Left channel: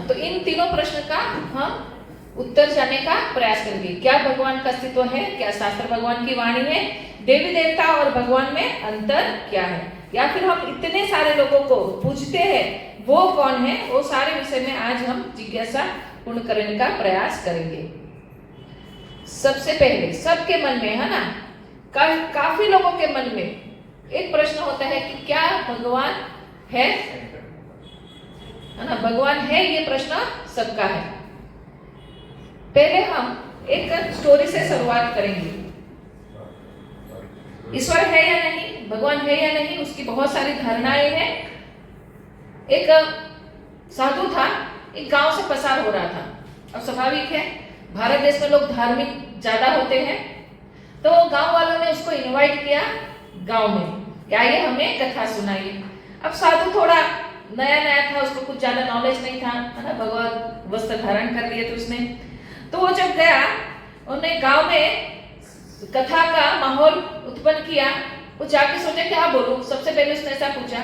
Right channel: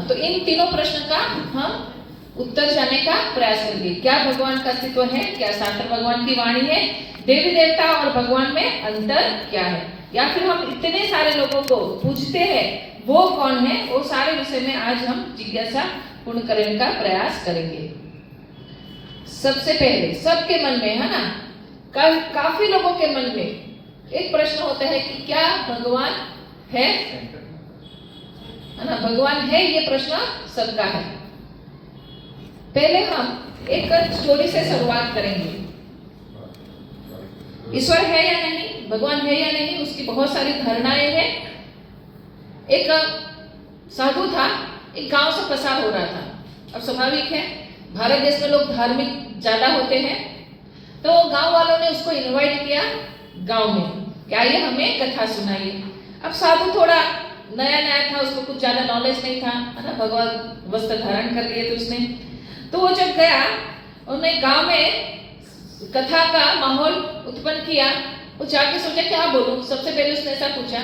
तो इन तीनों प्रश्न का हम उत्तर जानने का प्रयास करेंगे। क्या भगवान का अस्तित्व है? क्या शास्त्र भगवान की वाणी है? देवी देवता और भगवान में अंतर क्या है? या फिर हम इतने सारे लोगों को पूजते हैं, वो कौन है? वो सारे विषय में आज हम जिज्ञासा पूर्ण करने का प्रयास करेंगे। सबसे पहले सबके मन में है ना, काफी लोगों के मन में एक प्रश्न होता है कि क्या भगवान है ना? भगवान है, ये प्रश्न सबका है। पहले हम एक स्टोरी से शुरुआत करेंगे। ईश्वर है या नहीं, भगवान है या नहीं, उसकी बहुत सारी धारणाएं हैं। एक साधु था, एक गांव से पसार हो रहा था। अब स्वाभाविक है, भारत देश में लोग धार्मिक ज्यादा होते हैं, तो गांव वालों ने उसको इनवाइट किया गांव में, क्या ये हमें कथा सुनाइए। अब साधु थोड़ा नया नया था, उसको कुछ ज्यादा नॉलेज नहीं था, है ना, भगवान वस्त्र धारण कर लिए थे उसने। तो वो जब गया, उन्होंने गांव में कथा का माहौल उत्पन्न किया। वो जाके सोचा क्या बोलूं। सबसे पहले उसने ऐसा पूछा,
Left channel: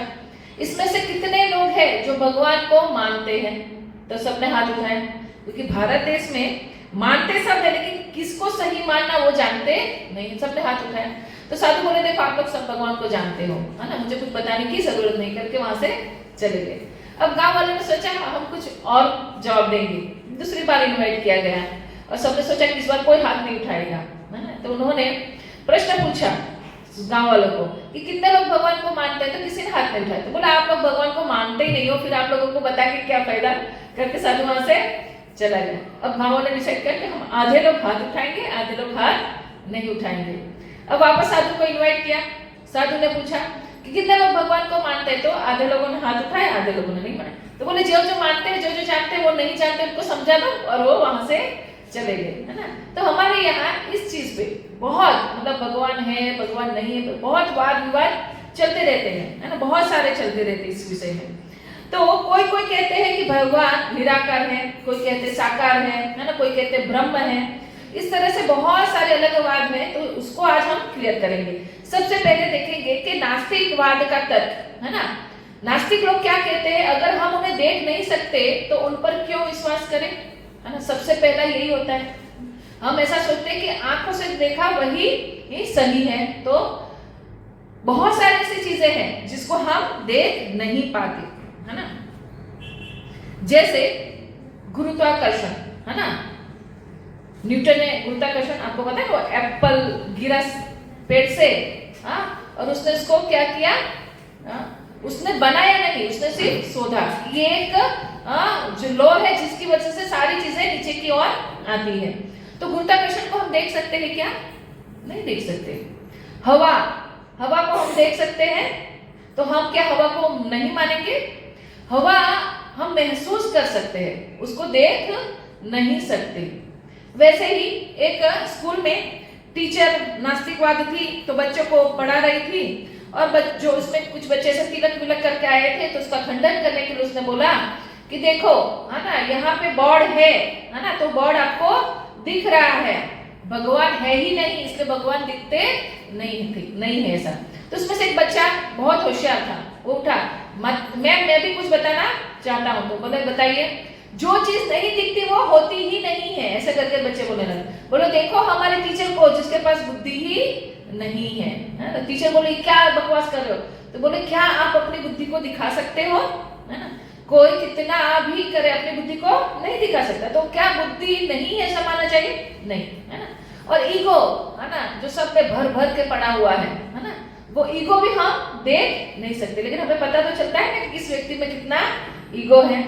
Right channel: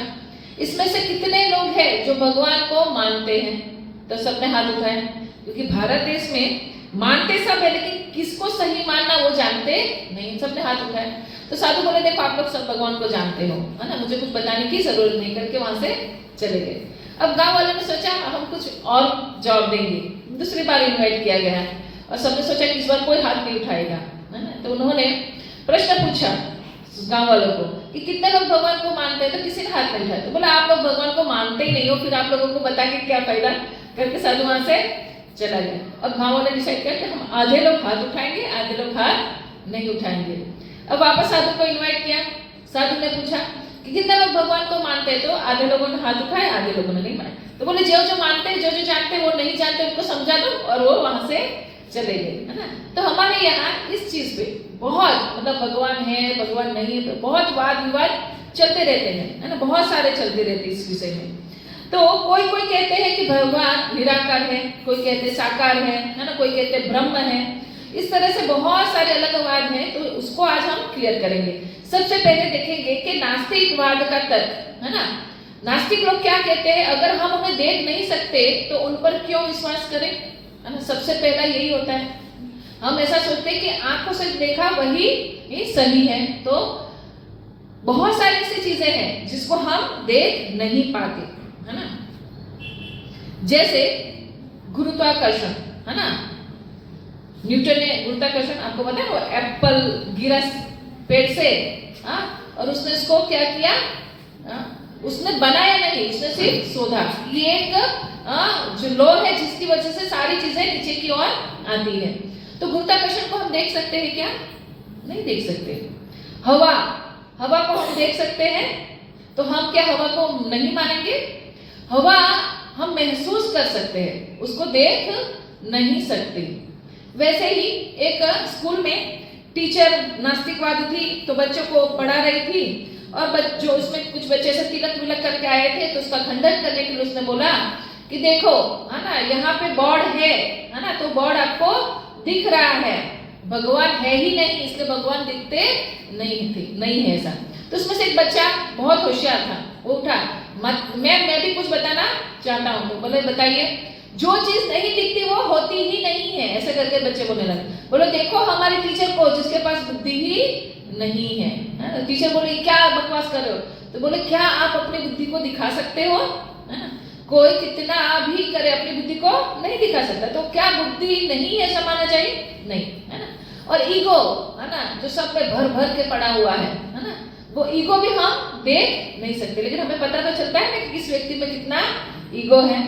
इसमें से कितने लोग हैं जो भगवान को मानते हैं? तो सबने हाथ उठाए, क्योंकि भारत देश में मानते सब है, लेकिन किसको सही मानना वो जानते नहीं। सबने हाथ उठाए। तो साधु बोले, देखो आप लोग सब भगवान को जानते हो, है ना, मुझे कुछ बताने की जरूरत नहीं, करके वहां से चले गए। अब गांव वालों ने सोचा हम कुछ और जवाब देंगे। दूसरी बार इनवाइट किया गया और सबने सोचा कि इस बार कोई हाथ नहीं उठाएगा, है ना। तो उन्होंने प्रश्न पूछा गांव वालों को कि कितने लोग भगवान को मानते हैं? तो किसी ने हाथ नहीं उठाया। तो बोला आप लोग भगवान को मानते ही नहीं हो, फिर आप लोगों को बता के क्या फायदा, करके साधु वहां से चला गया। अब गांव ने डिसाइड किया कि हम आधे लोग हाथ उठाएंगे, आधे लोग हाथ नहीं उठाएंगे। अब वापस साधु को इनवाइट किया। साधु ने पूछा कि कितने लोग भगवान को मानते हैं? तो आधे लोगों ने हाथ उठाए, आधे लोगों ने नहीं माना। तो बोले जो जो मानते हैं, जो जो जानते हैं, वो नहीं जानते उनको समझा दो, और वो वहां से चले गए, है ना। तो हमारे यहाँ इस चीज पे बहुत, मतलब भगवान है भगवान नहीं है, बहुत वाद विवाद चलते रहते हैं, है ना, बहुत सारे चलते रहते हैं इस विषय में। तो कोई कोई कहते हैं कि भगवान निराकार है, कोई कहते साकार है ना, कोई कहते ब्रह्म है। इस तरह से बहुत सारे अलग वाद हैं, तो उसको आज हम क्लियर करेंगे। सबसे पहले देखेंगे कि नास्तिकवाद का तर्क, है ना। नास्तिक लोग क्या कहते हैं? अगर हम उन्हें देख नहीं सकते तो उन पर क्यों विश्वास करें, है ना। सबसे पहला यही होता है। हम ऐसा सोचते हैं कि आंखों से देखा वही ही सही है। तो बहुत सारी ऐसी चीजें हैं जिसको हम देख नहीं पाते, है ना। जैसे गुरुत्वाकर्षण, है ना। न्यूटन ने गुरुत्वाकर्षण, आपको पता है, वो एप्पल गिरा पेड़ से, और उसने उसको क्या किया, उसने बनाया नहीं, उसने सिर्फ शोधा। ये एक जो लॉ है जिसकी वजह से सारी चीजें नीचे की ओर आती है। तो गुरुत्वाकर्षण को हम देख सकते हैं क्या? नहीं देख सकते। हवा को हम देख सकते हैं, तो हम क्या हवा को नहीं मानेंगे? हवा हम महसूस कर सकते हैं, उसको देख नहीं सकते। वैसे ही एक स्कूल में टीचर नास्तिकवादी थी, तो बच्चों को पढ़ा रही थी, और जो उसमें कुछ बच्चे से तिलक विलक करके आए थे, तो उसका खंडन करने के लिए उसने बोला कि देखो, है ना, यहाँ पे बॉर्ड है ना, तो बॉर्ड आपको दिख रहा है, भगवान है ही नहीं, इसलिए भगवान दिखते नहीं है ऐसा। तो उसमें से एक बच्चा बहुत होशियार था, वो उठा, मैं भी कुछ बताना चाहता हूँ। तो बोले बताइए। जो चीज नहीं दिखती वो होती ही नहीं है, ऐसे करके बच्चे बोलने लगे। बोलो देखो हमारे टीचर को, जिसके पास बुद्धि ही नहीं है। टीचर बोले क्या बकवास कर रहे हो? तो बोले क्या आप अपनी बुद्धि को दिखा सकते हो, है ना। कोई कितना भी करे अपनी बुद्धि को नहीं दिखा सकता, तो क्या बुद्धि नहीं है ऐसा माना चाहिए? नहीं, है ना। और ईगो, है ना, जो सब पे भर भर के पड़ा हुआ है ना, वो ईगो भी हम देख नहीं सकते, लेकिन हमें पता तो चलता है ना कि किस व्यक्ति में कितना ईगो है।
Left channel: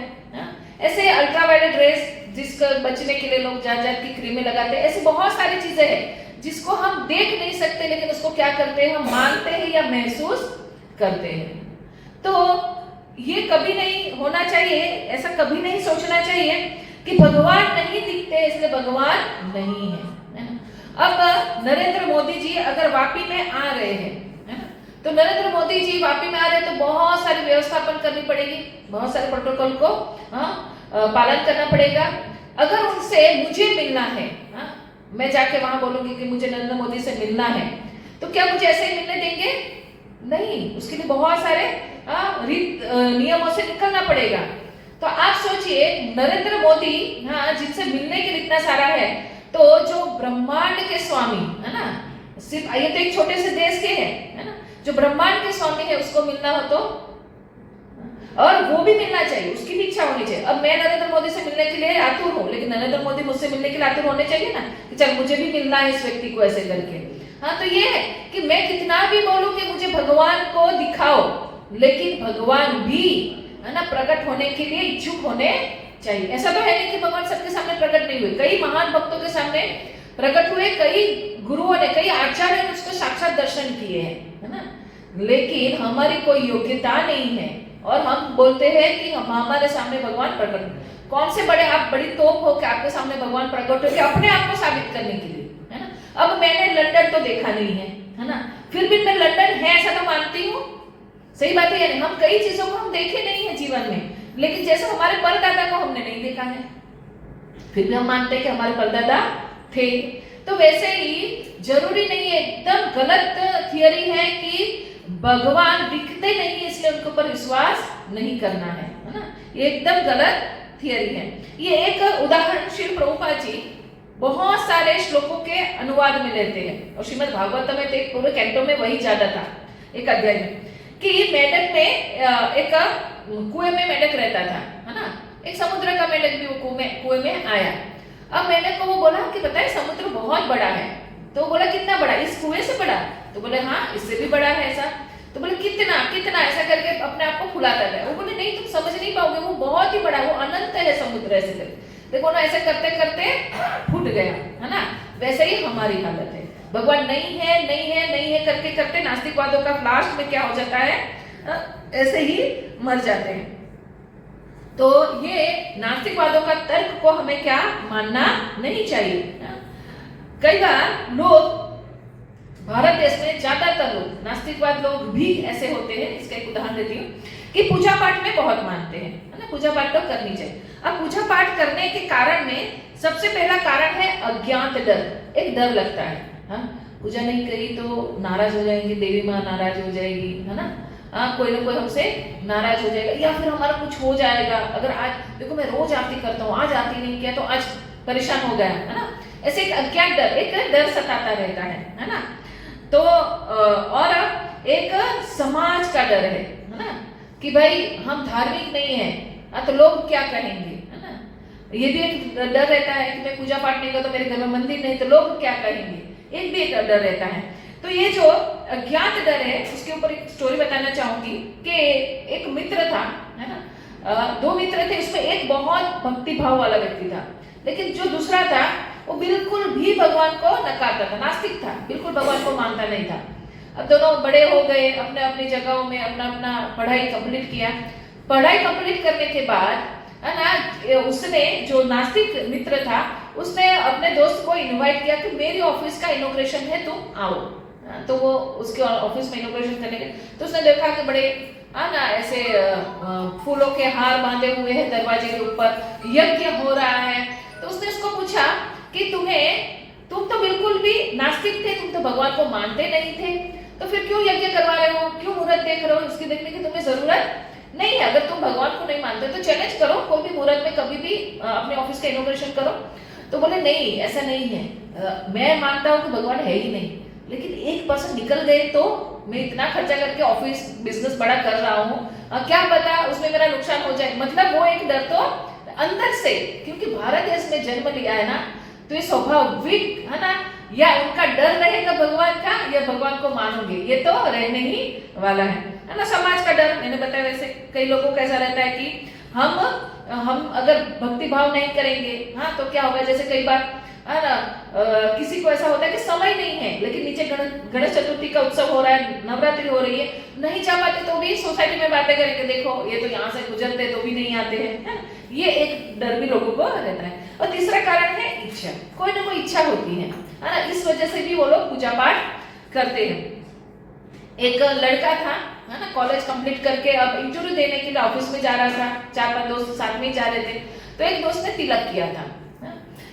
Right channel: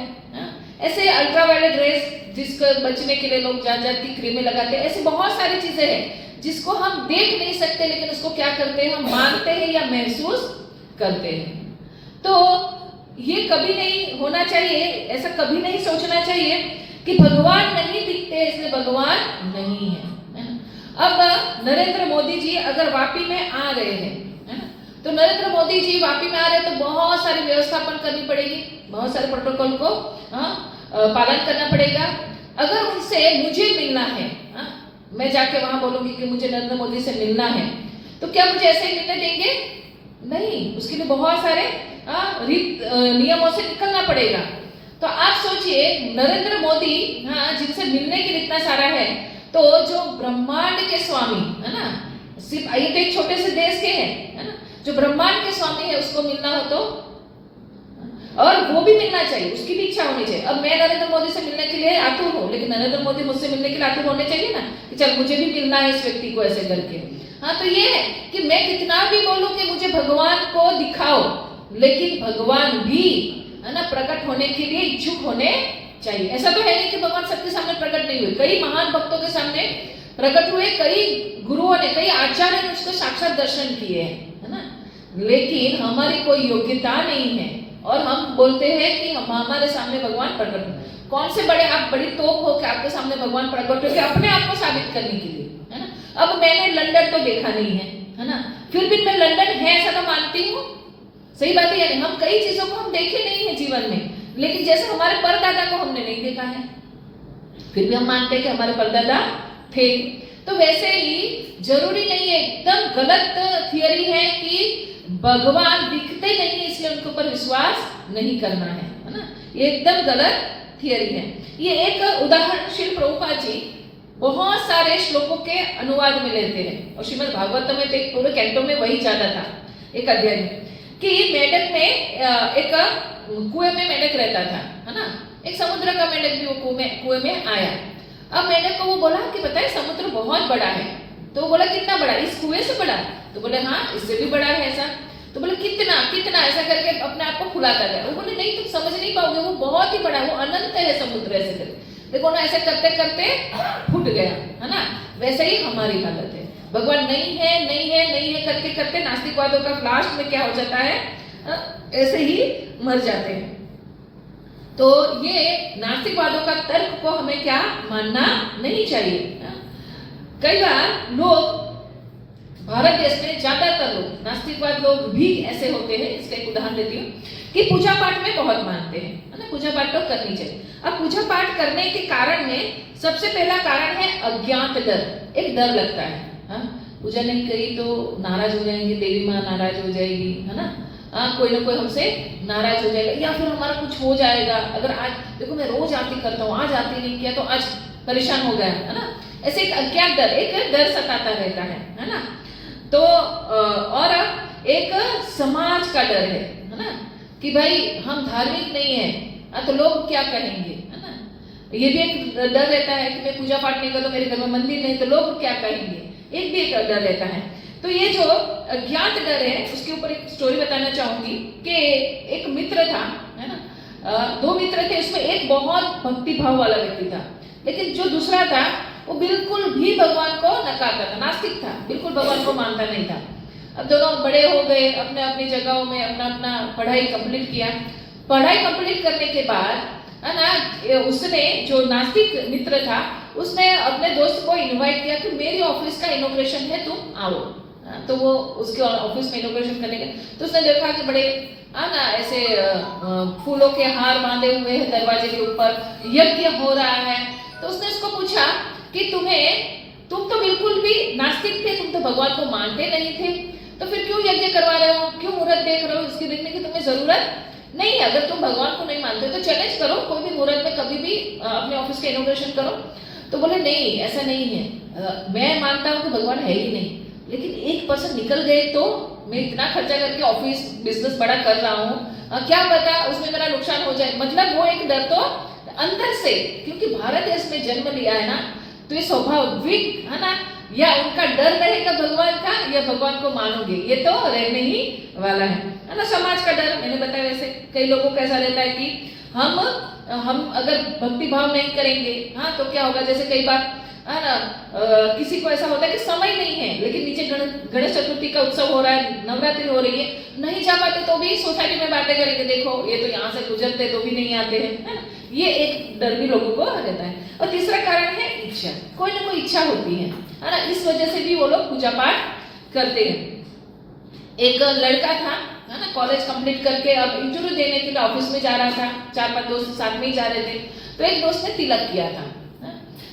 ऐसे अल्ट्रावायलेट रेस जिसको बचने के लिए लोग जाती क्रीमें लगाते हैं, ऐसी बहुत सारी चीजें हैं जिसको हम देख नहीं सकते, लेकिन उसको क्या करते हैं, हम मानते हैं या महसूस करते हैं। तो ये कभी नहीं होना चाहिए, ऐसा कभी नहीं सोचना चाहिए कि भगवान नहीं दिखते इसलिए भगवान नहीं है ना। अब नरेंद्र मोदी जी अगर वापी में आ रहे हैं, है ना, तो नरेंद्र मोदी जी वापी में आ रहे हैं तो बहुत सारी व्यवस्थापन करनी पड़ेगी, बहुत सारे प्रोटोकॉल को पालन करना पड़ेगा। अगर उनसे मुझे मिलना है, मैं जाके वहां बोलूंगी कि मुझे नरेंद्र मोदी से मिलना है, तो क्या मुझे ऐसे ही मिलने देंगे? नहीं, उसके लिए बहुत सारे नियमों से निकलना पड़ेगा। तो आप सोचिए नरेंद्र मोदी, हाँ, जिनसे मिलने के लिए इतना सारा है, तो जो ब्रह्मांड के स्वामी है ना, सिर्फ ये तो एक छोटे से देश के हैं, है ना, जो ब्रह्मांड के स्वामी है उसको मिलना हो तो, और वो भी मिलना चाहिए, उसकी भी इच्छा होनी चाहिए। अब मैं नरेंद्र मोदी से मिलने के लिए आतुर हूँ, लेकिन नरेंद्र मोदी मुझसे मिलने के लिए आतुर होने चाहिए ना, कि चल मुझे भी मिलना है इस व्यक्ति को ऐसे करके। हाँ, तो ये है कि मैं कितना भी बोलूं कि मुझे भगवान को दिखाओ, लेकिन भगवान भी है ना प्रकट होने के लिए इच्छुक होने चाहिए। ऐसा तो है नहीं कि भगवान सबके सामने प्रकट नहीं हुए, कई महान भक्तों के सामने प्रकट हुए, कई गुरुओं ने, कई आचार्यों ने उसको साक्षात दर्शन किए हैं, है ना, लेकिन हमारी कोई योग्यता नहीं है और हम बोलते हैं कि हम हमारे सामने भगवान प्रकट हुए। कौन से बड़े आप बड़ी तोप हो कि आपके सामने भगवान प्रकट हुए अपने आप को साबित करने के लिए, है ना। अब मैंने लंदन तो देखा नहीं है ना, फिर भी मैं लंदन है ऐसा तो मानती हूँ, सही बात है। हम कई चीजों को हम देखे नहीं है जीवन में, लेकिन जैसे हमारे परदादा को हमने नहीं देखा है, फिर भी हम मानते हैं कि हमारे परदादा थे। तो वैसे ही जरूरी नहीं है, एकदम गलत थियरी है कि भगवान दिखते नहीं इसलिए उनके ऊपर विश्वास नहीं करना है ना, ये एकदम गलत थियरी है। ये एक उदाहरण श्री प्रभुपाद जी बहुत सारे श्लोकों के अनुवाद में लेते हैं, और श्रीमद् भागवत में तो एक पूरे कैंटो में वही ज्यादा था, एक अध्याय में, कि मेढक में एक कुएं में मेढक रहता था, है ना, एक समुद्र का मेढक भी वो कुएं में आया। अब मेढक को वो बोला कि बताए समुद्र बहुत बड़ा है, तो बोला कितना बड़ा, इस कुएं से बड़ा, तो बोले हाँ इससे भी बड़ा है ऐसा, तो बोले कितना कितना, ऐसा करके अपने आप को फुलाता गया। वो बोले नहीं तुम समझ नहीं पाओगे, वो बहुत ही बड़ा है, वो अनंत है समुद्र, ऐसे करके देखो ना, ऐसे करते करते फूट गया, है ना। वैसे ही हमारी हालत है, भगवान नहीं है नहीं है नहीं है करते करते नास्तिकवादों का लास्ट में क्या हो जाता है, ऐसे ही मर जाते हैं। तो ये नास्तिकवादों का तर्क को हमें क्या मानना नहीं चाहिए। कई बार लोग भारत देश में ज्यादातर लोग, नास्तिकवाद लोग भी ऐसे होते हैं, इसका एक उदाहरण देती हूँ, कि पूजा पाठ में बहुत मानते हैं, है ना, पूजा पाठ तो करनी चाहिए। अब पूजा पाठ करने के कारण में सबसे पहला कारण है अज्ञात डर, एक डर लगता है, हाँ पूजा नहीं करी तो नाराज हो जाएंगे, देवी माँ नाराज हो जाएगी, है ना, कोई ना कोई हमसे नाराज हो जाएगा, या फिर हमारा कुछ हो जाएगा। अगर आज देखो मैं रोज आरती करता हूँ, आज आरती नहीं किया तो आज परेशान हो गया, है ना, ऐसे एक अज्ञात डर, एक डर सताता रहता है ना। तो और एक समाज का डर है ना, कि भाई हम धार्मिक नहीं है तो लोग क्या कहेंगे, है ना, ये भी एक डर रहता है कि मैं पूजा पाठ नहीं करता, मेरे घर में मंदिर नहीं तो लोग क्या कहेंगे, एक भी एक डर रहता है। तो ये जो अज्ञात डर है उसके ऊपर एक स्टोरी बताना चाहूंगी कि एक मित्र था, है ना, दो मित्र थे, उसमें एक बहुत भक्ति भाव वाला व्यक्ति था, लेकिन जो दूसरा था वो बिल्कुल भी भगवान को नकारता था, नास्तिक था, बिल्कुल भगवान को मानता नहीं था। अब दोनों बड़े हो गए, अपने अपनी जगहों में अपना अपना पढ़ाई कंप्लीट किया। पढ़ाई कंप्लीट करने के बाद है ना, उसने जो नास्तिक मित्र था उसने अपने दोस्त को इनवाइट किया कि मेरी ऑफिस का इनॉग्रेशन है, तुम आओ। तो वो उसके ऑफिस में इनॉग्रेशन करने के, तो उसने देखा कि बड़े ना ऐसे फूलों के हार बांधे हुए हैं दरवाजे के ऊपर, यज्ञ हो रहा है। तो उसने उसको पूछा कि तुम तो बिल्कुल भी नास्तिक थे, तुम तो भगवान को मानते नहीं थे, तो फिर क्यों यज्ञ करवा रहे हो, क्यों मुहूर्त देख रहे हो, इसकी देखने की तुम्हें जरूरत नहीं है। अगर तुम भगवान को नहीं मानते तो चैलेंज करो, कोई भी मुहूर्त में कभी भी अपने ऑफिस का इनॉग्रेशन करो। तो बोले नहीं ऐसा नहीं है, मैं मानता हूँ कि भगवान है ही नहीं, लेकिन 1% निकल गए तो मैं इतना खर्चा करके ऑफिस बिजनेस बड़ा कर रहा हूँ, क्या पता उसमें मेरा नुकसान हो जाए। मतलब वो एक डर तो अंदर से, क्योंकि भारत देश में जन्म लिया है ना, तो ये स्वाभाविक है ना, या उनका डर रहेगा भगवान का या भगवान को मानोगे, ये तो रहने ही वाला है ना। समाज का डर मैंने बताया, वैसे कई लोगों को ऐसा रहता है कि हम अगर भक्ति भाव नहीं करेंगे, हाँ तो क्या होगा, जैसे कई बार है ना किसी को ऐसा होता है कि समय नहीं है, लेकिन नीचे गणेश चतुर्थी का उत्सव हो रहा है, नवरात्रि हो रही है, नहीं जा पाते तो भी सोसाइटी में बातें करेंगे, देखो ये तो यहाँ से गुजरते तो भी नहीं आते हैं, है ना। ये एक डर भी लोगों को रहता है। और तीसरा कारण है इच्छा, कोई ना कोई इच्छा होती है ना, इस वजह से भी वो लोग पूजा पाठ करते हैं। एक लड़का था, है ना, कॉलेज कंप्लीट करके अब इंटरव्यू देने के लिए ऑफिस में जा रहा था, 4-5 दोस्त साथ में ही जा रहे थे। तो एक दोस्त ने तिलक किया था,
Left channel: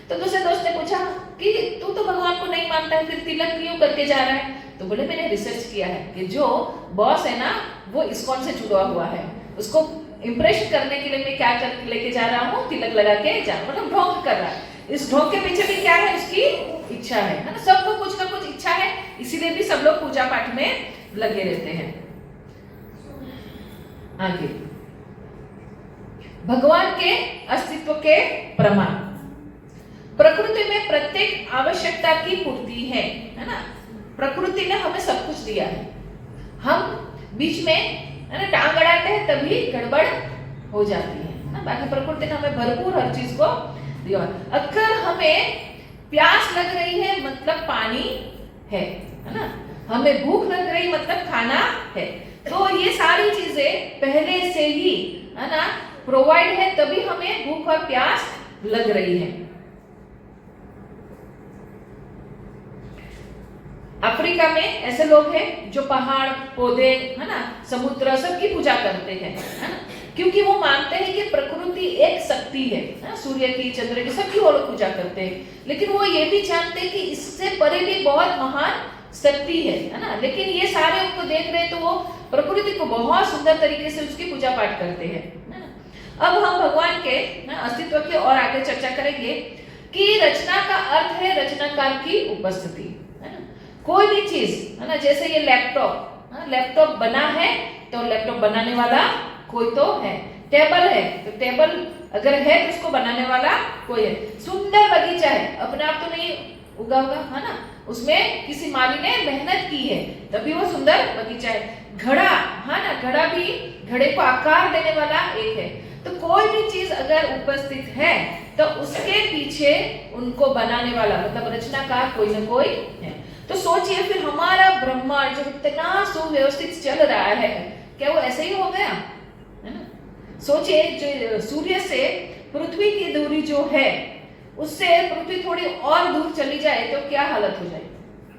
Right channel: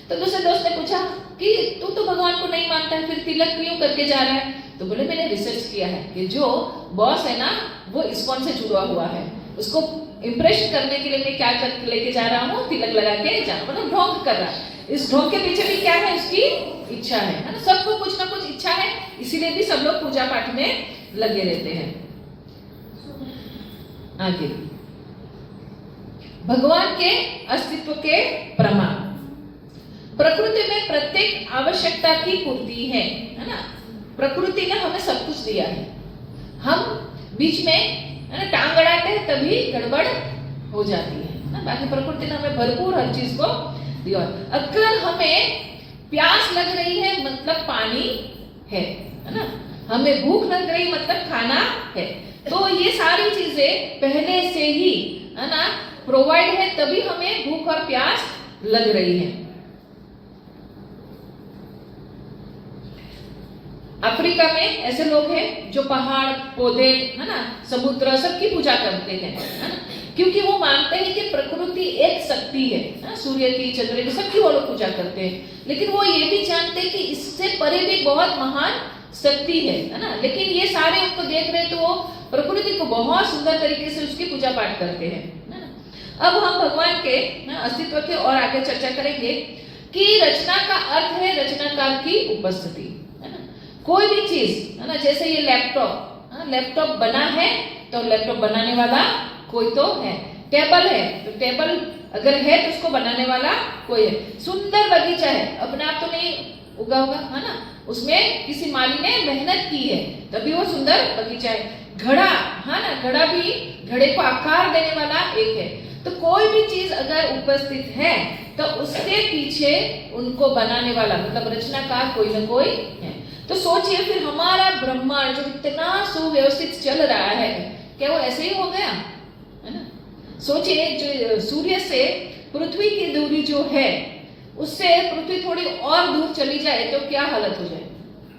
तो दूसरे दोस्त ने पूछा कि तू तो भगवान को नहीं मानता है, फिर तिलक क्यों करके जा रहा है। तो बोले मैंने रिसर्च किया है कि जो बॉस है ना वो इस्कॉन से जुड़ा हुआ है, उसको इम्प्रेस करने के लिए मैं क्या कर लेके जा रहा हूँ, तिलक लगा के जा, मतलब ढोंग कर रहा है। इस ढोंग के पीछे भी क्या है, उसकी इच्छा है ना। सबको कुछ ना कुछ इच्छा है, इसीलिए भी सब लोग पूजा पाठ में लगे रहते हैं। आगे भगवान के अस्तित्व के प्रमाण। प्रकृति में प्रत्येक आवश्यकता की पूर्ति है ना। प्रकृति ने हमें सब कुछ दिया है, हम बीच में है ना टांग अड़ाते हैं तभी गड़बड़ हो जाती है ना। बाकी प्रकृति ने हमें भरपूर हर चीज को दिया। अगर हमें प्यास लग रही है मतलब पानी है ना, हमें भूख लग रही मतलब खाना है, तो ये सारी चीजें पहले से ही है ना प्रोवाइड है, तभी हमें भूख और प्यास लग रही है। अफ्रीका में ऐसे लोग हैं जो पहाड़, पौधे है ना, समुद्र सबकी पूजा करते हैं है ना, क्योंकि वो मानते हैं कि प्रकृति एक शक्ति है ना, सूर्य की, चंद्र की, सबकी वो लोग पूजा करते हैं। लेकिन वो ये भी जानते हैं कि इससे परे भी बहुत महान शक्ति है ना। लेकिन ये सारे उनको देख रहे तो वो प्रकृति को बहुत सुंदर तरीके से उसकी पूजा पाठ करते हैं है ना। अब हम भगवान के अस्तित्व के और आगे चर्चा करेंगे कि रचना का अर्थ है रचनाकार की उपस्थिति है ना। कोई भी चीज है ना, जैसे ये लैपटॉप, लैपटॉप बना है तो लैपटॉप बनाने वाला कोई तो है। टेबल है तो टेबल अगर है तो उसको बनाने वाला कोई है। सुंदर बगीचा है, अपने आप तो नहीं उगा होगा है ना, उसमें किसी माली ने मेहनत की है तभी वो सुंदर बगीचा है। घड़ा है ना, घड़ा भी, घड़े को आकार देने वाला एक है। तो कोई भी चीज अगर उपस्थित है तो उसके पीछे उनको बनाने वाला मतलब रचनाकार कोई ना कोई है। तो सोचिए फिर हमारा ब्रह्मांड जो इतना सुव्यवस्थित चल रहा है, क्या वो ऐसे ही हो गया है ना। सोचिए जो सूर्य से पृथ्वी की दूरी जो है उससे पृथ्वी थोड़ी और दूर चली जाए तो क्या हालत हो जाए,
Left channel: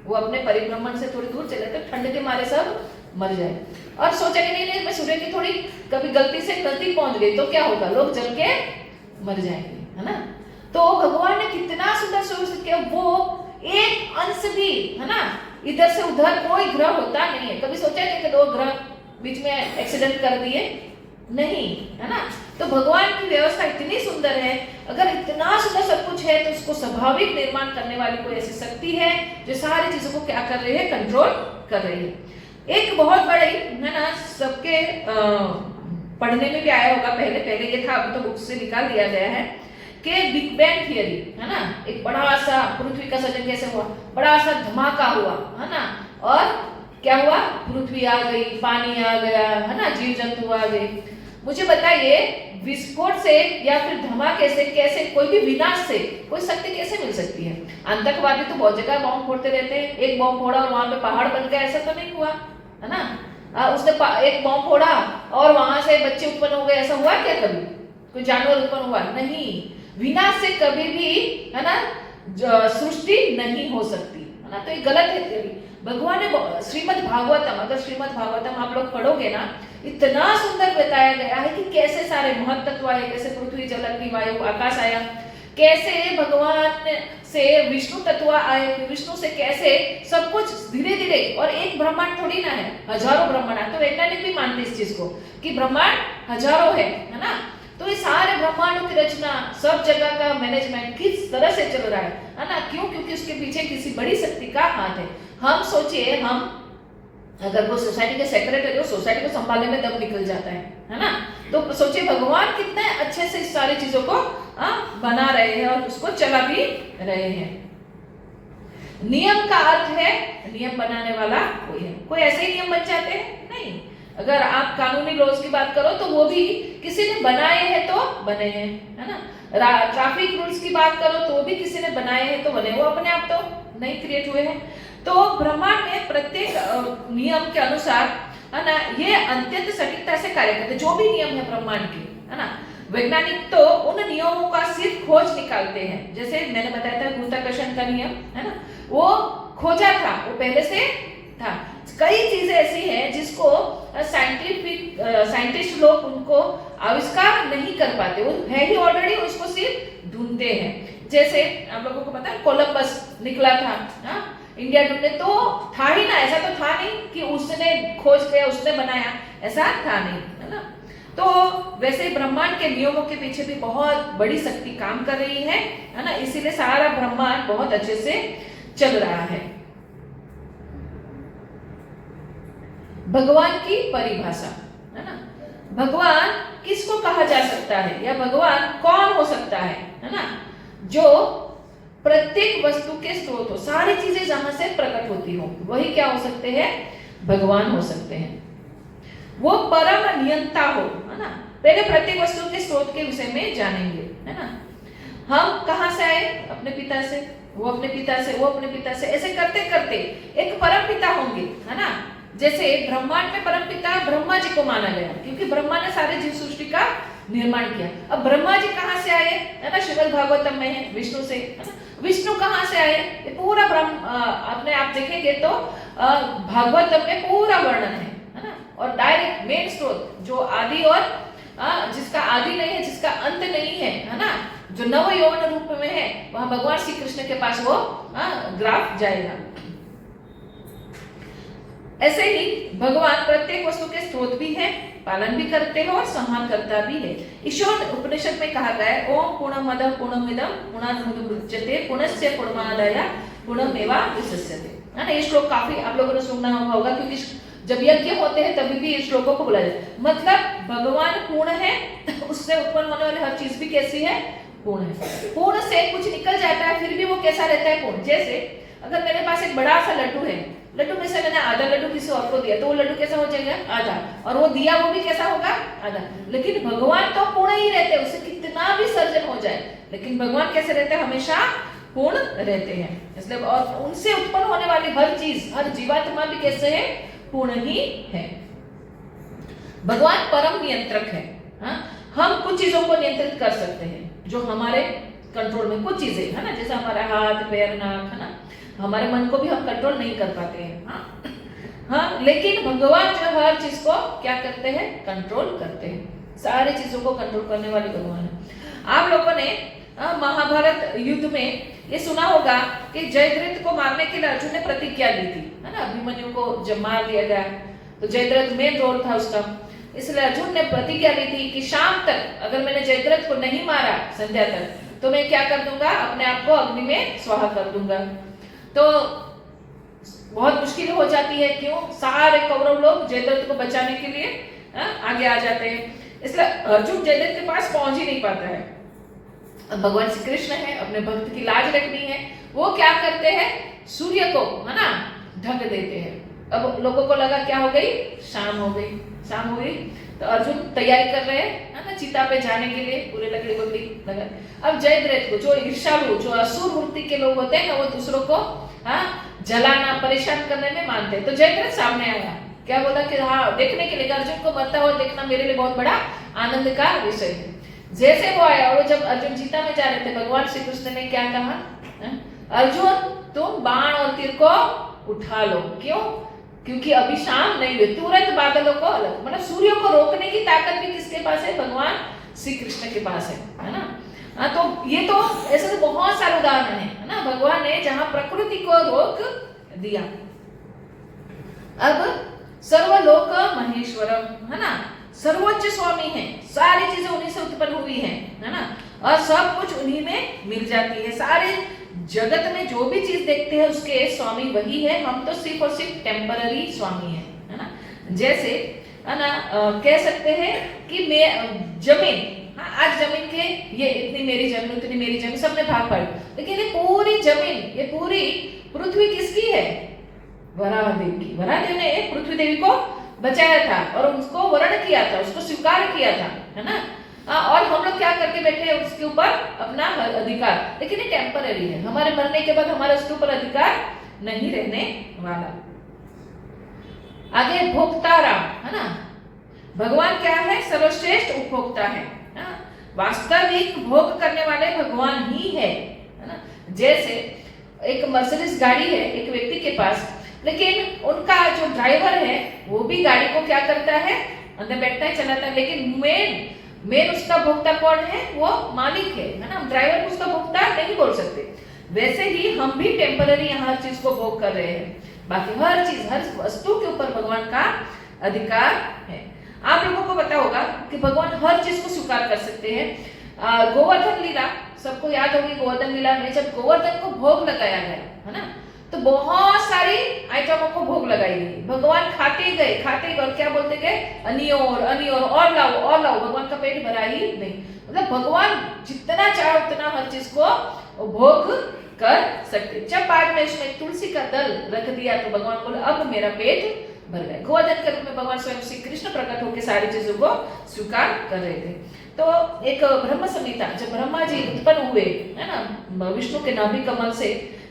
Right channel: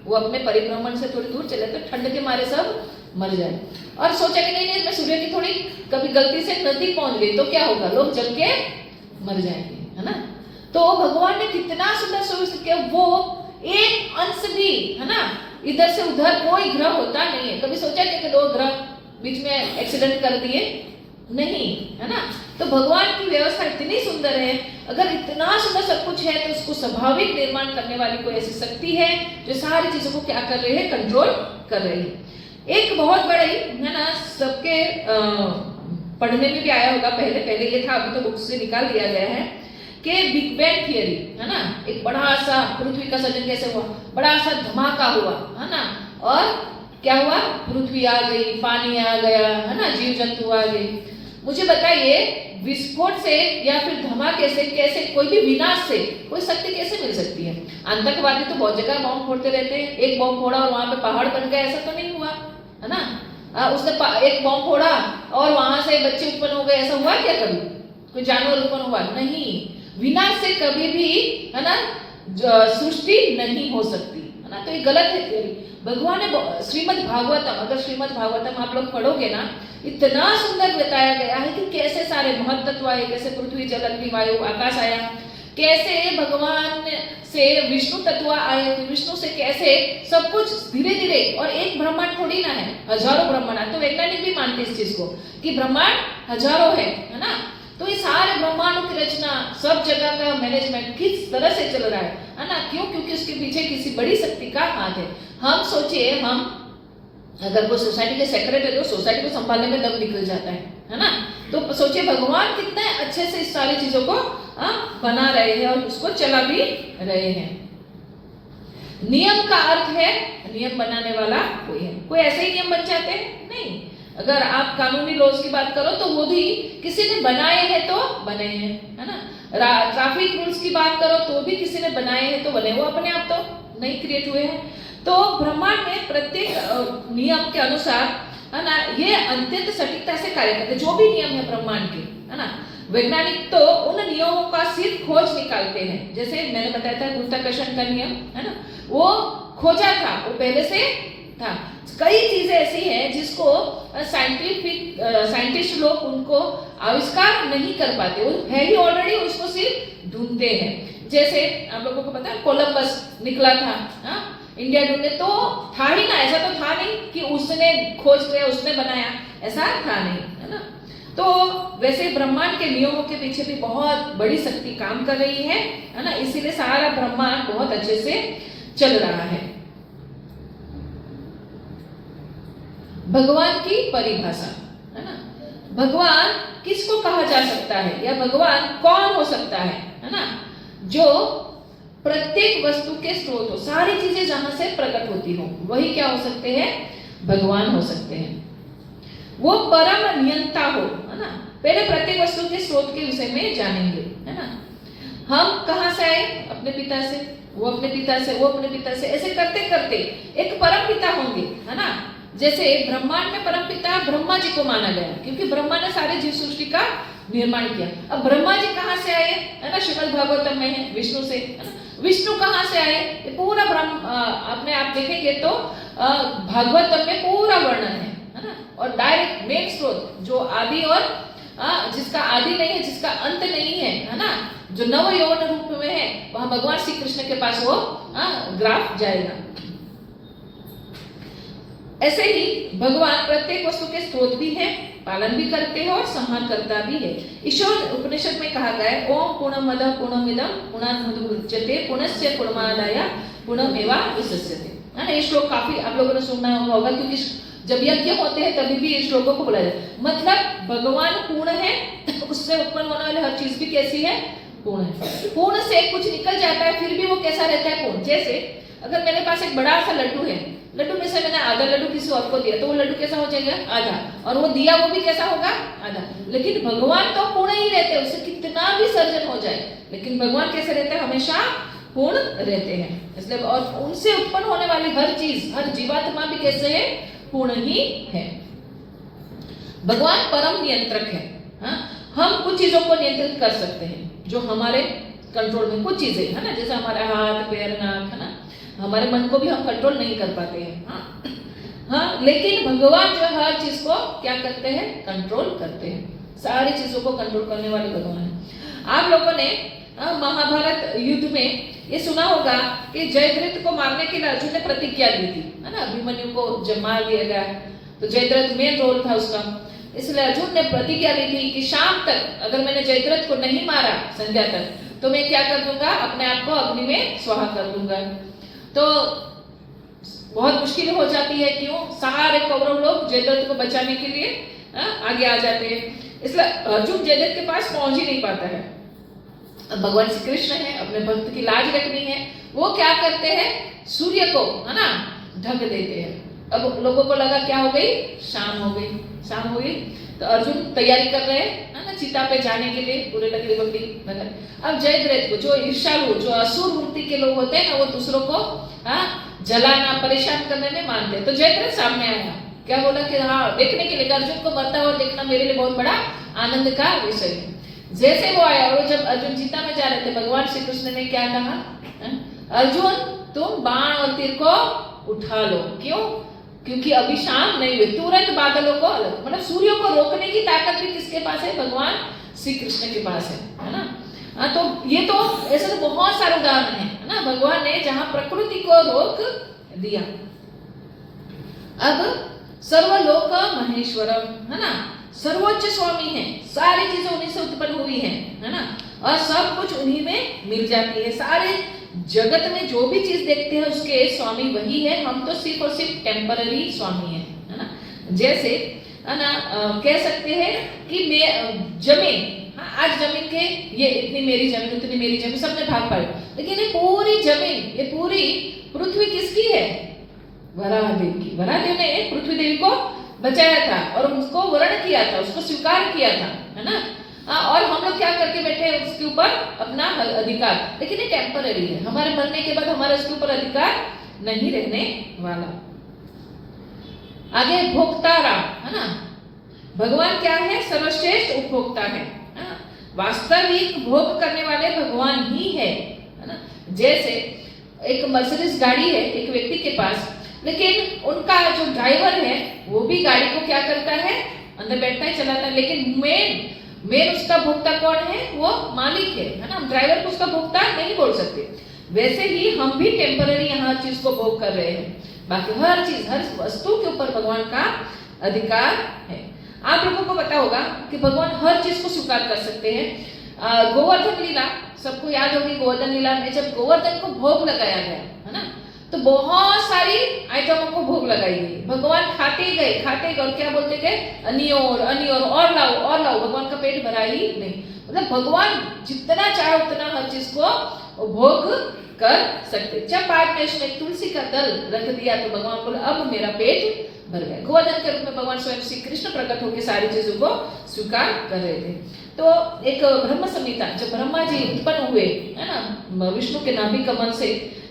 वो अपने परिभ्रमण से थोड़ी दूर चले तो ठंड के मारे सब मर जाए। और सोचा कि नहीं मैं सूर्य की थोड़ी कभी गलती से नजदीक पहुंच गई तो क्या होगा, लोग जल के मर जाएंगे है ना। तो भगवान ने कितना सुंदर सुव्यवस्थित किया, वो एक अंश भी है ना इधर से उधर कोई ग्रह होता नहीं है। कभी सोचा कि दो ग्रह बीच में एक्सीडेंट कर दिए, नहीं है ना। तो भगवान की व्यवस्था इतनी सुंदर है, अगर इतना सुंदर सब कुछ है तो उसको स्वाभाविक निर्माण करने वाली कोई ऐसी शक्ति है जो सारी चीजों को क्या कर रही है, कंट्रोल कर रही है। एक बहुत बड़ी है ना, सबके पढ़ने में भी आया होगा, पहले ये था, अभी तो बुक से निकाल दिया गया है कि बिग बैंग थियरी है ना। एक बड़ा सा पृथ्वी का सृजन कैसे हुआ, बड़ा सा धमाका हुआ है ना, और क्या हुआ, पृथ्वी आ गई, पानी आ गया है ना, जीव जंतु आ गए। मुझे बताइए विस्फोट से या फिर धमाके से कैसे, कोई भी विनाश से कोई शक्ति कैसे मिल सकती है। आतंकवादी तो बहुत जगह बॉम्ब फोड़ते रहते हैं, एक बॉम्ब फोड़ा और वहां पे पहाड़ बन गया, ऐसा तो नहीं हुआ है ना। उसने एक बॉम्ब फोड़ा और वहां से बच्चे उत्पन्न हो गए, ऐसा हुआ क्या कभी, कोई जानवर उत्पन्न हुआ नहीं। विनाश से कभी भी है ना सृष्टि नहीं हो सकती है ना। तो ये गलत है। भगवान ने श्रीमद् भागवतम, अगर श्रीमद् भागवतम आप लोग पढ़ोगे ना, इतना सुंदर बताया गया है कि कैसे सारे महत तत्व आए, कैसे पृथ्वी जल अग्नि वायु आकाश आया, कैसे भगवान से विष्णु तत्व आए, विष्णु से कैसे सब कुछ धीरे धीरे, और एक ब्रह्मांड थोड़ी ना है, हजारों ब्रह्मांड। तो वैज्ञानिक भी मानते इस चीज को कि ब्रह्मांड हजारों है ना। तो ये सारे ब्रह्मांडों की रचना, सब जगह का मैनेजमेंट किस तरह से चल रहा है ना, क्यों, क्योंकि उसके पीछे किसी बड़ी शक्ति का हाथ है। हम सोचिए, हम अगर कोई सोसाइटी के सेक्रेटरी हो, सोसाइटी को संभालने में दम निकल जाता है ना। तो सोचिए भगवान कितने अच्छे से इस सारी चीजों को बना रहे हैं और उसको चला भी रहे हैं। नियम का अर्थ है नियम बनाने वाला कोई है, कोई ऐसे ही नियम बन जाते हैं नहीं। अगर आप कानूनी लॉज की बात करो तो वो भी किसी ने बनाए हैं तो बने हैं है ना। ट्रैफिक रूल्स की बात करो तो भी किसी ने बनाए हैं तो बने, वो अपने आप तो नहीं क्रिएट हुए हैं। तो ब्रह्मांड में प्रत्येक नियम के अनुसार है ना, ये अत्यंत सटीकता से कार्य करते, जो भी नियम है ब्रह्मांड के है ना। वैज्ञानिक तो उन नियमों का सिर्फ खोज निकालते हैं, जैसे मैंने बताया था गुरुत्वाकर्षण का नियम है ना, वो खोजा था, वो पहले से था। कई चीजें ऐसी हैं जिसको साइंटिस्ट लोग उनको आविष्कार नहीं कर पाते, वो है ही ऑलरेडी, उसको सिर्फ ढूंढते हैं। जैसे आप लोगों को पता है कोलंबस निकला था इंडिया ढूंढने, तो था ही ना, ऐसा तो था नहीं कि उसने खोज किया, उसने बनाया, ऐसा था नहीं है ना। तो वैसे ब्रह्मांड के नियमों के पीछे भी बहुत बड़ी शक्ति काम कर रही है ना, इसीलिए सारा ब्रह्मांड बहुत अच्छे से चल रहा है। भगवान की परिभाषा है ना, भगवान किसको कहा जा सकता है या भगवान कौन हो सकता है ना, जो प्रत्येक वस्तु के स्रोत हो, सारी चीजें जहां से प्रकट होती हो वही क्या हो सकते हैं, भगवान हो सकते हैं। वो परम नियंता हो, है ना। पहले प्रत्येक वस्तु के स्रोत के विषय में जानेंगे, है ना। हम कहां से आए, अपने पिता से, वो अपने पिता से, वो अपने पिता से, ऐसे करते करते एक परम पिता होंगे, है ना। जैसे ब्रह्मांड में परम पिता ब्रह्मा जी को माना गया, क्योंकि ब्रह्मा ने सारे जीव सृष्टि का निर्माण किया। अब ब्रह्मा जी कहां से आए, है ना, श्रीमद् भागवतम में है, विष्णु से, है ना। विष्णु कहां से आए, ये पूरा ब्रह्म आपने आप देखेंगे तो भागवतम में पूरा वर्णन है ना। और डायरेक्ट मेन स्रोत जो आदि और जिसका आदि नहीं है, जिसका अंत नहीं है ना, जो नव यौवन रूप में है, वहां भगवान श्री कृष्ण के पास वो ग्राफ जाएगा। ऐसे ही भगवान प्रत्येक वस्तु के स्रोत भी है, पालन भी करते हैं और संहार करता भी है। ईश्वर उपनिषद में कहा गया है, ओम पूर्णमद पूर्णमिदं पूर्णान्मुदच्यते पूर्णस्य पूर्णमादाय पूर्णमेवावशिष्यते, है ना। ये श्लोक काफी आप लोगों ने सुना होगा, क्योंकि जब यज्ञ होते हैं तभी भी इस श्लोकों को बोला जाता है। मतलब भगवान पूर्ण है, उससे उत्पन्न होने वाली हर चीज भी कैसी है, पूर्ण है। पूर्ण से कुछ निकल जाता है फिर भी वो कैसा रहता है, पूर्ण। जैसे अगर मेरे पास एक बड़ा सा लड्डू है, लड्डू में से मैंने आधा लड्डू किसी और को दिया, तो वो लड्डू कैसा हो जाएगा, आधा, और वो दिया वो भी कैसा होगा, आधा। लेकिन भगवान तो पूर्ण ही रहते हैं, उससे कितना भी सर्जन हो जाए, लेकिन भगवान कैसे रहते हैं, हमेशा पूर्ण रहते हैं। इसलिए और उनसे उत्पन्न होने वाली हर चीज, हर जीवात्मा भी कैसे है, पूर्ण ही है। भगवान परम नियंत्रक है। हम कुछ चीजों को नियंत्रित कर सकते हैं जो हमारे कंट्रोल में, कुछ चीजें, है ना, जैसे हमारा हाथ पैर नाक, है ना। हमारे मन को भी हम कंट्रोल नहीं कर पाते हैं, हाँ, लेकिन भगवान जो हर चीज को क्या करते हैं, कंट्रोल करते हैं। सारी चीजों को कंट्रोल करने वाले भगवान है। आप लोगों ने महाभारत युद्ध में ये सुना होगा कि जयद्रथ को मारने के लिए अर्जुन ने प्रतिज्ञा दी थी, है ना। अभिमन्यु को जब मार दिया गया तो जयद्रथ मेन रोल था उसका, इसलिए अर्जुन ने प्रतिज्ञा दी थी कि शाम तक अगर मैंने जयद्रथ को नहीं मारा संध्या तक, तो मैं क्या कर दूंगा, अपने आप को अग्नि में स्वाहा कर दूंगा। तो बहुत मुश्किल हो जाती है, क्यों, सारे कौरव लोग जयद्रथ को बचाने के लिए आगे आ जाते हैं, इसलिए अर्जुन जयद्रथ के पास पहुंच ही नहीं पाता है। अब भगवान श्री कृष्ण है, अपने भक्त की लाज रखनी है, वो क्या करते हैं, सूर्य को, है ना, ढक देते हैं। अब लोगों को लगा क्या हो गई, शाम हो गई, शाम हो गई, तो अर्जुन तैयारी कर रहे हैं, है ना, चिता पे जाने के लिए, पूरे लकड़ी बकड़ी नगर। अब जयद्रथ को, जो ईर्ष्यालु, जो असुर वृत्ति के लोग होते हैं ना, वो दूसरों को जलाना, परेशान करने में मानते हैं। तो जयद्रथ सामने आया, क्या बोला कि हाँ, देखने के लिए, अर्जुन को मरता हुआ देखना मेरे लिए बहुत बड़ा आनंद का विषय है। जैसे वो आया और जब अर्जुन चिता में जा रहे थे, भगवान श्री कृष्ण ने क्या कहा, अर्जुन तुम बाण और तीर को उठा लो। क्यों, क्योंकि अभी शाम नहीं हुई, तुरंत बादलों को अलग, मतलब सूर्य को रोकने की ताकत भी किसके पास है, भगवान श्री कृष्ण के पास है ना। तो ये तो ऐसे तो बहुत सारे उदाहरण है ना, भगवान ने जहां प्रकृति को रोक दिया। अब सर्वलोक महेश्वरम, है ना, सर्वोच्च स्वामी है, सारी चीजें उन्हीं से उत्पन्न हुई है ना, और सब कुछ उन्हीं में मिल जाती है। सारे जगत में जो भी चीज देखते हैं उसके स्वामी वही है, हम तो सिर्फ और सिर्फ टेम्पररी स्वामी है ना। जैसे है ना, कह सकते हैं कि मैं जमीन, हाँ, आज जमीन के ये इतनी मेरी जमीन, उतनी मेरी जमीन, सबने भाग पाई, लेकिन ये पूरी जमीन, ये पूरी पृथ्वी किसकी है, वराहदेव की। वराहदेव ने पृथ्वी देवी को बचाया था और उसको वर्ण किया था, उसको स्वीकार किया था, है ना। और हम लोग क्या करके बैठे हैं उसके ऊपर अपना अधिकार, लेकिन ये टेम्पररी है, हमारे मरने के बाद हमारा उसके ऊपर अधिकार नहीं रहने वाला। आगे भोक्ताराम, है ना, भगवान क्या है, सर्वश्रेष्ठ उपभोक्ता है, वास्तविक भोग करने वाले भगवान ही है ना। जैसे एक मर्सिडीज गाड़ी है एक व्यक्ति के पास, लेकिन उनका जो ड्राइवर है वो भी गाड़ी को क्या करता है, अंदर बैठता है, चलाता है, लेकिन मेन उसका भोक्ता कौन है, वो मालिक है ना। हम ड्राइवर को उसका भोक्ता नहीं बोल सकते। वैसे ही हम भी टेम्पररी हर चीज को भोग कर रहे हैं, बाकी हर चीज, हर वस्तु के ऊपर भगवान का अधिकार है। आप लोगों को पता होगा कि भगवान हर चीज को स्वीकार कर सकते हैं। गोवर्धन लीला सबको याद होगी। गोवर्धन लीला में जब गोवर्धन को भोग लगाया गया है ना, तो बहुत सारी आइटमों को भोग लगाई गई। भगवान खाते गए और क्या बोलते गए, अनियोर और लाओ। भगवान का पेट भरा ही नहीं। मतलब भगवान जितना चाहे उतना हर चीज को भोग कर सकते। जब बाद में उसमें तुलसी का दल रख दिया तो भगवान बोले अब मेरा पेट भर गया। गोवर्धन के रूप में भगवान स्वयं श्री कृष्ण प्रकट होकर सारी चीजों को स्वीकार कर रहे थे। तो एक ब्रह्म संहिता, जब ब्रह्मा जी उत्पन्न हुए है ना विष्णु के नाभि कमल से,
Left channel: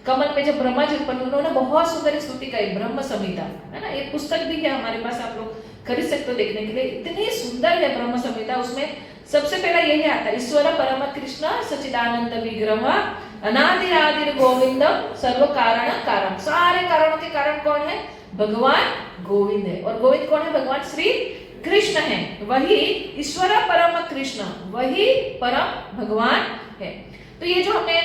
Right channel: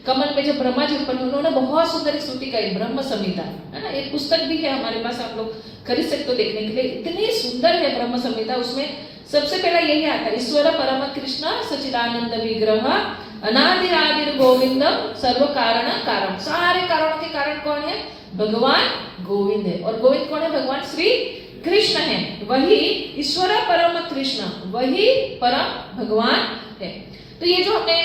कमल में जब ब्रह्मा जी उत्पन्न, उन्होंने बहुत सुंदर स्तुति गाई, ब्रह्म संहिता है ना। एक पुस्तक भी है हमारे पास, आप लोग खरीद सकते हो देखने के लिए। इतनी सुंदर है ब्रह्म संहिता। उसमें सबसे पहला यही आता है, ईश्वर परम कृष्ण सच्चिदानंद विग्रह अनादि आदि गोविंदम सर्व कारण कारण। सारे कारणों के कारण कौन है? भगवान गोविंद है। और गोविंद कौन है? भगवान श्री कृष्ण है। वही ईश्वर परम कृष्ण, वही परम भगवान है। तो ये जो हमने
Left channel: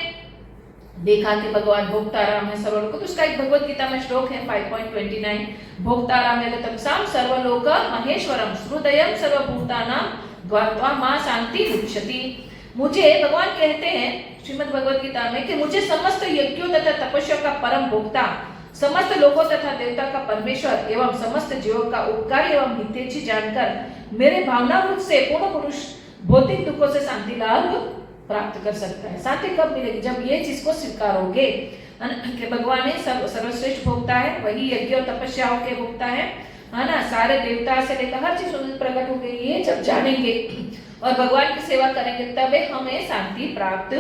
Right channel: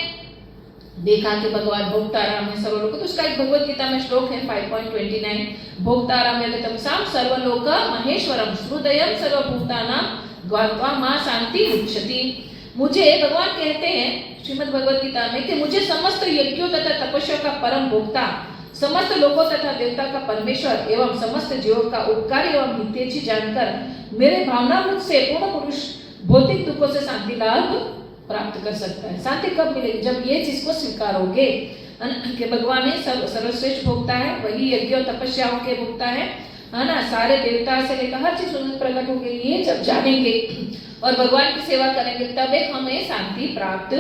देखा कि भगवान भोक्ताराम है सर्वलोक, तो उसका एक भगवत गीता में श्लोक है 5.29, भोक्ताराम तमसाम सर्वलोक महेश्वरम श्रुदयम सर्वभूतानां ग्वात्वा मां शांति मुच्यति। मुझे भगवान कहते हैं श्रीमद् भगवत गीता में कि मुझे समस्त यज्ञों तथा तपस्या का परम भोक्ता, समस्त लोगों तथा देवता का परमेश्वर एवं समस्त जीवों का उपकार एवं हितैषी जानकर मेरे भावनामृत से पूर्ण पुरुष भौतिक दुखों से शांति लाभ प्राप्त कर सकता है। शांति कब मिलेगी? जब ये चीज को स्वीकारोगे कि भगवान ही सर्वश्रेष्ठ भोक्ता है, वही यज्ञ और तपस्याओं के भोक्ता है ना। सारे देवता से लेकर हर चीज प्रकट हो गई, ये जब जानेंगे और भगवान की सेवा करेंगे तब हमें शांति प्राप्त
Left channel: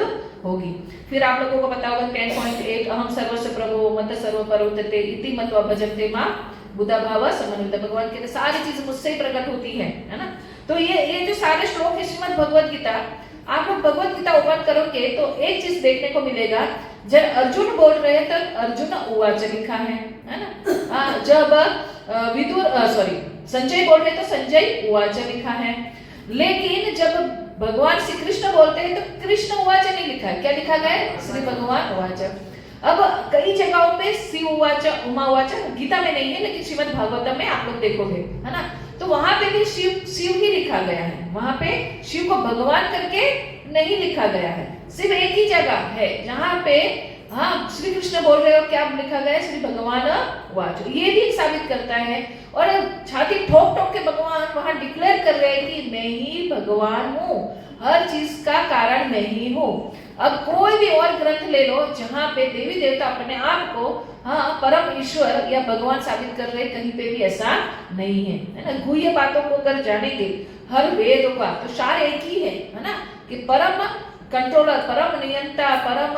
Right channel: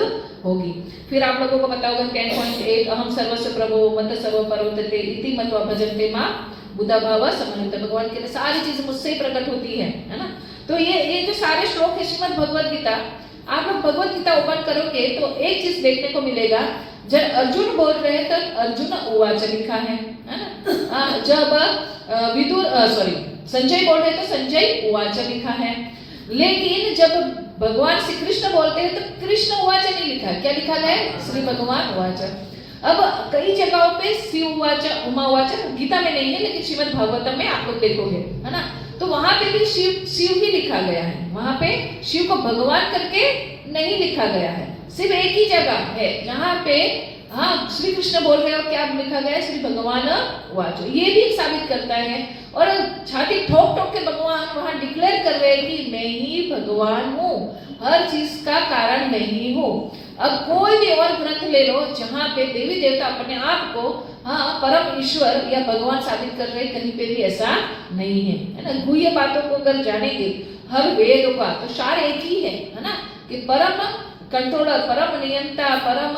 होगी। फिर आप लोगों को पता होगा 10.8, अहम सर्वस्व प्रभो मत सर्व परोतते इति मत्वा भजन्ते मां बुद्धा भाव समन्वित। भगवान के सारी चीज मुझसे ही प्रकट होती है ना। तो ये जो सारे श्लोक है श्रीमद् भगवत गीता, आप लोग भगवत गीता ओपन करोगे तो एक चीज देखने को मिलेगा। जब अर्जुन बोल रहे हैं तो अर्जुन उवाच लिखा है ना। जब संजय बोल रहे तो संजय उवाच लिखा है। लेकिन जब भगवान श्री कृष्ण बोलते हैं तो कृष्ण उवाच नहीं लिखा है। क्या लिखा गया है? श्री भगवान उवाच। अब कई जगहों पे शिव उवाच, उमा उवाच गीता में नहीं है, लेकिन श्रीमद् भागवतम में आप लोग देखोगे है ना, तो वहां पे भी शिव ही लिखा गया है। वहां पे शिव को भगवान करके नहीं लिखा गया है। सिर्फ एक ही जगह है जहां पे श्री कृष्ण बोल रहे हो, क्या लिखा गया है? श्री भगवान वाच। ये भी साबित करता है। और छाती ठोक ठोक के भगवान वहां डिक्लेयर कर रहे हैं कि मैं ही भगवान हूँ, हर चीज का कारण मैं ही हूँ। अब कोई भी और ग्रंथ ले लो जहाँ पे देवी देवता अपने आप को परम ईश्वर या भगवान साबित कर रहे, कहीं पे भी ऐसा नहीं है ना। गुह्य बातों को अगर जानेंगे हर वेद का तो सार एक ही है ना, कि परम कंट्रोलर, परम नियंता, परम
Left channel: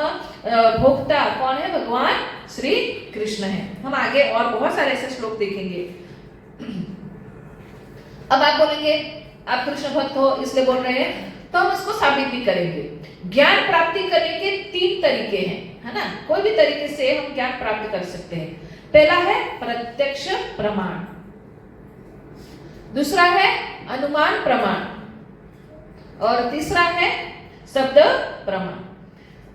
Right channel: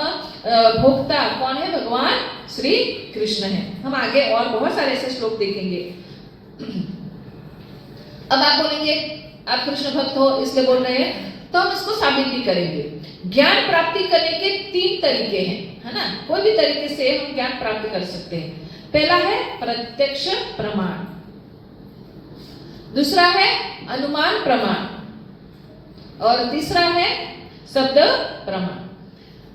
भोक्ता कौन है? भगवान श्री कृष्ण है। हम आगे और बहुत सारे ऐसे श्लोक देखेंगे। अब आप बोलेंगे आप कृष्ण भक्त हो इसलिए बोल रहे हैं, तो हम इसको साबित भी करेंगे। ज्ञान प्राप्ति करने के 3 तरीके हैं है ना। कोई भी तरीके से हम ज्ञान प्राप्त कर सकते हैं। पहला है प्रत्यक्ष प्रमाण, दूसरा है अनुमान प्रमाण, और तीसरा है शब्द प्रमाण।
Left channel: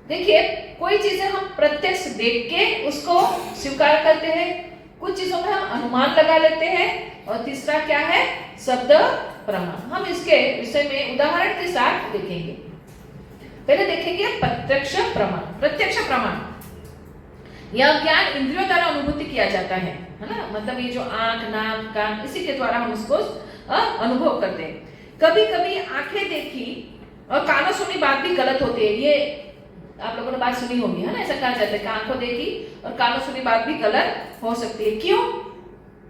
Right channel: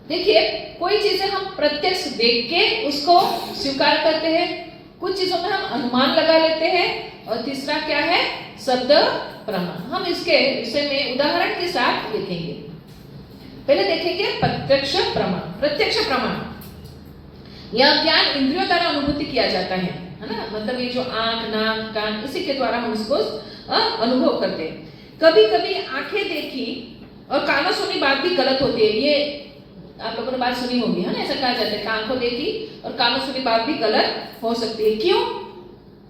देखिए, कोई चीजें हम प्रत्यक्ष देख के उसको स्वीकार करते हैं, कुछ चीजों में हम अनुमान लगा लेते हैं, और तीसरा क्या है? शब्द प्रमाण। हम इसके विषय में उदाहरण के साथ देखेंगे। पहले देखेंगे प्रत्यक्ष प्रमाण। प्रत्यक्ष प्रमाण यह ज्ञान इंद्रियों द्वारा अनुभूति किया जाता है ना। मतलब ये जो आंख, नाक, कान, इसी के द्वारा हम उसको अनुभव करते हैं। कभी कभी आंखें देखी और कानों सुनी बात भी गलत होती है। ये आप लोगों ने बात सुनी होगी है ना। ऐसा कहा जाता है कि आंखों देखी और कानों सुनी बात भी गलत हो सकती है। क्यों?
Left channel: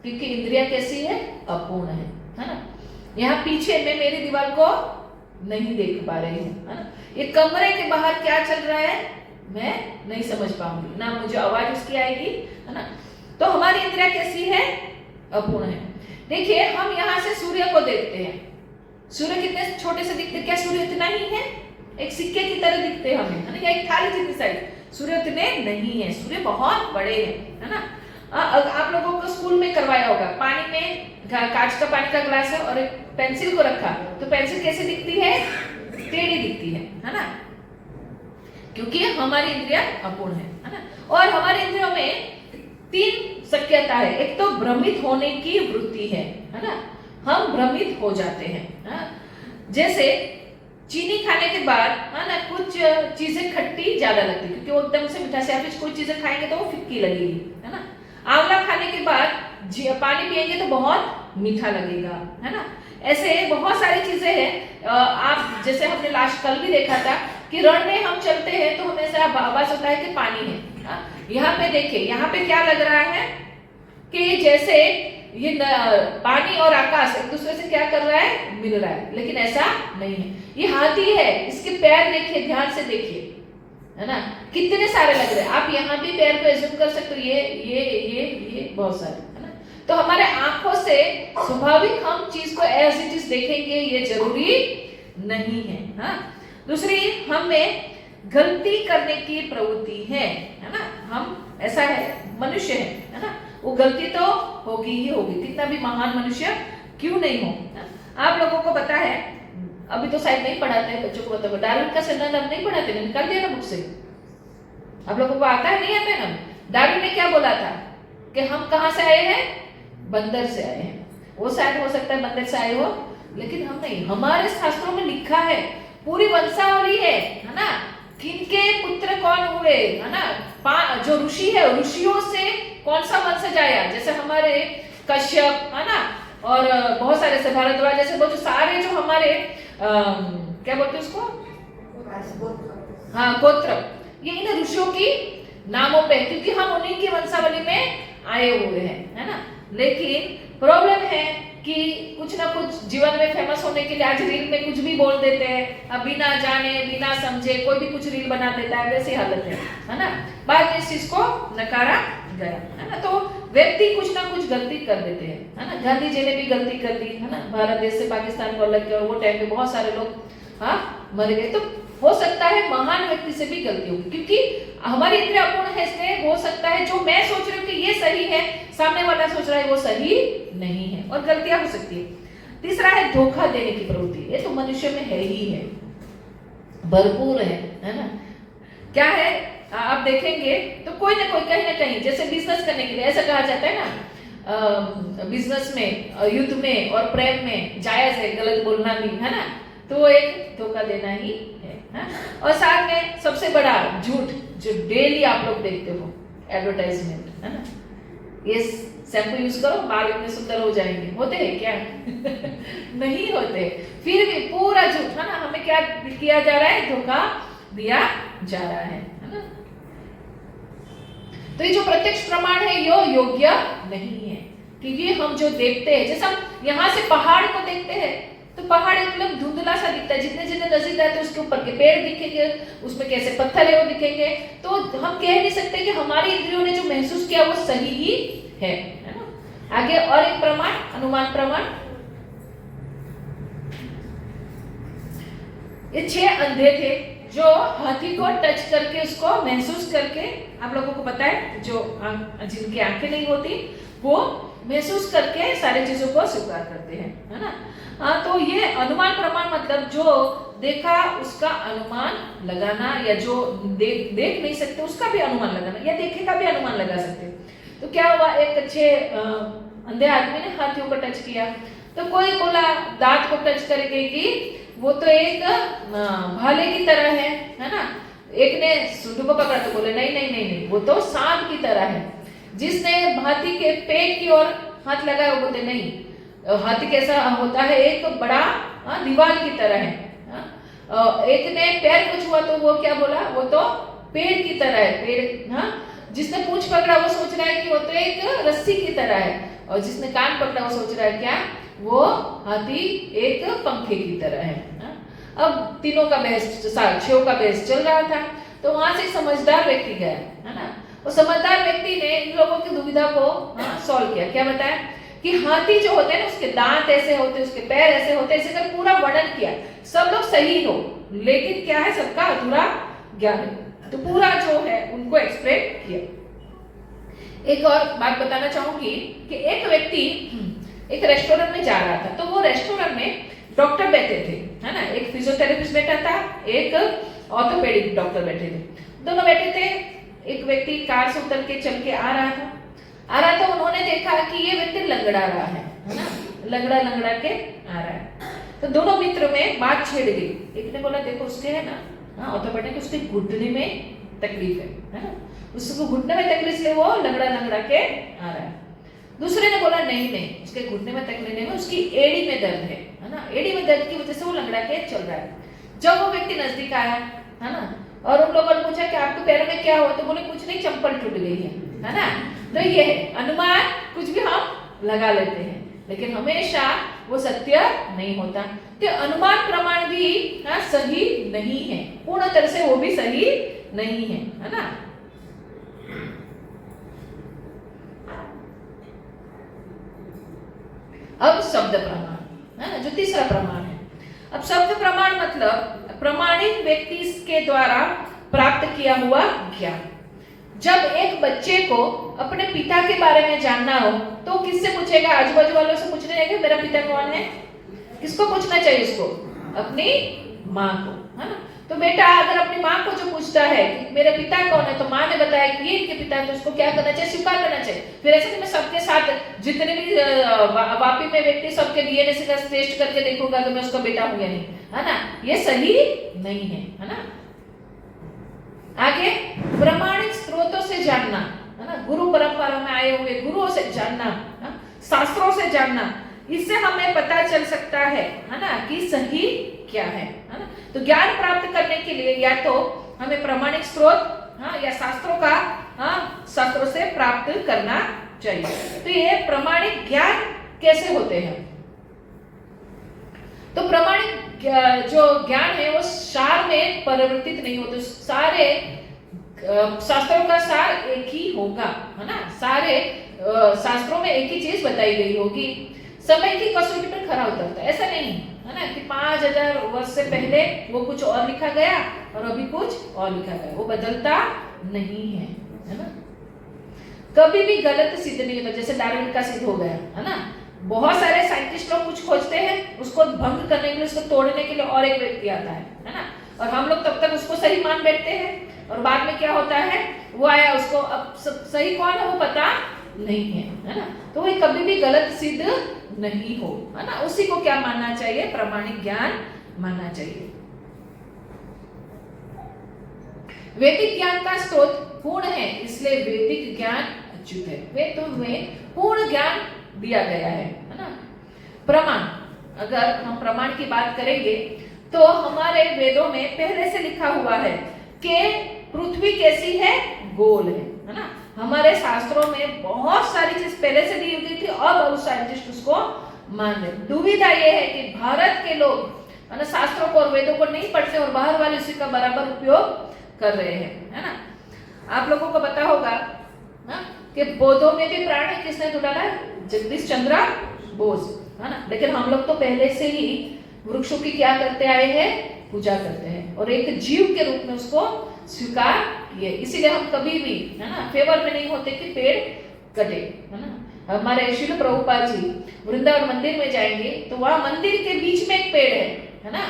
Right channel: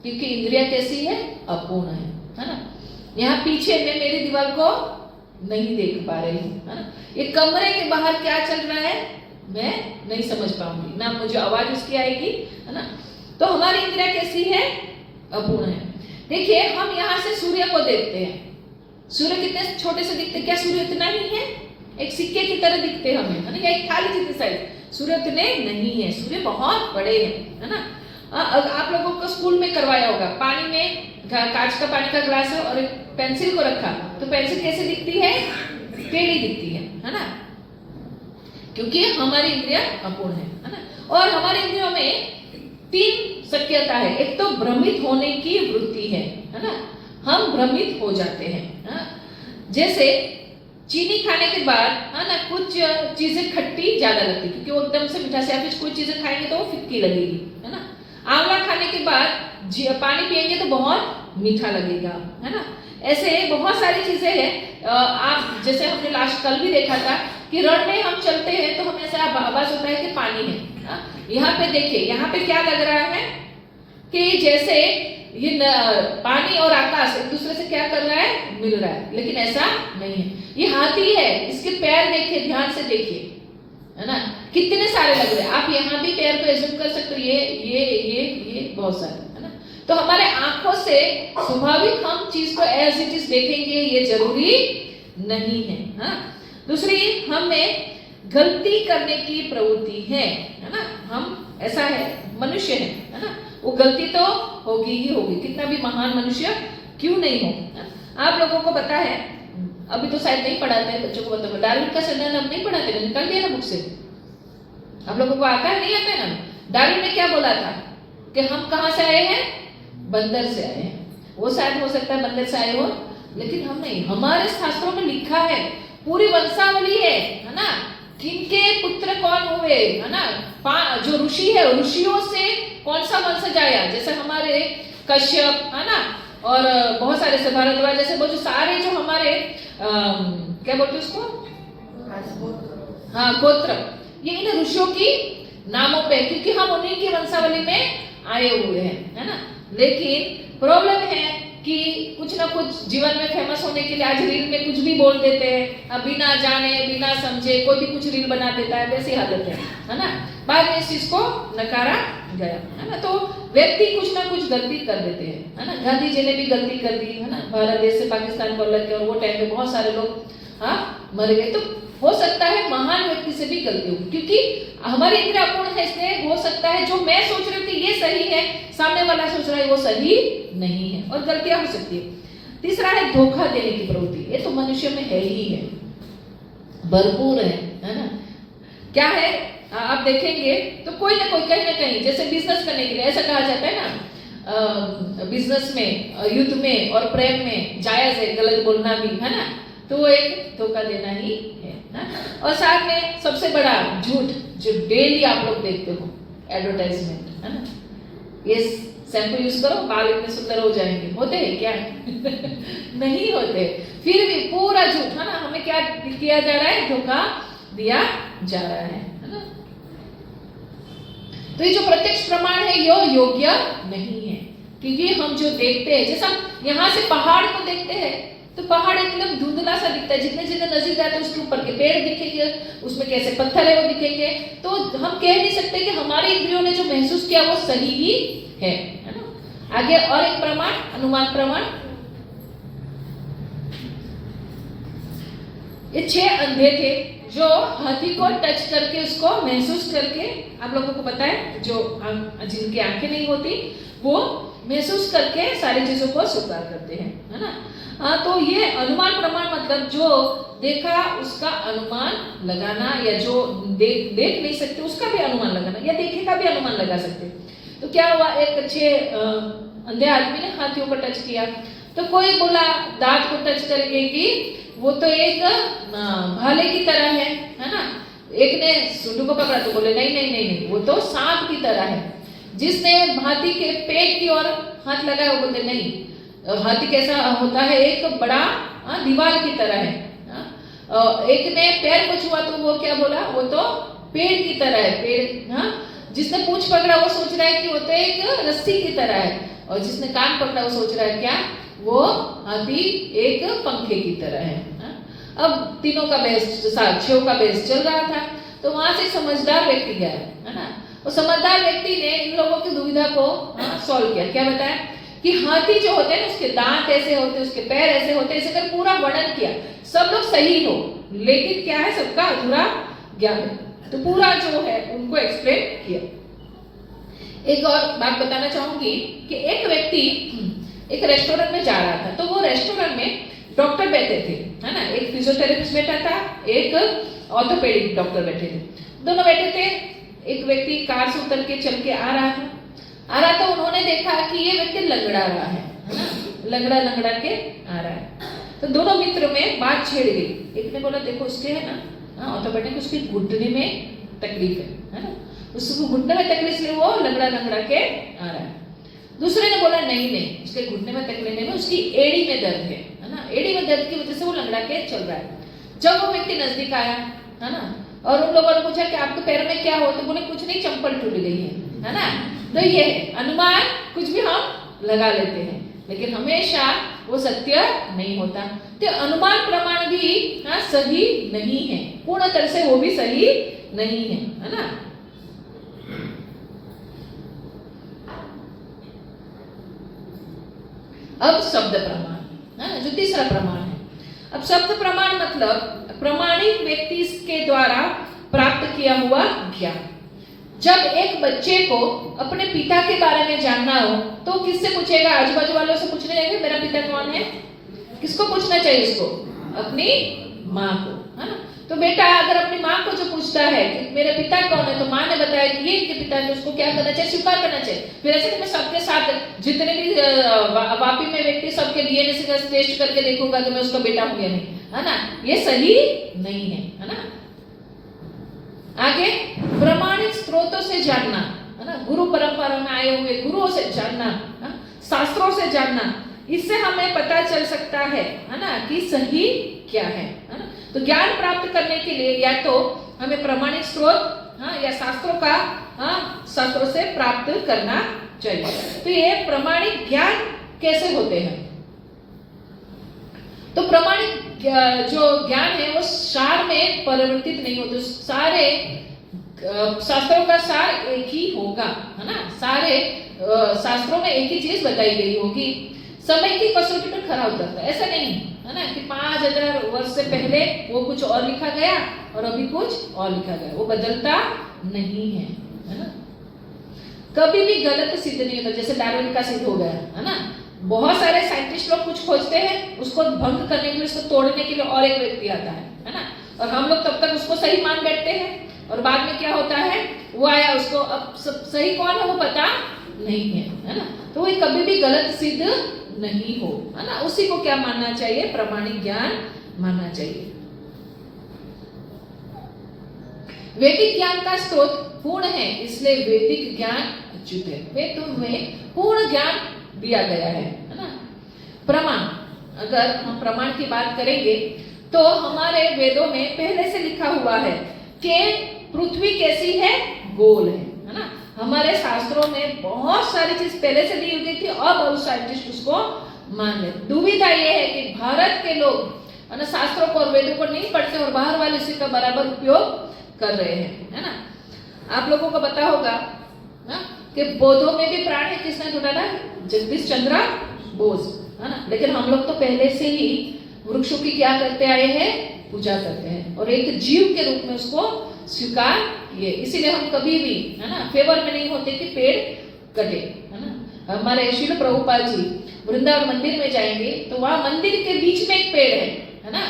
क्योंकि इंद्रिया कैसी है? अपूर्ण है ना। यहाँ पीछे मैं मेरी दीवार को नहीं देख पा रही हूँ है ना। ये कमरे के बाहर क्या चल रहा है मैं नहीं समझ पाऊंगी, ना मुझे आवाज उसकी आएगी है ना। तो हमारी इंद्रिया कैसी है? अपूर्ण है। देखिए, हम यहाँ से सूर्य को देखते हैं। सूर्य कितने छोटे से दिखते? क्या सूर्य इतना ही है? एक सिक्के की तरह दिखते हमें है ना, या एक थाली जितनी साइज। सूर्य उतने नहीं है, सूर्य बहुत बड़े हैं है ना। आप लोगों को स्कूल में करवाया होगा, पानी में कांच का पानी का ग्लास है और एक पेंसिल को रखा, तो पेंसिल कैसे दिखती है? टेढ़ी दिखती है ना। क्योंकि हमारी इंद्रिया अपूर्ण है ना। और हमारी इंद्रियों में 3 शक्यता है। एक तो भ्रमित होने की वृत्ति है ना। हम भ्रमित हो जाते हैं। हाँ? जैसे चीनी खाने के बाद है ना कुछ चीजें खट्टी ज्यादा लगती क्योंकि वो एकदम से मीठा से, या फिर कोई चीजें खाएंगे तो वो फिक्की लगेगी, है ना। आंवला खाने के बाद पानी पिएंगे तो बहुत मीठा लगेगा, है ना। ऐसे बहुत सारी चीजें हैं। आप जैसे हमने लास्ट कल भी देखा था कि रण में हम चलते हैं तो हमें ऐसा आवाज होता है कि पानी है। यहाँ पे देखिए, यहाँ पे क्या लग रहा है कि जैसे ये पानी और आकाश एक दूसरे से क्या कर रहा है, मिल रहा है, लेकिन ऐसा नहीं है। ये हाथी है, इसके पैर देखिए, ध्यान से देखिए, है ना, कितने सारे लग रहे हैं। आप यहाँ भी पैर को एज्यूम कर सकते हो, ये बहुत सारे, है ना। तो हमारे आंखों से स्वाभाविक हम चीज को एज इट इज देखेंगे ये जरूरी नहीं है। हाँ, दूसरी, हमें गलती करने की प्रवृत्ति है ना। हम ऐसा है, मनुष्य है ना, वो गलती तो होगी ही होगी, कितना भी महान मनुष्य क्यों नहीं हो। आप लोगों को पता है, अभी तो शायद नहीं पढ़ाते हैं बच्चों को, बताओ डार्विन का सिद्धांत अब नहीं पढ़ाते, निकाल दिया ना बुक से। आप लोगों को आता है, नहीं आता है ना। डार्विन ने क्या बोला था कि हम कहाँ से आए हैं, बंदर से आए हैं। वो शायद हो सकता है बंदर से आए हो, लेकिन हम नहीं। हमारे शास्त्रों में लिखा है, पूरी वंशावली है ना, किनके पुत्र कौन हुए, है ना, जो ऋषि है, ऋषियों से कौन सा वंशज आया, जैसे हमारे कश्यप, है ना, और बहुत सारे से भारद्वाज, जैसे बहुत सारे जो हमारे क्या बोलते हैं उसको, हाँ, गोत्र, ये इन ऋषियों की नामों पे, क्योंकि हम उन्हीं की वंशावली में आए हुए हैं, है ना। लेकिन प्रॉब्लम है कि कुछ ना कुछ जीवन में फेमस होने के लिए आज रील में कुछ भी बोल देते हैं, अब बिना जाने बिना समझे कोई भी कुछ रील बना देता है, वैसी हालत है ना। बाद में इस चीज को नकारा गया, है ना। तो व्यक्ति कुछ ना कुछ गलती कर देते हैं, है ना। गांधी जी ने भी गलती कर दी, है ना, भारत देश से पाकिस्तान को अलग किया, और वो टाइम में बहुत सारे लोग मर गए। तो हो सकता है महान व्यक्ति से भी गलती होगी, क्योंकि हमारी इंद्रियां अपूर्ण है, इसलिए हो सकता है जो मैं सोच रही हूँ कि ये सही है, सामने वाला सोच रहा है वो सही नहीं है, और गलतियां हो सकती है। तीसरा है धोखा देने की प्रवृत्ति। ये तो मनुष्य में है ही है, भरपूर है ना। क्या है, आप देखेंगे तो कोई ना कोई कहीं ना कहीं, जैसे बिजनेस करने के लिए ऐसा कहा जाता है ना, बिजनेस में, युद्ध में और प्रेम में जायज है गलत बोलना भी, है ना। तो वो एक धोखा देना ही है ना। और साथ में सबसे बड़ा झूठ जो डेली आप लोग देखते हो, एडवर्टाइजमेंट, है ना। ये शैम्पू यूज करो, बाल इतने सुंदर हो जाएंगे, होते हैं क्या? नहीं होते। फिर भी पूरा झूठ, है ना, हमें क्या किया जा रहा है, धोखा दिया जा रहा है ना। तो ये जो प्रत्यक्ष प्रमाण है ये योग्य नहीं है, क्योंकि हम जो देखते हैं, जैसे हम यहाँ से पहाड़ को देखते हैं तो पहाड़ एकदम धुंधला सा दिखता है, जितने जितने नजदीक आते हैं उसके ऊपर के पेड़ दिखेंगे, उसमें कैसे पत्थर है वो दिखेंगे। तो हम कह नहीं सकते कि हमारी इंद्रियों ने जो महसूस किया वो सही ही है ना। आगे और एक प्रमाण, अनुमान प्रमाण। ये 6 अंधे थे जो हाथी को टच करके, उसको महसूस करके, आप लोगों को पता है जो जिनकी आंखें नहीं होती वो महसूस करके सारी चीजों को स्वीकार करते हैं, है ना। तो ये अनुमान प्रमाण मतलब जो देखा उसका अनुमान लगाना, या जो देख नहीं सकते उसका भी अनुमान लगाना, या देखे का भी अनुमान लगा सकते। तो क्या हुआ, एक अच्छे अंधे आदमी ने हाथियों को टच किया, तो कोई बोला दांत को टच करके कि वो तो एक भाले की तरह है ना। एक ने सुंडू को पकड़ा तो बोले नहीं नहीं नहीं नहीं, वो तो सांप की तरह है। जिसने हाथी के पेट की ओर हाथ लगाया वो बोलते नहीं, हाथी कैसा होता है, एक बड़ा दीवार की तरह है। एक ने पैर को छुआ तो वो क्या बोला, वो तो पेड़ की तरह है, पेड़। जिसने पूंछ पकड़ा वो सोच रहा है कि वो तो एक रस्सी की तरह है, और जिसने कान पकड़ा वो सोच रहा है क्या, वो हाथी एक पंखे की तरह है। अब तीनों का बहस, 6 का बहस चल रहा था, तो वहां से समझदार व्यक्ति गया, है ना। वो समझदार व्यक्ति ने इन लोगों की दुविधा को सॉल्व किया। क्या बताया कि हाथी जो होते हैं ना, उसके दांत ऐसे होते हैं, उसके पैर ऐसे होते हैं, ऐसे कर पूरा वर्णन किया। सब लोग सही हो, लेकिन क्या है, सबका अधूरा ज्ञान है, तो पूरा जो है उनको एक्सप्लेन किया। एक और बात बताना चाहूंगी कि एक व्यक्ति एक रेस्टोरेंट में जा रहा था, तो वो रेस्टोरेंट में डॉक्टर बैठे थे, है ना। एक फिजियोथेरेपिस्ट बैठा था, एक ऑर्थोपेडिक डॉक्टर बैठे थे, दोनों बैठे थे। एक व्यक्ति कार से उतर के चल के आ रहा था, उन्होंने देखा कि ये व्यक्ति लंगड़ा रहा है ना। लंगड़ा लंगड़ा के आ रहा है। तो दोनों मित्र में बात छेड़ गई। एक ने बोला देखो उसके है ना ऑर्थोपेडिक उसके घुटने में तकलीफ है ना, उसको घुटने में तकलीफ इसलिए वो लंगड़ा लंगड़ा के आ रहा है। दूसरे ने बोला नहीं नहीं उसके घुटने में तकलीफ नहीं है, उसकी एड़ी में दर्द है ना, एड़ी में दर्द की वजह से वो लंगड़ा के चल रहा है। जब वो व्यक्ति नजदीक आया है ना और उन लोगों ने पूछा कि आपके पैर में क्या हो, तो बोले कुछ नहीं चंपल टूट गई है ना। तो ये है अनुमान, कुछ भी हम लगा लेते हैं लेकिन हमेशा वो सत्य नहीं होता। तो अनुमान प्रमाण भी सही नहीं है, पूर्ण तरह से वो भी सही नहीं है ना। अब शब्द प्रमाण है ना, जो तीसरा प्रमाण है। अब शब्द प्रमाण मतलब प्रमाणिक व्यक्ति के द्वारा प्राप्त किया हुआ ज्ञान। जब एक बच्चे को अपने पिता के बारे में जानना हो तो किससे पूछेगा? आजू बाजू वालों से पूछने जाएगा मेरा पिता कौन है? किसको पूछना चाहिए उसको? अपनी माँ को, है ना। तो बेटा अगर अपनी माँ को जो पूछता है कि मेरे पिता कौन है, तो माँ ने बताया कि ये इनके पिता है, तो उसको क्या करना चाहिए? स्वीकार करना चाहिए। फिर ऐसे कि मैं सबके साथ जितने भी वापी में व्यक्ति सबके डीएनए का टेस्ट करके देखूंगा कि मैं उसका बेटा हूं या नहीं, है ना। ये सही नहीं है ना। आगे प्रमाणिक स्रोतों से जानना, है ना, गुरु परंपरा में आए हुए गुरुओं से जानना, शास्त्रों से जानना, इससे हमें पता चल सकता है ना कि सही क्या है ना। तो ज्ञान प्राप्त करने के लिए या तो हमें प्रमाणिक स्रोत या शास्त्रों का शास्त्रों से प्राप्त करना चाहिए। तो ये प्रमाणिक ज्ञान कैसे होते हैं? तो प्रमाणिक जो ज्ञान है वो सार में परिवर्तित नहीं होते। सारे शास्त्रों का सार एक ही होगा, है ना। सारे शास्त्रों में एक ही चीज बताई गई होगी। समय की कसौटी पर खरा उतरता है, ऐसा नहीं है ना कि 5000 वर्ष से पहले वो कुछ और लिखा गया और अभी कुछ और लिखा गया, वो बदलता नहीं है ना। कभी भी गलत सिद्ध नहीं होता, जैसे डार्विन का सिद्ध हो गया, है ना। बहुत सारे साइंटिस्ट लोग कुछ खोजते हैं, उसको भंग करने के लिए, उसको तोड़ने के लिए और एक व्यक्ति आता है ना। और हम लोग तब तक उसको सही मान बैठते हैं और बाद में क्या होता है, वो आया, उसको अब सही कौन है वो पता नहीं है ना। तो वो कभी भी गलत सिद्ध नहीं हो, है ना। उसी को क्या मानना चाहिए? प्रमाणिक ज्ञान मानना चाहिए। वैदिक ज्ञान का स्रोत पूर्ण है, इसलिए वैदिक ज्ञान अच्युत है। वेद में पूर्ण ज्ञान दिया गया है ना। प्रमाण, अगर हम प्रमाण की बात करेंगे तो हमारे वेदों में पहले से लिखा हुआ है कि पृथ्वी कैसी है? गोल है ना। हमारे शास्त्रों में बहुत सारी चीज पहले से दी गई थी और बहुत साइंटिस्ट उसको मान ले। दुविधा यह है कि भारत के लोग ना शास्त्रों को और वेदों को नहीं पढ़ते और बाहर वाले उसी का बराबर उपयोग कर रहे हैं, है ना। आप लोगों को पता होगा ना कि बौद्धों में भी प्राण है, किसने ढूंढा था? जगदीश चंद्र बोस, है ना। लेकिन हम लोग तो पहले से ही वृक्षों की क्या करते आए हैं? पूजा करते हैं और एक जीव के रूप में उसको स्वीकार किए। इसीलिए हम कभी भी, है ना, फेवर में नहीं होते कि पेड़ कटे, है ना। हमारे श्रील प्रभुपाद जी वृंदावन मंदिर में जाएंगे तो वहां मंदिर के बीच में एक पेड़ है ना।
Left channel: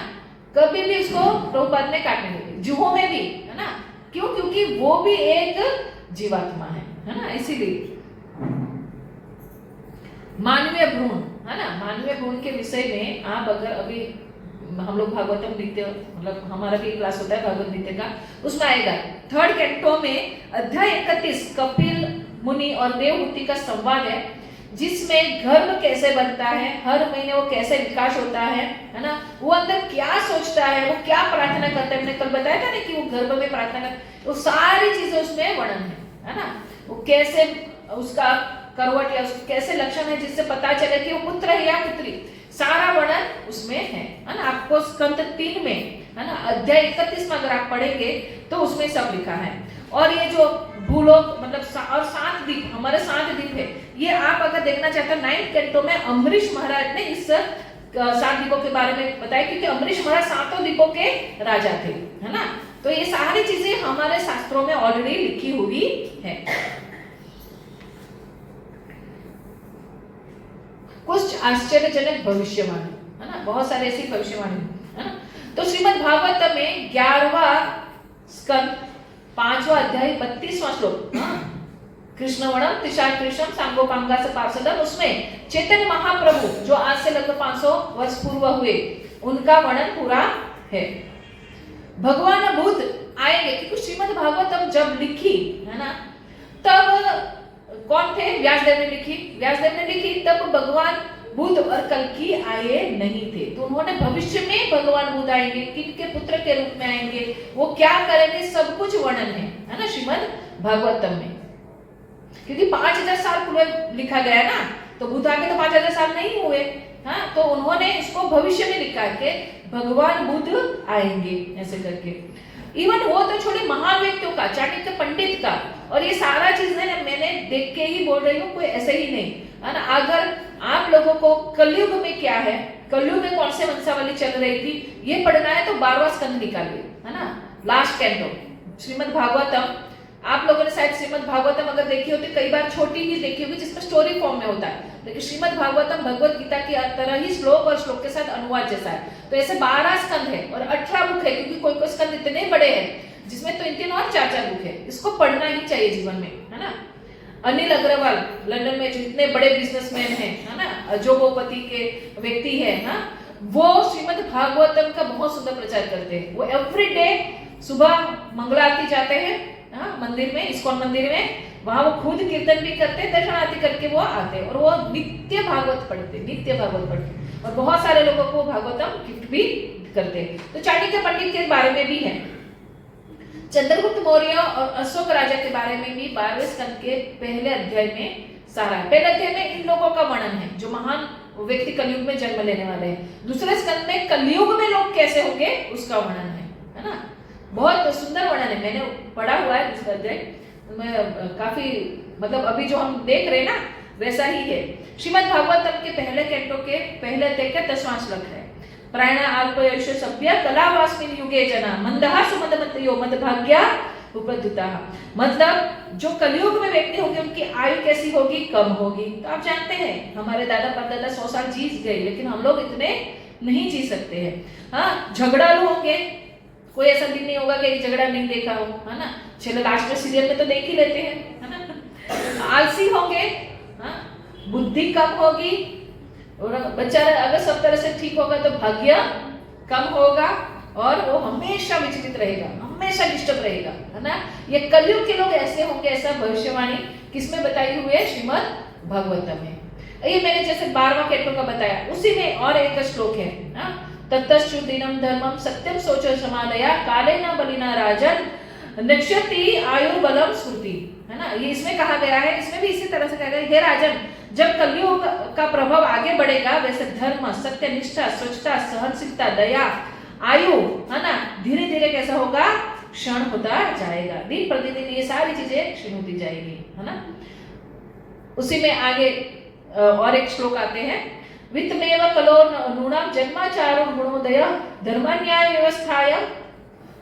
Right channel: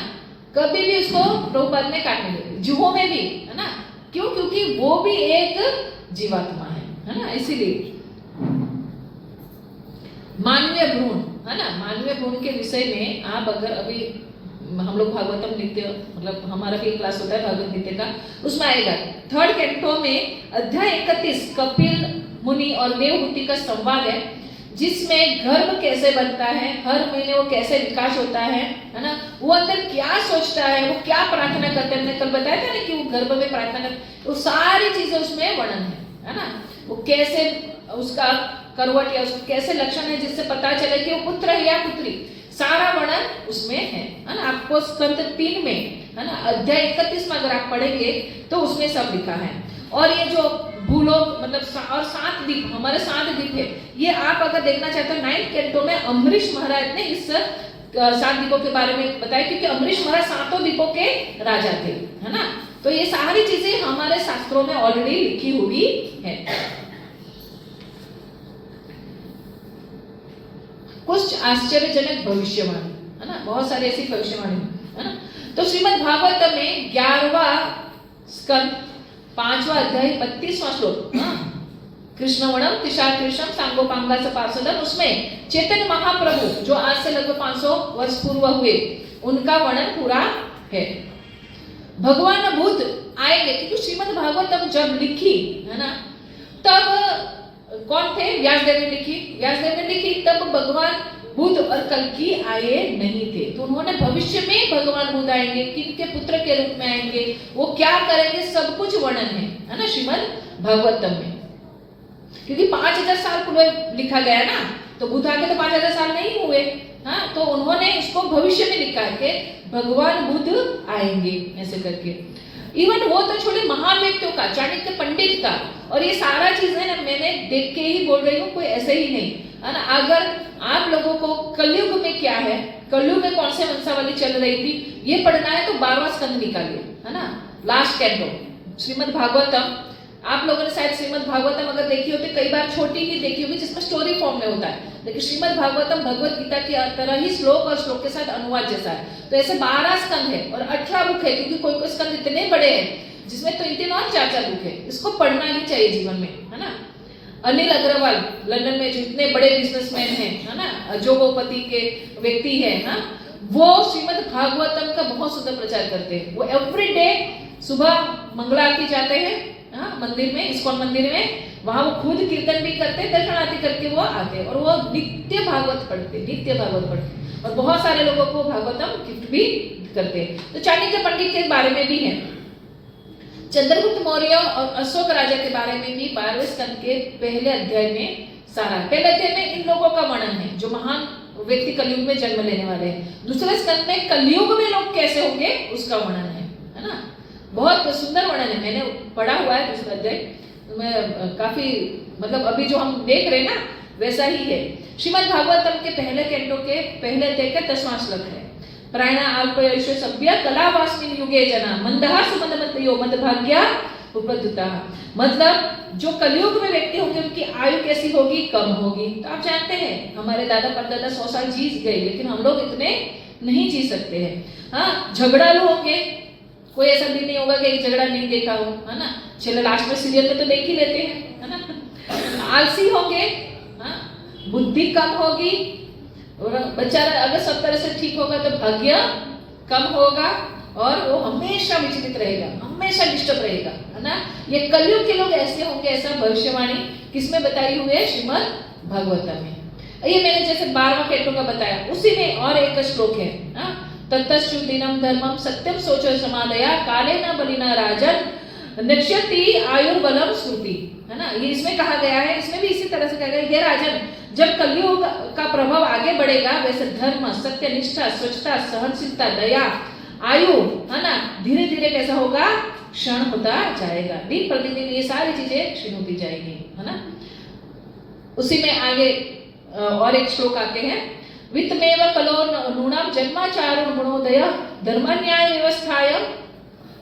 कभी भी उसको प्रभुपाद ने काटने लगे, जुहों में भी, है ना। क्यों? क्योंकि वो भी एक जीवात्मा है ना। इसीलिए मानवीय भ्रूण, है ना, मानवीय भ्रूण के विषय में आप अगर अभी हम लोग भागवतम लिखते हो, मतलब हमारा भी क्लास होता है भागवत गीता का, उसमें आएगा 3rd कैंटो में अध्याय 31 कपिल मुनि और देवहूति का संवाद है, जिसमें गर्भ कैसे बनता है, हर महीने वो कैसे विकास होता है ना। वो अंदर क्या सोचता है, वो क्या प्रार्थना करता है। मैंने कल बताया था ना कि वो गर्भ में प्रार्थना करता, वो सारी चीजें उसमें वर्णन है ना। वो कैसे उसका करवट या उसके कैसे लक्षण है जिससे पता चले कि वो पुत्र है या पुत्री, सारा वर्णन उसमें है ना। आपको स्कंद 3 में, है ना, अध्याय 31 में अगर आप पढ़ेंगे तो उसमें सब लिखा है। और ये जो भूलोक मतलब और 7 द्वीप, हमारे 7 द्वीप है, ये आप अगर देखना चाहते हो 9th कैंटो में अम्बरीश महाराज ने इस 7 द्वीपों के बारे में बताया, क्योंकि अम्बरीश महाराज 7 द्वीपों के राजा थे, है ना। तो ये सारी चीजें हमारे शास्त्रों में ऑलरेडी लिखी हुई है। कुछ आश्चर्यजनक भविष्यवाणी, है ना, बहुत सारी ऐसी भविष्यवाणी, है ना। तो श्रीमद् भागवत में 11वां स्कंद 5वां अध्याय 32वां श्लोक, कृष्णवणम तिशार कृष्णम सांगोपांगा से पार्षदम, उसमें चैतन्य महाप्रभु जो आज से लगभग 500 वर्ष पूर्व हुए, उनका वर्णन पूरा है। भगवान बुद्ध आएंगे, क्योंकि श्रीमद् भागवतम जब लिखी है ना, तब कौन थे? व्यासदेव ने लिखी। व्यासदेव ने लिखी तब भगवान बुद्ध और कल्कि आए नहीं थे, तो उन्होंने भविष्य में भगवान बुद्ध आएंगे, किनके पुत्र के रूप में आएंगे, वो क्या करेंगे, सब कुछ वर्णन है ना श्रीमद् भागवतम में। क्योंकि 5000 साल पूर्व लिखा गया है ना, तो बुद्ध आके तो 5000 साल नहीं हुए। हाँ, तो उन्होंने इसको भविष्य में लिखा है कि भगवान बुद्ध आएंगे ऐसे करके। इवन वो तो छोटे महान व्यक्तियों का, चाणक्य पंडित का, और ये सारा चीज है ना, मैंने देख के ही बोल रही हूँ, कोई ऐसे ही नहीं है ना। अगर आप लोगों को कलयुग में क्या है, कलयुग में कौन से वंशावली चल रही थी, ये पढ़ना है तो 12वां स्कंद निकालिए, है ना, लास्ट कैंटो श्रीमद् भागवतम। आप लोगों ने शायद श्रीमद् भागवतम अगर देखी हो तो कई बार छोटी ही देखी होगी, जिसमें स्टोरी फॉर्म में होता है, लेकिन श्रीमद् भागवतम भगवत गीता की तरह ही श्लोक और श्लोक के साथ अनुवाद जैसा है। तो ऐसे 12 स्कंद है और 18 बुक है, क्योंकि कोई कोई स्कंद इतने बड़े हैं जिसमें 3 और 4 बुक है। इसको पढ़ना ही चाहिए जीवन में, है ना। अनिल अग्रवाल लंदन में जो इतने बड़े बिजनेसमैन हैं, है ना, अजोगोपति के व्यक्ति है ना, वो श्रीमद् भागवतम का बहुत सुंदर प्रचार करते हैं। वो एवरी डे सुबह मंगला आरती जाते हैं, हाँ, मंदिर में, इस्कॉन मंदिर में, वहां वो खुद कीर्तन भी करते, दर्शन आरती करके वो आते, और वो नित्य भागवत पढ़ते, नित्य भागवत पढ़ते, और बहुत सारे लोगों को भागवतम गिफ्ट भी करते। तो चाणक्य पंडित के बारे में भी है, चंद्रगुप्त मौर्य और अशोक राजा के बारे में भी 12वें स्कंद के पहले अध्याय में सारा है। पहले अध्याय में इन लोगों का वर्णन है जो महान व्यक्ति कलयुग में जन्म लेने वाले हैं। दूसरे स्कंद में कलयुग में लोग कैसे होंगे उसका वर्णन है ना। बहुत सुंदर वर्णन है, मैंने पढ़ा हुआ है दूसरा अध्याय, तो मैं काफी मतलब अभी जो हम देख रहे हैं ना वैसा ही है। श्रीमद् भागवतम के पहले कैंटो के पहले अध्याय का 10वां श्लोक है, प्राण अल्पयुष सभ्य कलावास्मिन् युगे जना मंदहा सुमदमतयो मदभाग्या उपद्युता। मतलब जो कलयुग में व्यक्ति होंगे उनकी आयु कैसी होगी, कम होगी। तो आप जानते हैं हमारे दादा परदादा 100 साल जी गए, लेकिन हम लोग इतने नहीं जी सकते हैं। हाँ, झगड़ालू होंगे, कोई ऐसा दिन नहीं होगा कि झगड़ा नहीं देखा हो, है ना। चलो लास्ट में सीरियल में तो देख ही लेते हैं, है ना। आलसी होंगे, हाँ, बुद्धि कम होगी, और बच्चा अगर सब तरह से ठीक होगा तो भाग्य कम होगा, और वो हमेशा विचलित रहेगा, हमेशा डिस्टर्ब रहेगा, है ना। ये कलयुग के लोग ऐसे होंगे, ऐसा भविष्यवाणी किसमें बताई हुई है, श्रीमद् भागवतम में। ये मैंने जैसे 12वां कैंटो का बताया, उसी में और एक श्लोक है, ततश्चु दिनम धर्मम सत्यम सोचो समालया काले न बलिना राजन नक्षति आयुर्बलम स्मृति, है ना। ये इसमें कहा गया है, इसमें भी इसी तरह से कहा गया है, हे राजन, जब कलयुग का प्रभाव आगे बढ़ेगा वैसे धर्म, सत्य, निष्ठा, स्वच्छता, सहनशीलता, दया, आयु, है ना, धीरे धीरे कैसा होगा, क्षण होता जाएगा। दिन प्रतिदिन ये सारी चीजें क्षीण होती जाएगी, है ना। उसी में आगे और एक श्लोक आते हैं, वित्तमेव कलो नूणाम जन्माचारो गुणोदय धर्मन्याय व्यवस्थाय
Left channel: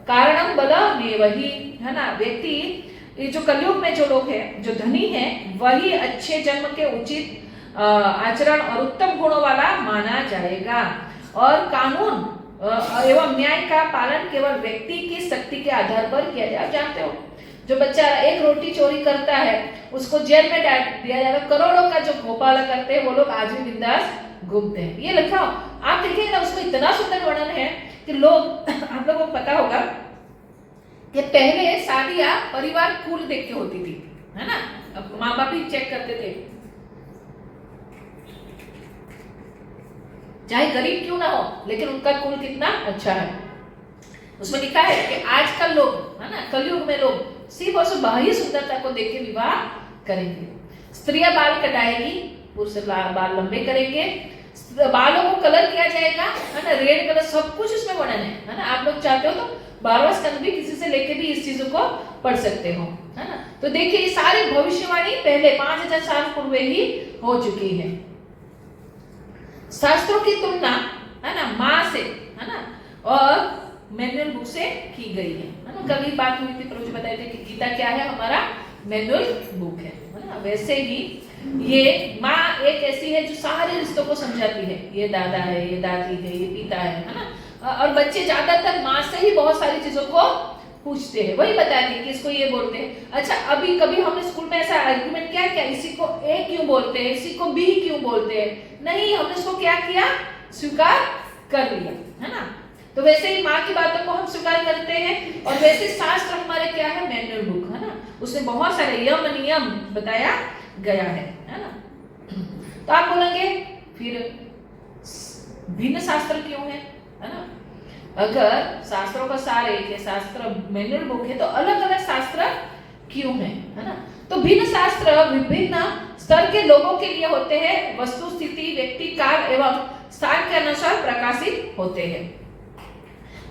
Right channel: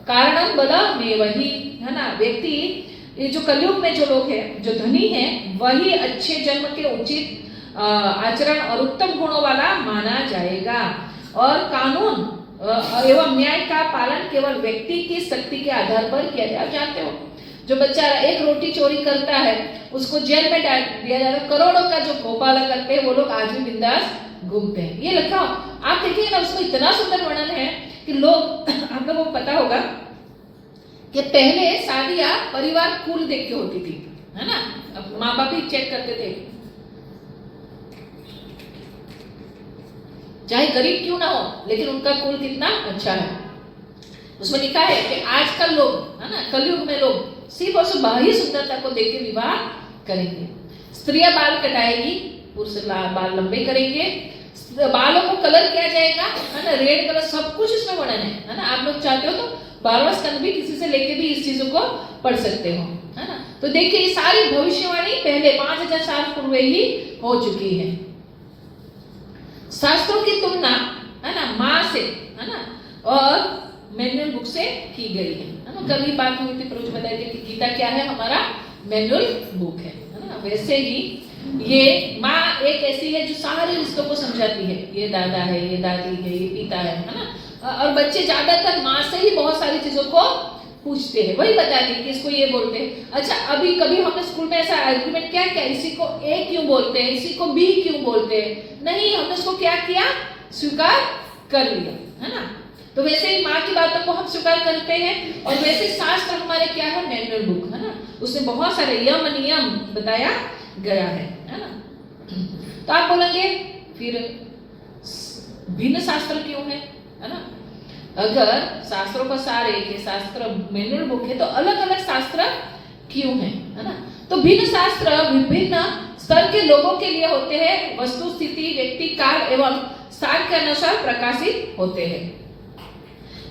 कारणम बलमेव हि, है ना। व्यक्ति ये जो कलयुग में जो लोग हैं, जो धनी हैं, वही अच्छे जन्म के उचित आचरण और उत्तम गुणों वाला माना जाएगा, और कानून एवं न्याय का पालन केवल व्यक्ति की शक्ति के आधार पर किया जाए। आप जानते हो जो बच्चा एक रोटी चोरी करता है उसको जेल में डाल दिया जाएगा, करोड़ों का जो घोटाला करते हैं वो लोग आज भी बिंदास घूमते हैं। ये लिखा आप देखिए ना, उसमें इतना सुंदर वर्णन है कि लोग आप लोगों को पता होगा कि पहले शादियां परिवार कुल देख के होती थी, है ना। अब माँ बाप ही चेक करते थे, चाहे गरीब क्यों ना हो, लेकिन उनका कुल कितना अच्छा है। उसमें लिखा है कि आजकल लोग, है ना, कलयुग में लोग सिर्फ और सिर्फ बाहरी सुंदरता को देख के विवाह करेंगे। स्त्रियां बाल कटाएगी, पुरुष बाल लंबे करेंगे, बालों को कलर किया जाएगा, है ना, रेड कलर, सब कुछ इसमें वर्णन है ना। आप लोग चाहते हो तो 12वां स्कंद भी किसी से लेके भी इस चीजों को पढ़ सकते हो, है ना। तो देखिए ये सारी भविष्यवाणी पहले 5000 साल पूर्व ही हो चुकी है। शास्त्रों की तुलना, है ना, माँ से, है ना, और मैनुअल बुक से की गई है ना। कल ही बात हुई थी, प्रभु बताए थे कि गीता क्या है, हमारा मैनुअल बुक है ना। वैसे ही ये माँ एक ऐसी है जो सारे रिश्तों को समझाती है, ये दादा है, ये दादी है, ये पिता है ना। और बच्चे ज्यादातर माँ से ही बहुत सारी चीजों को पूछते हैं, वही बताते हैं कि इसको ये बोलते हैं। अच्छा, अभी कभी हमने स्कूल में ऐसा आर्गुमेंट क्या किया, इसी को ए क्यों बोलते हैं, इसी को बी क्यों बोलते हैं? नहीं, हमने इसको क्या किया, स्वीकार कर लिया, है ना। तो वैसे ही माँ की बातों को हम स्वीकार करते हैं, और वैसे शास्त्र हमारे क्या है, मैनुअल बुक, है ना, उसमें बहुत सारे यम नियम बताया गया है ना। तो आप बोलेंगे फिर भिन्न शास्त्र क्यों है ना। अगर शास्त्रों का सार एक है, शास्त्र मैनुअल बुक है, तो अलग अलग शास्त्र क्यों है ना। तो भिन्न शास्त्र विभिन्न स्तर के लोगों के लिए होते हैं, वस्तु स्थिति व्यक्ति काल एवं स्थान के अनुसार प्रकाशित होते हैं।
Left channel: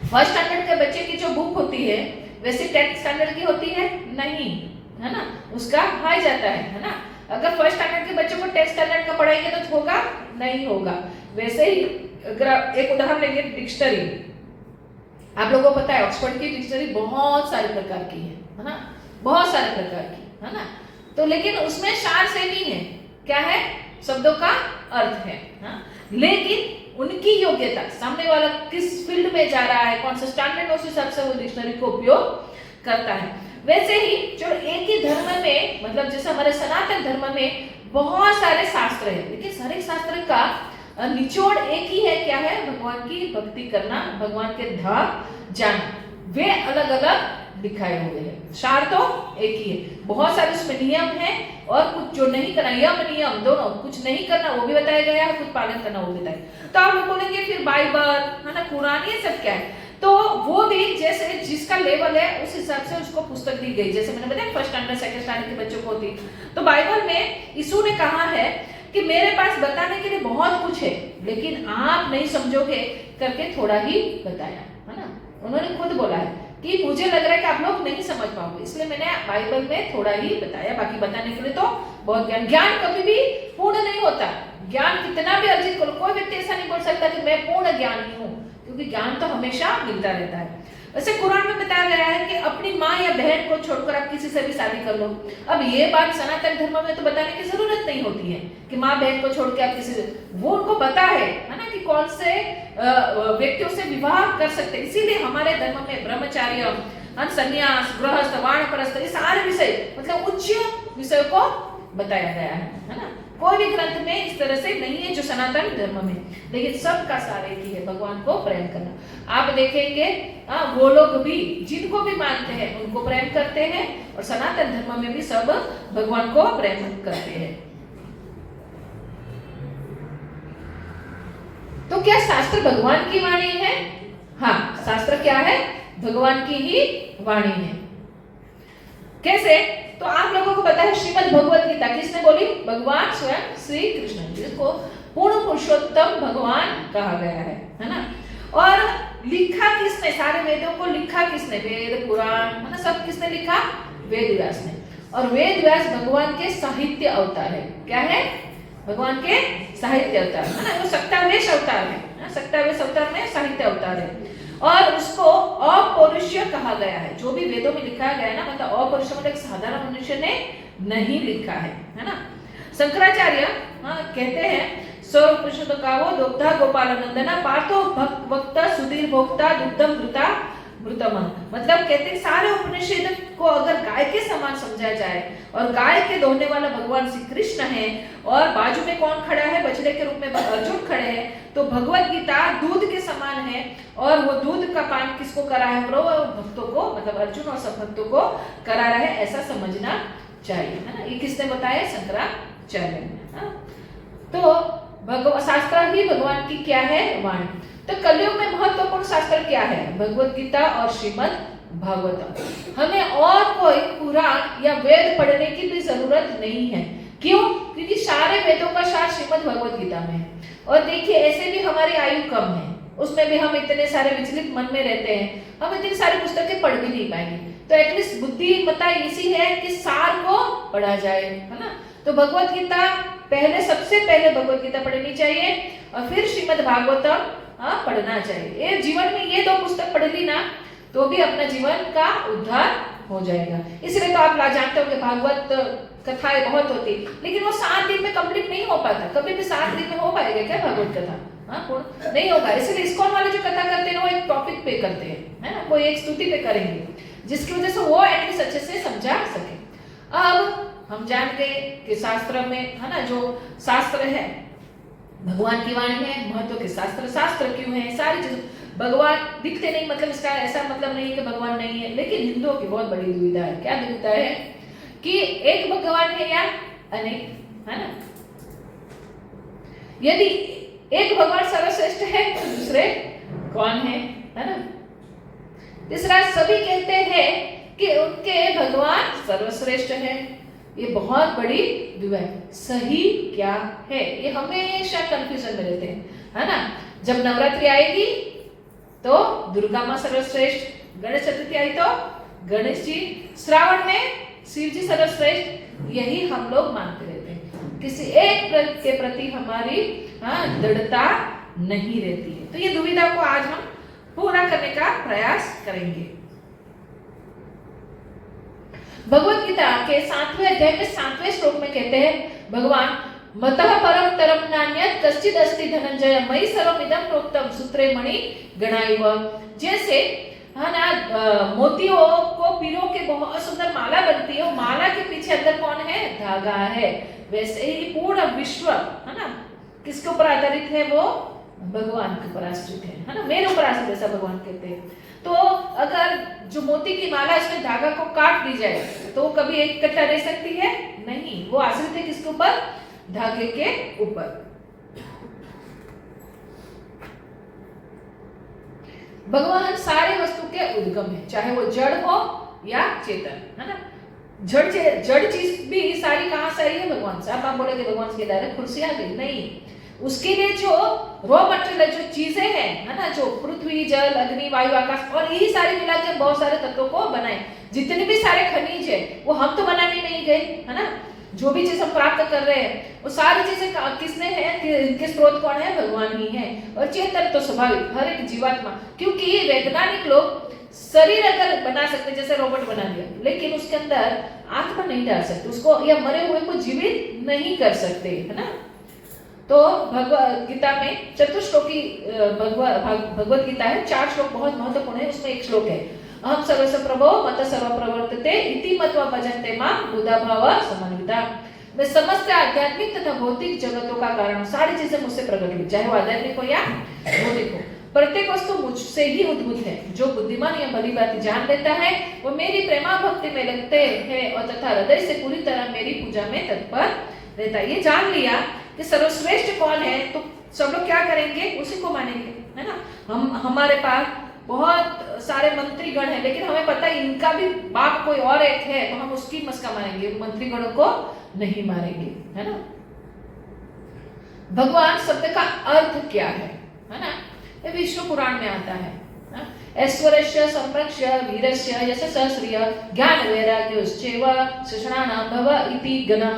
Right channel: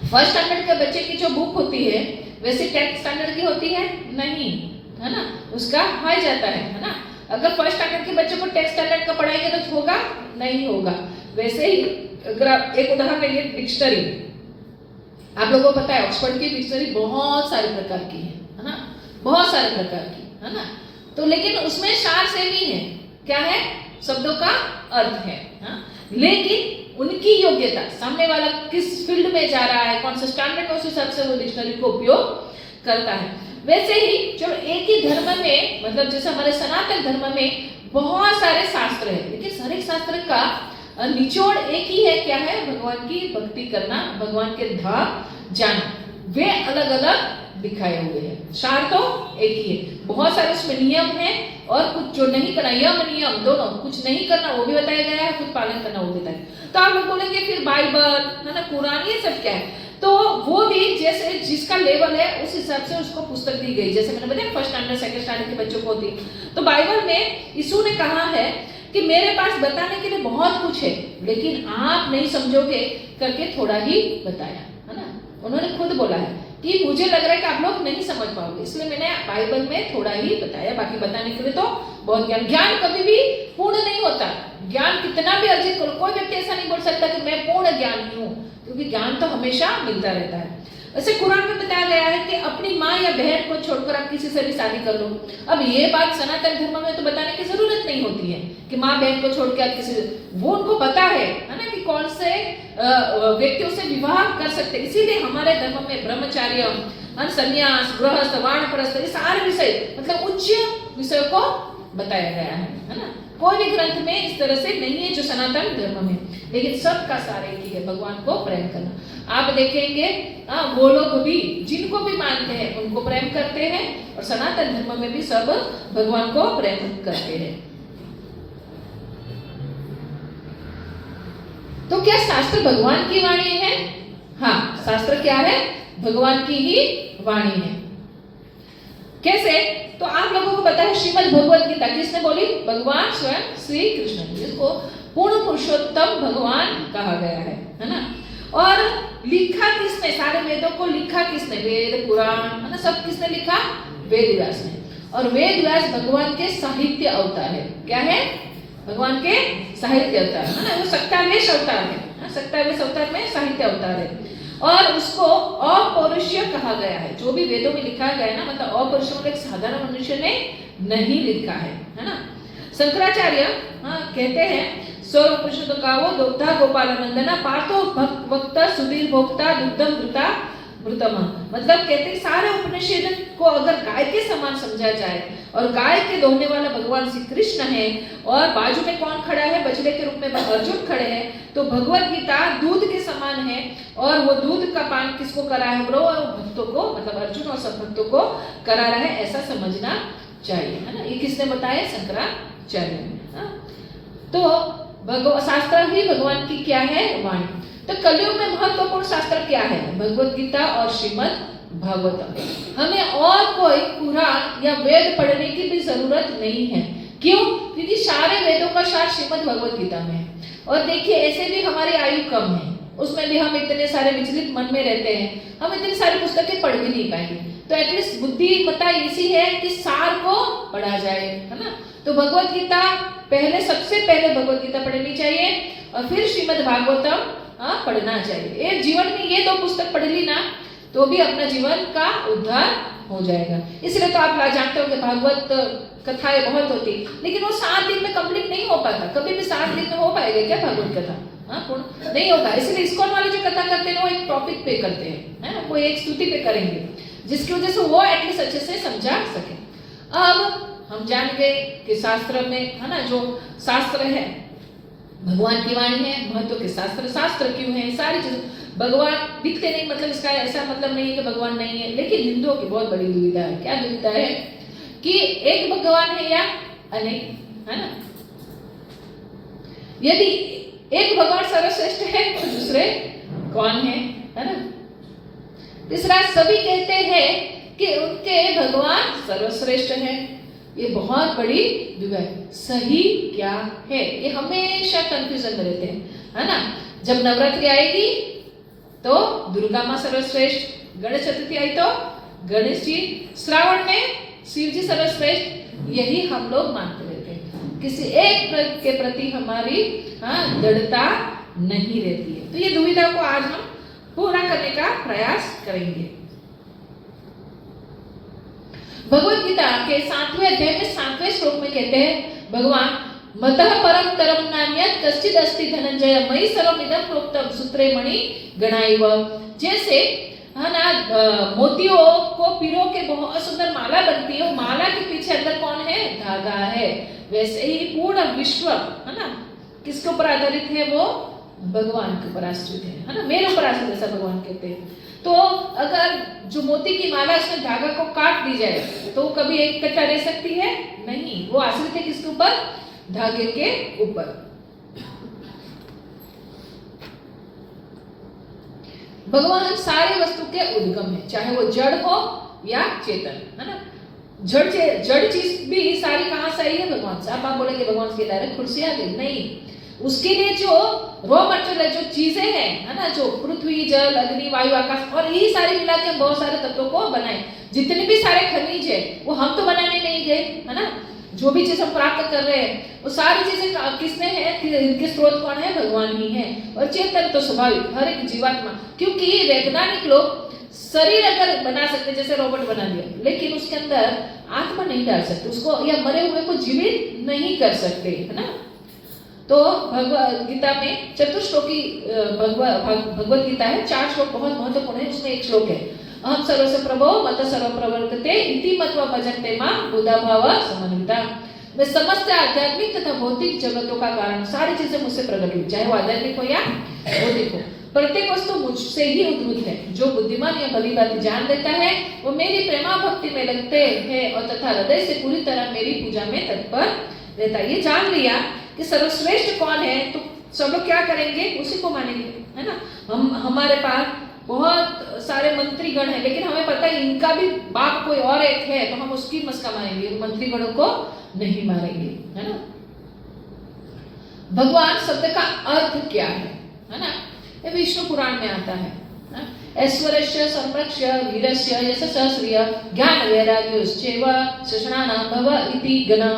फर्स्ट स्टैंडर्ड के बच्चे की जो बुक होती है वैसे 10th स्टैंडर्ड की होती है नहीं, है ना, उसका हाई जाता है ना। अगर फर्स्ट स्टैंडर्ड के बच्चों को 10th स्टैंडर्ड का पढ़ाएंगे तो होगा नहीं होगा। वैसे ही अगर आप एक उदाहरण लेंगे, डिक्शनरी, आप लोगों को पता है ऑक्सफोर्ड की डिक्शनरी बहुत सारे प्रकार की है ना, बहुत सारे प्रकार की, है ना। तो लेकिन उसमें सार सेम ही है, क्या है, शब्दों का अर्थ है ना? लेकिन उनकी योग्यता, सामने वाला किस फील्ड में जा रहा है, कौन सा स्टैंडर्ड, उस हिसाब से वो डिक्शनरी को उपयोग करता है। वैसे ही जो एक ही धर्म में, मतलब जैसे हमारे सनातन धर्म में बहुत सारे शास्त्र है, लेकिन हर एक शास्त्र का निचोड़ एक ही है, क्या है, भगवान की भक्ति करना, भगवान के धाम जाना। वे अलग अलग दिखाए हुए हैं, सार तो एक ही है। बहुत सारे उसमें नियम है, और कुछ जो नहीं करना, यम नियम दोनों, कुछ नहीं करना वो भी बताया गया है, कुछ पालन करना वो भी बताया। तो आप लोग बोलेंगे फिर बाइबल, है ना, कुरान, ये सब क्या है? तो वो भी जैसे जिसका लेवल है उस हिसाब से उसको पुस्तक दी गई। जैसे मैंने बताया फर्स्ट स्टैंडर्ड सेकंड स्टैंडर्ड के बच्चों को होती, तो बाइबल में यीशु ने कहा है कि मेरे पास बताने के लिए बहुत कुछ है, लेकिन आप नहीं समझोगे करके थोड़ा ही बताया, है ना। उन्होंने खुद बोला है कि मुझे लग रहा है कि आप लोग नहीं समझ पाओगे, इसलिए मैंने बाइबल में थोड़ा ही बताया, बाकी बताने के लिए तो बहुत ज्ञान कभी भी पूर्ण नहीं होता। ज्ञान कितना भी अर्जित करो, कोई व्यक्ति ऐसा नहीं बोल सकता कि मैं पूर्ण ज्ञानी हूँ, क्योंकि ज्ञान तो हमेशा मिलता रहता है। वैसे कुरान में बताया गया है कि अपनी माँ या बहन को छोड़कर आप किसी से भी शादी कर लो। अब ये बात सनातन धर्म में तो बताने की जरूरत नहीं होती है कि माँ बहन को छोड़ के आप किसी से, वो उनको पता है ना, कि कौन से व्यक्तियों से विवाह कर सकते। इसीलिए हमारे धर्म में ब्रह्मचार्य, संन्यास, गृहस्थ, वानप्रस्थ, ये सारे विषय, मतलब उच्च विषयों को बताया गया है ना। कोई भी ग्रंथ में इस तरह से नहीं है जो सनातन धर्म में, लेकिन सबका सार एक ही है, भगवान को प्रेम करना। आप देखेंगे वो लोग भी जिनको भी मानते हैं उनको प्रेम करते हैं, और सनातन धर्म में भी सब भगवान को प्रेम करते हैं। तो क्या शास्त्र भगवान की वाणी है? हाँ, शास्त्र क्या है, भगवान की ही वाणी है। कैसे? तो आप लोगों को पता है श्रीमद् भगवत गीता किसने बोली? भगवान स्वयं श्री कृष्ण, जिसको पूर्ण पुरुषोत्तम भगवान कहा गया है ना। और लिखा किसने? सारे वेदों को लिखा किसने? वेद पुराण, है ना, सब किसने लिखा? वेद व्यास ने। और वेद व्यास भगवान के साहित्य अवतार है। क्या है? भगवान के साहित्य अवतार, है ना। वो सक्तावेश अवतार है, सक्तावेश अवतार में साहित्य अवतार है। और उसको अपौरुषीय कहा गया है। जो भी वेदों में लिखा गया है ना, मतलब अपौरुषीय, मतलब एक साधारण मनुष्य ने नहीं लिखा है ना। शंकराचार्य कहते हैं सर्वोपनिषद गावो दोग्धा गोपालनंदना पार्थो भक्त सुधीर भोक्ता दुग्धम घृता मृतम। मतलब कहते हैं सारे उपनिषद को अगर गाय के समान समझा जाए, और गाय के दोहने वाला भगवान श्री कृष्ण है, और बाजू में कौन खड़ा है? बछड़े के रूप में अर्जुन खड़े हैं। तो भगवत गीता दूध के समान है, और वो दूध का पान किसको करा है? भक्तों को, मतलब अर्जुन और सब भक्तों को करा रहा है, ऐसा समझना चाहिए, है ना। ये किसने बताया? शंकराचार्य ने। तो शास्त्र ही भगवान की क्या है? वाणी। तो कलयुग में महत्वपूर्ण शास्त्र क्या है? भगवत गीता और श्रीमद् भागवतम। हमें और कोई पुराण या वेद पढ़ने की भी जरूरत नहीं है। क्यों? क्योंकि सारे वेदों का सार श्रीमद् भगवत गीता में है। और देखिए, ऐसे भी हमारी आयु कम है, उसमें भी हम इतने सारे विचलित मन में रहते हैं, हम इतनी सारी पुस्तकें पढ़ भी नहीं पाएंगे। तो एटलीस्ट बुद्धिमत्ता इसी है कि सार को पढ़ा जाए, है ना। तो भगवत गीता पहले, सबसे पहले भगवत गीता पढ़नी चाहिए, और फिर श्रीमद् भागवतम पढ़ना चाहिए। ये जीवन में ये दो पुस्तक पढ़ ली ना, तो भी अपना जीवन का उद्धार हो जाएगा। इसलिए तो आप जानते हो कि भागवत कथाएं बहुत होती, लेकिन वो 7 दिन में कंप्लीट नहीं हो पाता। कभी भी 7 दिन में हो पाएगा क्या भागवत कथा? पूर्ण नहीं होगा। इसलिए इस्कॉन वाले जो कथा करते हैं वो एक टॉपिक पे करते हैं, है ना, वो एक स्तुति पे करेंगे। जिसकी वजह से वो एटलीस्ट अच्छे से समझा सके। अब हम जान गए कि शास्त्र में है ना, जो शास्त्र है भगवान की वाणी है, महत्व के शास्त्र क्यों है, सारी चीज भगवान दिखते नहीं, मतलब इसका ऐसा मतलब नहीं है कि भगवान नहीं है, लेकिन हिंदुओं की बहुत बड़ी दुविधा है। क्या दुविधा है कि एक भगवान है या अनेक, है ना। यदि एक भगवान सर्वश्रेष्ठ है तो दूसरे कौन है ना। तीसरा, सभी कहते हैं कि उनके भगवान सर्वश्रेष्ठ है। ये बहुत बड़ी दुविधा है, सही क्या है, ये हमेशा कंफ्यूजन में रहते हैं, है ना। जब नवरात्रि आएगी तो दुर्गा माँ सर्वश्रेष्ठ, गणेश चतुर्थी आई तो गणेश जी, श्रावण में शिव जी सर्वश्रेष्ठ, यही हम लोग मानते रहते हैं। किसी एक के प्रति हमारी दृढ़ता नहीं रहती है। तो ये दुविधा को आज हम पूरा करने का प्रयास करेंगे। भगवत गीता के 7वें अध्याय में 7वें श्लोक में कहते हैं भगवान, मतः परम तरम नान्यत् कश्चिद् अस्ति धनंजय मयि सर्वमिदं प्रोक्तम सूत्रे मणि गणाइव। जैसे है ना, मोतियों को पिरो के बहुत सुंदर माला बनती है, वो माला के पीछे अंदर कौन है, धागा है। वैसे ही पूर्ण विश्व है ना किसके ऊपर आधारित है, वो भगवान के ऊपर आश्रित है ना, मेरे ऊपर आश्रित, ऐसा भगवान कहते हैं। तो अगर जो मोती की माला इसमें धागा को काट दी जाए तो वो कभी एक इकट्ठा रह सकती है नहीं, वो आश्रित है किसके ऊपर, धागे के ऊपर। भगवान सारे वस्तु के उद्गम है, चाहे वो जड़ हो या चेतन, है ना। जड़ चीज भी सारी कहां से आई है, भगवान से। आप बोलेंगे भगवान के डायरेक्ट खुर्सी आ गई, नहीं। उसके लिए जो रॉ मटेरियल है, जो चीजें हैं, है ना, जो पृथ्वी जल अग्नि वायु आकाश और यही सारे मिला के बहुत सारे तत्वों को बनाए। जितने भी सारे खनिज है वो हम तो बनाने नहीं गए, है ना। जो भी चीज हम प्राप्त कर रहे हैं वो सारी चीजें किसने है, इनके स्रोत कौन है, भगवान ही है। और चेतन तो स्वाभाविक हर एक जीवात्मा, क्योंकि वैज्ञानिक लोग शरीर अगर बना सकते, जैसे रोबोट बना दिया, लेकिन उसके अंदर आत्मा नहीं डाल सकते उसको, या मरे हुए को जीवित नहीं कर सकते, है ना। तो भगवत गीता में चतुश्लोकी भगवत गीता है, 4 श्लोक बहुत महत्वपूर्ण है। उसमें एक श्लोक है, अहम सर्वस्य प्रभो मत सर्व प्रवर्तते इति मत्वा भजन्ते मां बुधा भाव समन्विता। मैं समस्त आध्यात्मिक तथा भौतिक जगतों का कारण, सारी चीजें मुझसे प्रकट हुई, चाहे वो आध्यात्मिक हो या भौतिक हो। प्रत्येक वस्तु मुझसे ही उद्भूत है। जो बुद्धिमान या भली बात जान लेता है वो मेरी प्रेमा भक्ति में लगते हैं और तथा हृदय से पूरी तरह मेरी पूजा में तत्पर रहता है। ये जान लिया कि सर्वश्रेष्ठ कौन है तो सब लोग क्या करेंगे, उसी को मानेंगे, है ना। हमारे पास बहुत सारे मंत्री गण हैं, लेकिन हमें पता है इनका भी बाप कोई और एक है, तो हम उसकी मस्का मारेंगे, मंत्री गणों को नहीं मारेंगे, है ना। भगवान शब्द का अर्थ क्या है ना। ये विष्णु पुराण में आता है, ऐश्वर्यस्य संरक्ष्य वीरस्य यशस्य श्रिय ज्ञान वैराग्योश्चैव शशनानां भव इति गणः।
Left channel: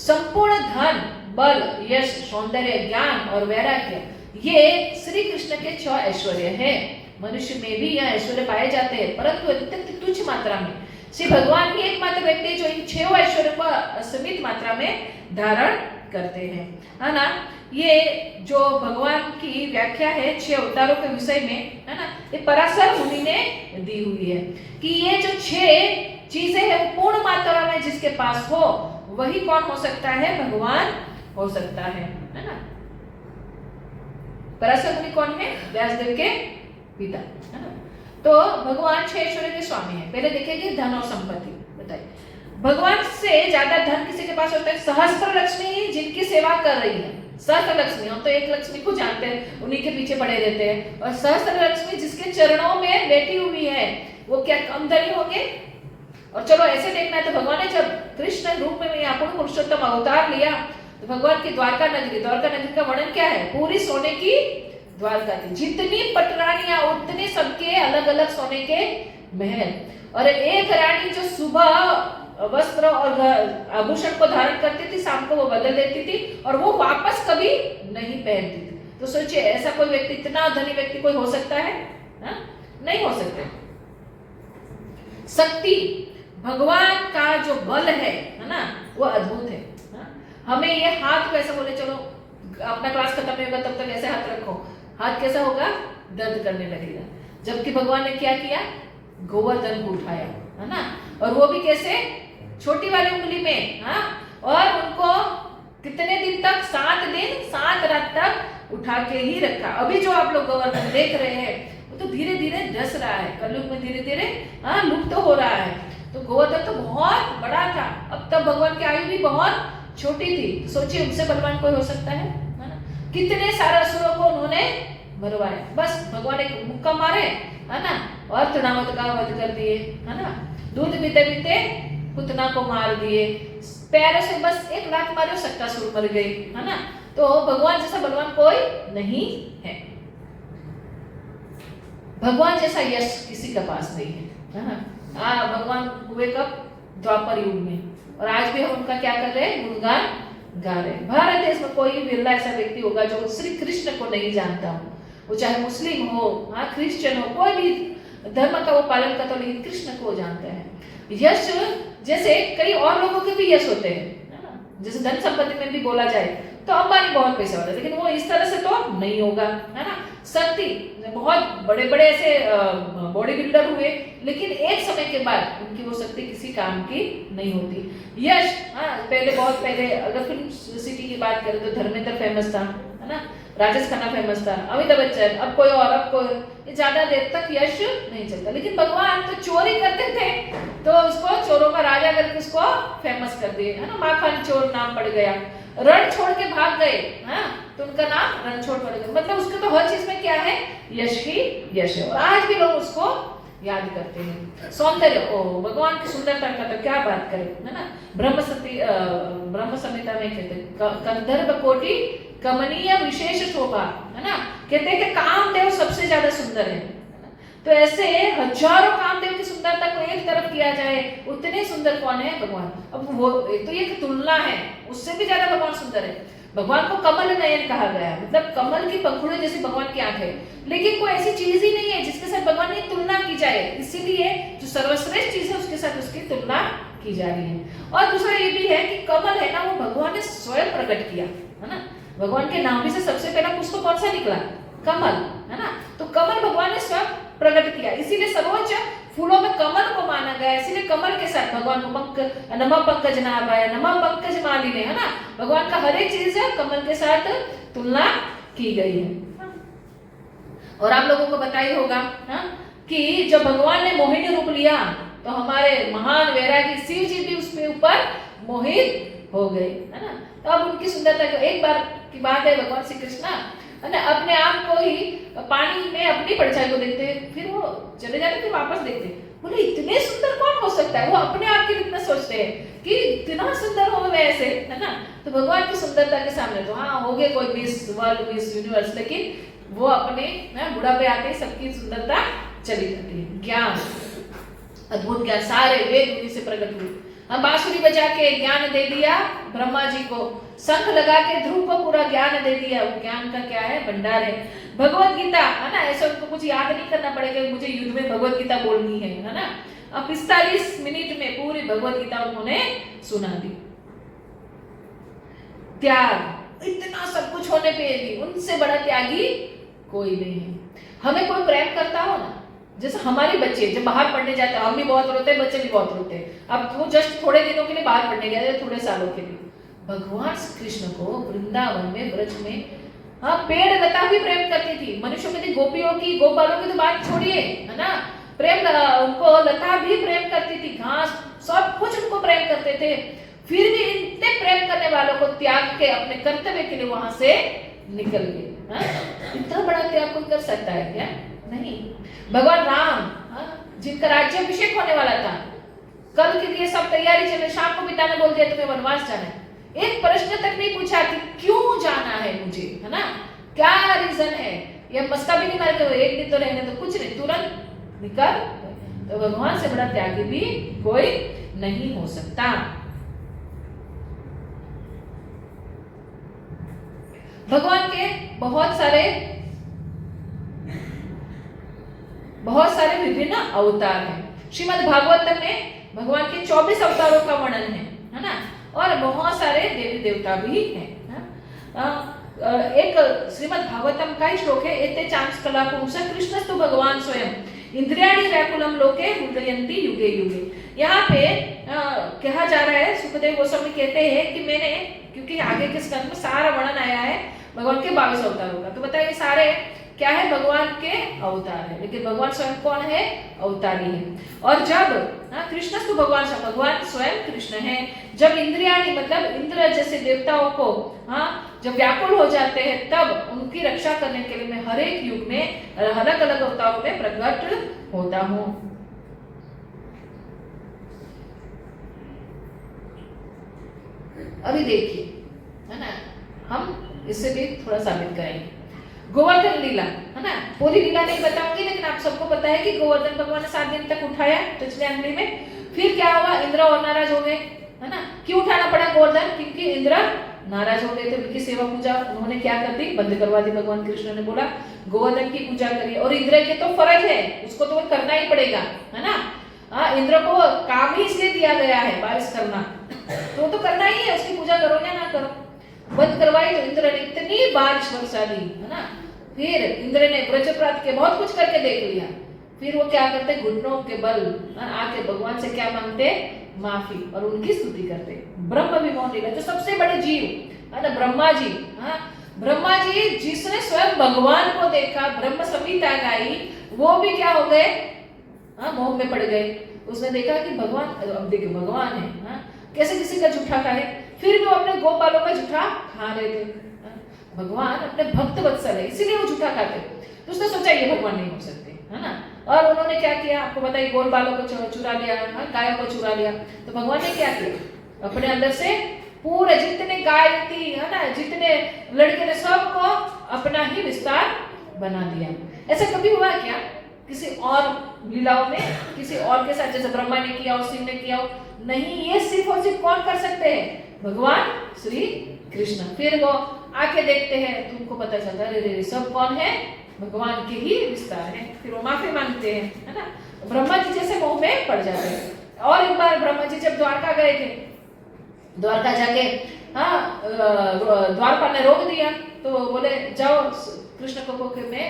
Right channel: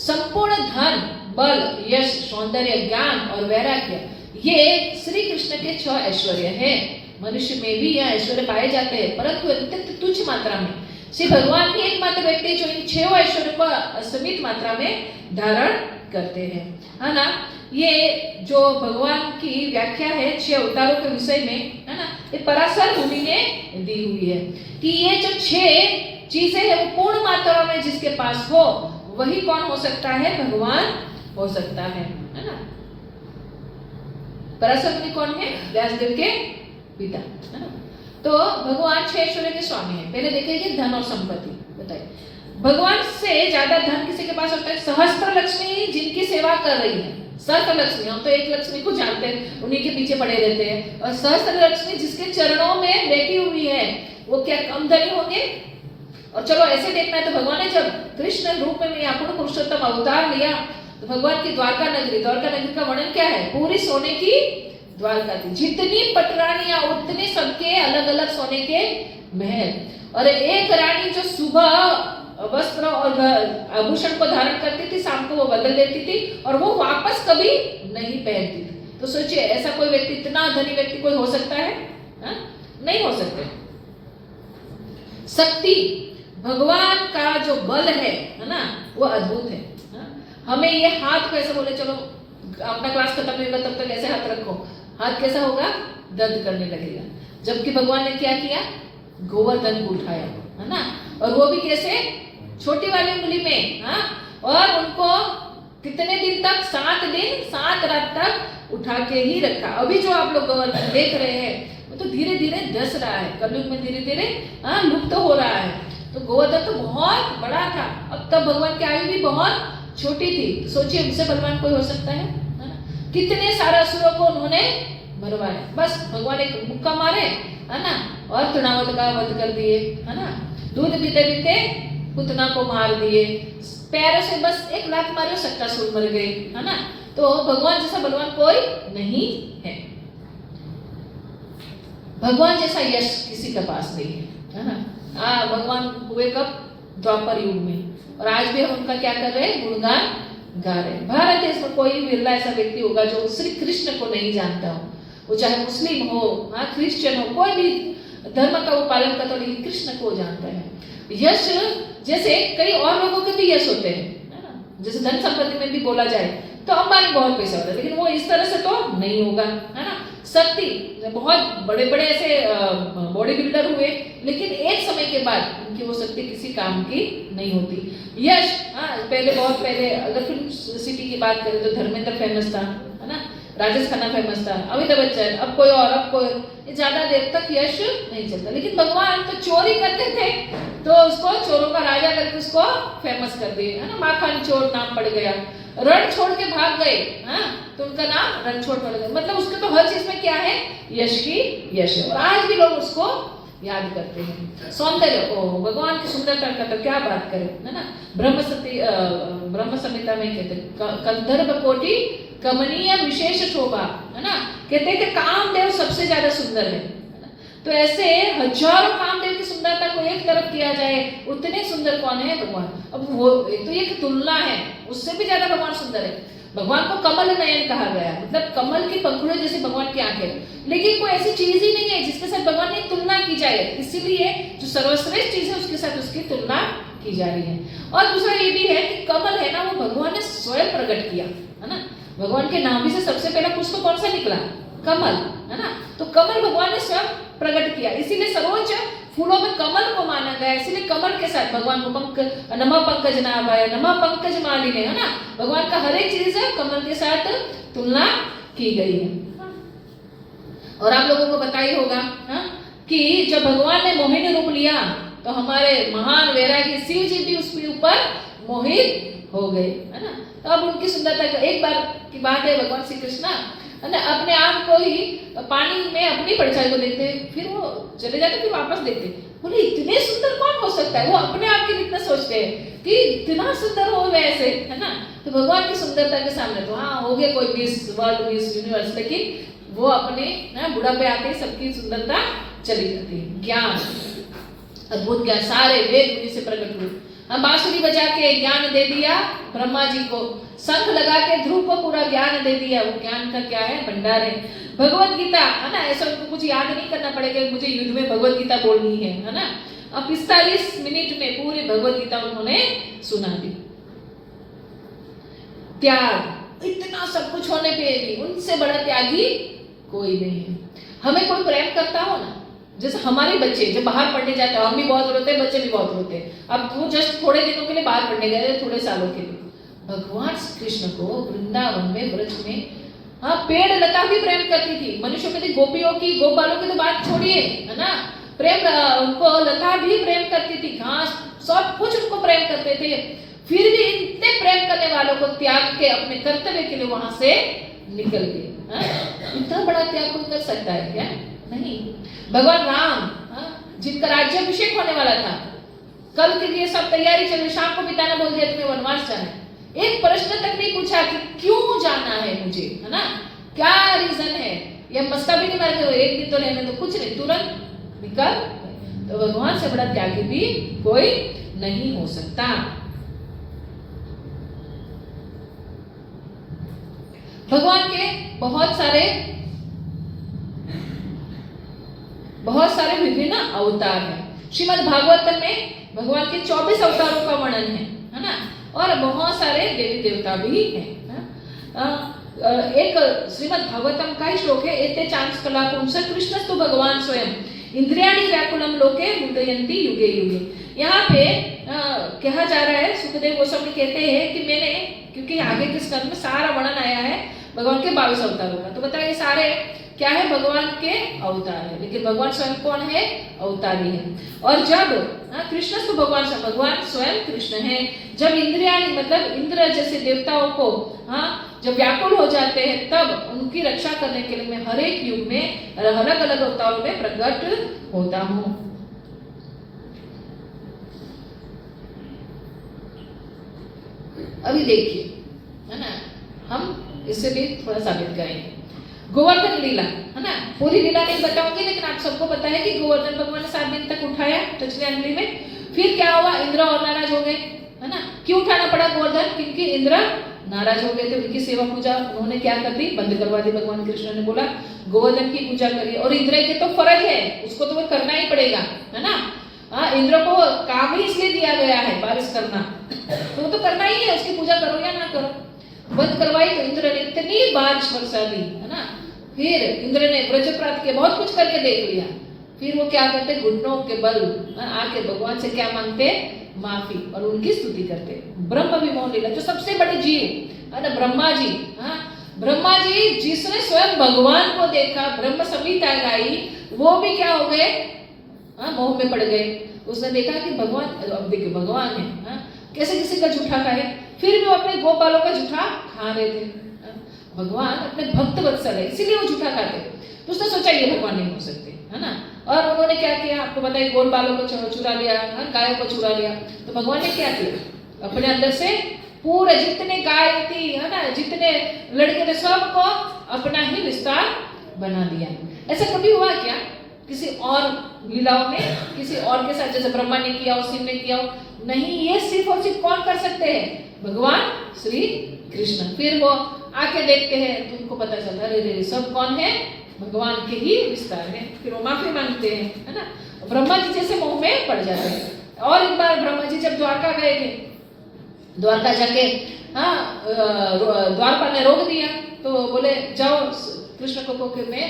संपूर्ण धन, बल, यश, सौंदर्य, ज्ञान और वैराग्य, ये श्री कृष्ण के 6 ऐश्वर्य हैं। मनुष्य में भी यह ऐश्वर्य पाए जाते हैं, परंतु अत्यंत तुच्छ मात्रा में। श्री भगवान ही एकमात्र व्यक्ति जो इन 6 ऐश्वर्य को असीमित मात्रा में धारण करते हैं, है ना। ये जो भगवान की व्याख्या है 6 अवतारों के विषय में, है ना, ये पराशर मुनि ने दी हुई है कि ये जो 6 चीजें हैं वो पूर्ण मात्रा में जिसके पास हो वही कौन हो सकता है, भगवान हो सकता है ना। पराशर मुनि कौन है, व्यासदेव के पिता, है ना। तो भगवान 6 ऐश्वर्य के स्वामी हैं। पहले देखेंगे धन और संपत्ति। बताइए भगवान से ज्यादा धन किसी के पास होता है, सहस्त्र लक्ष्मी जिनकी सेवा कर रही है। सहस्त्र लक्ष्मी, हम तो एक लक्ष्मी को जानते हैं, उन्हीं के पीछे पड़े रहते हैं, और सहस्त्र लक्ष्मी जिसके चरणों में बैठी हुई है वो क्या कम धनी होंगे। और चलो ऐसे देखना है तो भगवान ने जब कृष्ण रूप में यहाँ पूर्ण पुरुषोत्तम अवतार लिया तो भगवान की द्वारका नगरी का वर्णन क्या है, पूरी सोने की द्वारका थी। जितनी पटरानियां उतने सबके अलग अलग सोने के महल, और एक रानी जो सुबह वस्त्र और आभूषण को धारण करती थी, शाम को वो बदल देती थी और वो वापस कभी नहीं पहनती थी। तो सोचिए ऐसा कोई व्यक्ति, इतना धनी व्यक्ति कोई हो सकता है, हा? नहीं हो सकते। शक्ति, भगवान का जो बल है ना, वो अद्भुत है। हमें ये हाथ को ऐसा बोले चलो अपना क्लास खत्म नहीं होगा तब तक ऐसे हाथ रखो, हाथ कैसा होगा, दर्द करने लगेगा। जबकि भगवान ने क्या किया, गोवर्धन को उठाया, है ना। और वो भी कैसे, छोटी वाली उंगली में, हाँ। और उनको कितने दिन तक, 7 दिन 7 रात तक उठा के ही रखा। अभी जो आप लोग गोवर्धन देख रहे हैं वो तो धीरे धीरे धस रहा है, कलयुग में धीरे धीरे लुप्त हो रहा है। तो गोवर्धन तो बहुत बड़ा था, अब तब भगवान की आयु भी बहुत छोटी थी। सोचिए उनसे बलवान कोई हो सकता है ना। कितने सारे असुरों को उन्होंने मरवाया, बस भगवान एक मुक्का मारे, है ना, और तृणावत का वध कर दिए, है ना। दूध पीते पीते पुतना को मार दिए, पैरों से बस एक लात मारे शक्कासुर मर गई, है ना। तो भगवान जैसा बलवान कोई नहीं है, भगवान जैसा यश किसी के पास नहीं है ना। भगवान हुए कब, द्वापर युग में, और आज भी हम उनका क्या कर रहे हैं, गुणगान गा रहे हैं। भारत देश में कोई बिरला ऐसा व्यक्ति होगा जो श्री कृष्ण को नहीं जानता हो, वो चाहे मुस्लिम हो, क्रिश्चियन हो, कोई भी धर्म का वो पालन करता हो, लेकिन कृष्ण को जानता है। यश जैसे कई और लोगों के भी यश होते हैं, है ना। जैसे धन संपत्ति में भी बोला जाए तो अंबानी बहुत पैसा होता है, लेकिन वो इस तरह से तो नहीं होगा, है ना। शक्ति, बहुत बड़े बड़े ऐसे बॉडी बिल्डर हुए, लेकिन एक समय के बाद उनकी वो शक्ति किसी काम की नहीं होती। यश, पहले बहुत पहले अगर फिल्म सिटी की बात करें तो धर्मेंद्र फेमस था, है ना, राजेश खन्ना फेमस था, अमिताभ बच्चन, अब कोई और, अब कोई, ज्यादा देर तक यश नहीं चलता। लेकिन भगवान तो चोरी करते थे तो उसको चोरों का राजा करके उसको फेमस कर दिए, है ना। माखन चोर नाम पड़ गया, रण छोड़ के भाग गए, तो उनका नाम रणछोड़ पड़ गया। मतलब उसके तो हर चीज में क्या है, यश ही यश है, और आज भी लोग उसको याद करते हैं। सौंदर्य, भगवान की सुंदरता का तो क्या बात करें, है ना। ब्रह्म संहिता में कहते हैं कंदर्प कोटि कमनीय विशेष शोभा, है ना। कहते हैं कि कामदेव सबसे ज्यादा सुंदर है। तो ऐसे हजारों कामदेव की सुंदरता को एक तरफ किया जाए, उतने सुंदर कौन है, भगवान। अब वो तो ये तुलना है, उससे भी ज्यादा भगवान सुंदर है। भगवान को कमल नयन कहा गया, मतलब कमल की पंखुड़ियों जैसे भगवान की आंखें, लेकिन कोई ऐसी चीज ही नहीं है जिसके साथ भगवान की तुलना की जाए, इसीलिए जो सर्वश्रेष्ठ चीज है उसके साथ उसकी तुलना की जा रही है। और दूसरा ये भी है कि कमल है ना, वो भगवान ने स्वयं प्रकट किया, है ना। भगवान के नाम से सबसे पहला पुष्प कौन सा निकला, कमल, है ना। तो कमल भगवान ने स्वयं प्रकट किया, इसीलिए सर्वोच्च फूलों में कमल को माना गया, इसीलिए कमल के साथ भगवान को नमः पंकज नाभाय, नमः पंकज मालिने, है ना। भगवान का हर एक चीज है कमल के साथ तुलना की गई है। और आप लोगों को बताइए होगा कि जब भगवान ने मोहिनी रूप लिया तो हमारे महान वैरागी शिव जी भी उसमें ऊपर मोहित हो गए, है ना। तो अब उनकी सुंदरता, एक बार की बात है, भगवान श्री कृष्ण अपने आप को ही पानी में अपनी परछाई को देखते, फिर वो चले जाते, फिर वापस देखते, बोले इतने सुंदर कौन हो सकता है। वो अपने आप के लिए इतना सोचते हैं कि इतना सुंदर हो वैसे, है ना। तो भगवान की सुंदरता के सामने तो हो गए कोई मिस वर्ल्ड, मिस यूनिवर्स, लेकिन वो अपने बुढ़ापे आते ही सबकी सुंदरता चली जाती है। ज्ञान, अद्भुत ज्ञान, सारे वेद उन्हीं से प्रकट हुए। बांसुरी बजा के ज्ञान दे दिया ब्रह्मा जी को, शंख लगा के ध्रुव को पूरा ज्ञान दे दिया। वो ज्ञान का क्या है, भंडार है। भगवत गीता, है ना, ऐसा उनको कुछ याद नहीं करना पड़ेगा, मुझे युद्ध में भगवत गीता बोलनी है ना। अब 45 मिनट में पूरी भगवत गीता उन्होंने सुना दी। त्याग, इतना सब कुछ होने पे भी उनसे बड़ा त्यागी कोई नहीं है। हमें कोई प्रेम करता हो ना, जैसे हमारे बच्चे जब बाहर पढ़ने जाते हैं, हम भी बहुत रोते हैं, बच्चे भी बहुत रोते हैं। अब वो जस्ट थोड़े दिनों के लिए बाहर पढ़ने गए, थोड़े सालों के लिए। भगवान श्री कृष्ण को वृंदावन में, ब्रज में, पेड़ लता भी प्रेम करती थी। मनुष्यों में गोपियों की, गोपालों की तो बात छोड़िए, है ना। प्रेम, उनको लता भी प्रेम करती थी, घास, सब कुछ उनको प्रेम करते थे। फिर भी इतने प्रेम करने वालों को त्याग के अपने कर्तव्य के लिए वहां से निकल गए। इतना बड़ा त्याग कोई कर सकता है क्या? नहीं। भगवान राम, जिनका राज्याभिषेक होने वाला था, कल के लिए सब तैयारी चल रही, शाम को पिता ने बोल दिया तुम्हें वनवास जाना है। एक प्रश्न तक नहीं पूछा कि क्यों जाना है मुझे, है ना, क्या रीजन है, ये मस्का भी नहीं मार के एक दिन तो रहने तो कुछ नहीं, तुरंत निकल। तो भगवान से बड़ा त्यागी भी कोई नहीं हो सकता। भगवान के बहुत सारे विभिन्न अवतार हैं। श्रीमद् भागवतम में भगवान के 24 अवतारों का वर्णन है ना, और बहुत सारे देवी देवता भी हैं। एक श्रीमद् भागवतम का ही श्लोक है, एते चांस कला पुंस कृष्णस्तु भगवान स्वयं इंद्रियाणि व्याकुलम लोके मुदयन्ति युगे युगे। यहाँ पे कहा जा रहा है, सुखदेव गोस्वामी कहते हैं कि मैंने, क्योंकि आगे के स्कंद में सारा वर्णन आया है भगवान के 22 अवतारों का, तो बताइए सारे क्या है, भगवान के अवतार है, लेकिन भगवान स्वयं कौन है, अवतारी है। और जब कृष्ण तो भगवान स्वयं कृष्ण है, जब इंद्रियाणि मतलब इंद्र जैसे देवताओं को जब व्याकुल हो जाते हैं, तब उनकी रक्षा करने के लिए मैं हर एक युग में अलग अलग अवतारों में प्रकट होता हूँ। अभी देखिए, है ना, हम इससे भी थोड़ा साबित करेंगे। गोवर्धन लीला, है ना, पूरी लीला नहीं बताऊंगी, लेकिन आप सबको पता है कि गोवर्धन भगवान ने 7 दिन तक उठाया टचले अंगली में। फिर क्या हुआ, इंद्र और नाराज हो गए, है ना। क्यों उठाना पड़ा गोवर्धन, क्योंकि इंद्र नाराज हो गए थे, उनकी सेवा पूजा उन्होंने क्या कर दी, बंद करवा दी। भगवान कृष्ण ने बोला गोवर्धन की पूजा करिए, और इंद्र के तो फर्ज है, उसको तो वो करना ही पड़ेगा, है ना। इंद्र को काम ही इसलिए दिया गया है बारिश करना, तो वो तो करना ही है, उसकी पूजा करो या ना करो। बंद करवाई तो इंद्र ने इतनी बारिश बरसा दी, है ना। फिर इंद्र ने ब्रजप्रात के बहुत कुछ करके देख लिया, फिर वो क्या करते, घुटनों के बल आके भगवान से क्या मांगते, माफी, और उनकी स्तुति करते। ब्रह्म विमोहन लीला, जो सबसे बड़े जीव है ना, ब्रह्मा जी, ब्रह्मा जी जिसने स्वयं भगवान को देखा, ब्रह्म संहिता गाई, वो भी क्या हो गए, मोह में पड़ गए। उसने देखा कि भगवान, अब देखिए भगवान है, कैसे किसी का झूठा खाए, फिर भी वो अपने गोपालों का झूठा खा रहे थे। भगवान अपने भक्त वत्सल है, इसीलिए वो झूठा खाते। तो उसने सोचा ये भगवान नहीं हो सकते, है ना। और उन्होंने क्या किया, आपको बताइए, गोल बालों को चुरा लिया, गायों को चुरा लिया। तो भगवान ने क्या किया, अपने अंदर से पूरे जितने गाय थी, है ना, जितने लड़के थे, सबको अपना ही विस्तार बना दिया। ऐसा कभी हुआ क्या किसी और लीलाओं में, किसी और के साथ, जैसे ब्रह्मा ने किया हो, शिव ने किया हो? नहीं, ये सिर्फ और सिर्फ कौन कर सकते हैं, भगवान श्री कृष्ण। फिर वो आके देखते हैं, तुमको पता चलता है अरे सब कौन है, भगवान के ही विस्तार है। फिर वो माफी मांगते हैं, है ना। ब्रह्मा जी जैसे मोह में पड़ जाते हैं। और एक बार ब्रह्मा जी जब द्वारका गए थे, द्वारका जाके द्वारपाल ने रोक दिया, तो बोले जाओ कृष्ण को कि मैं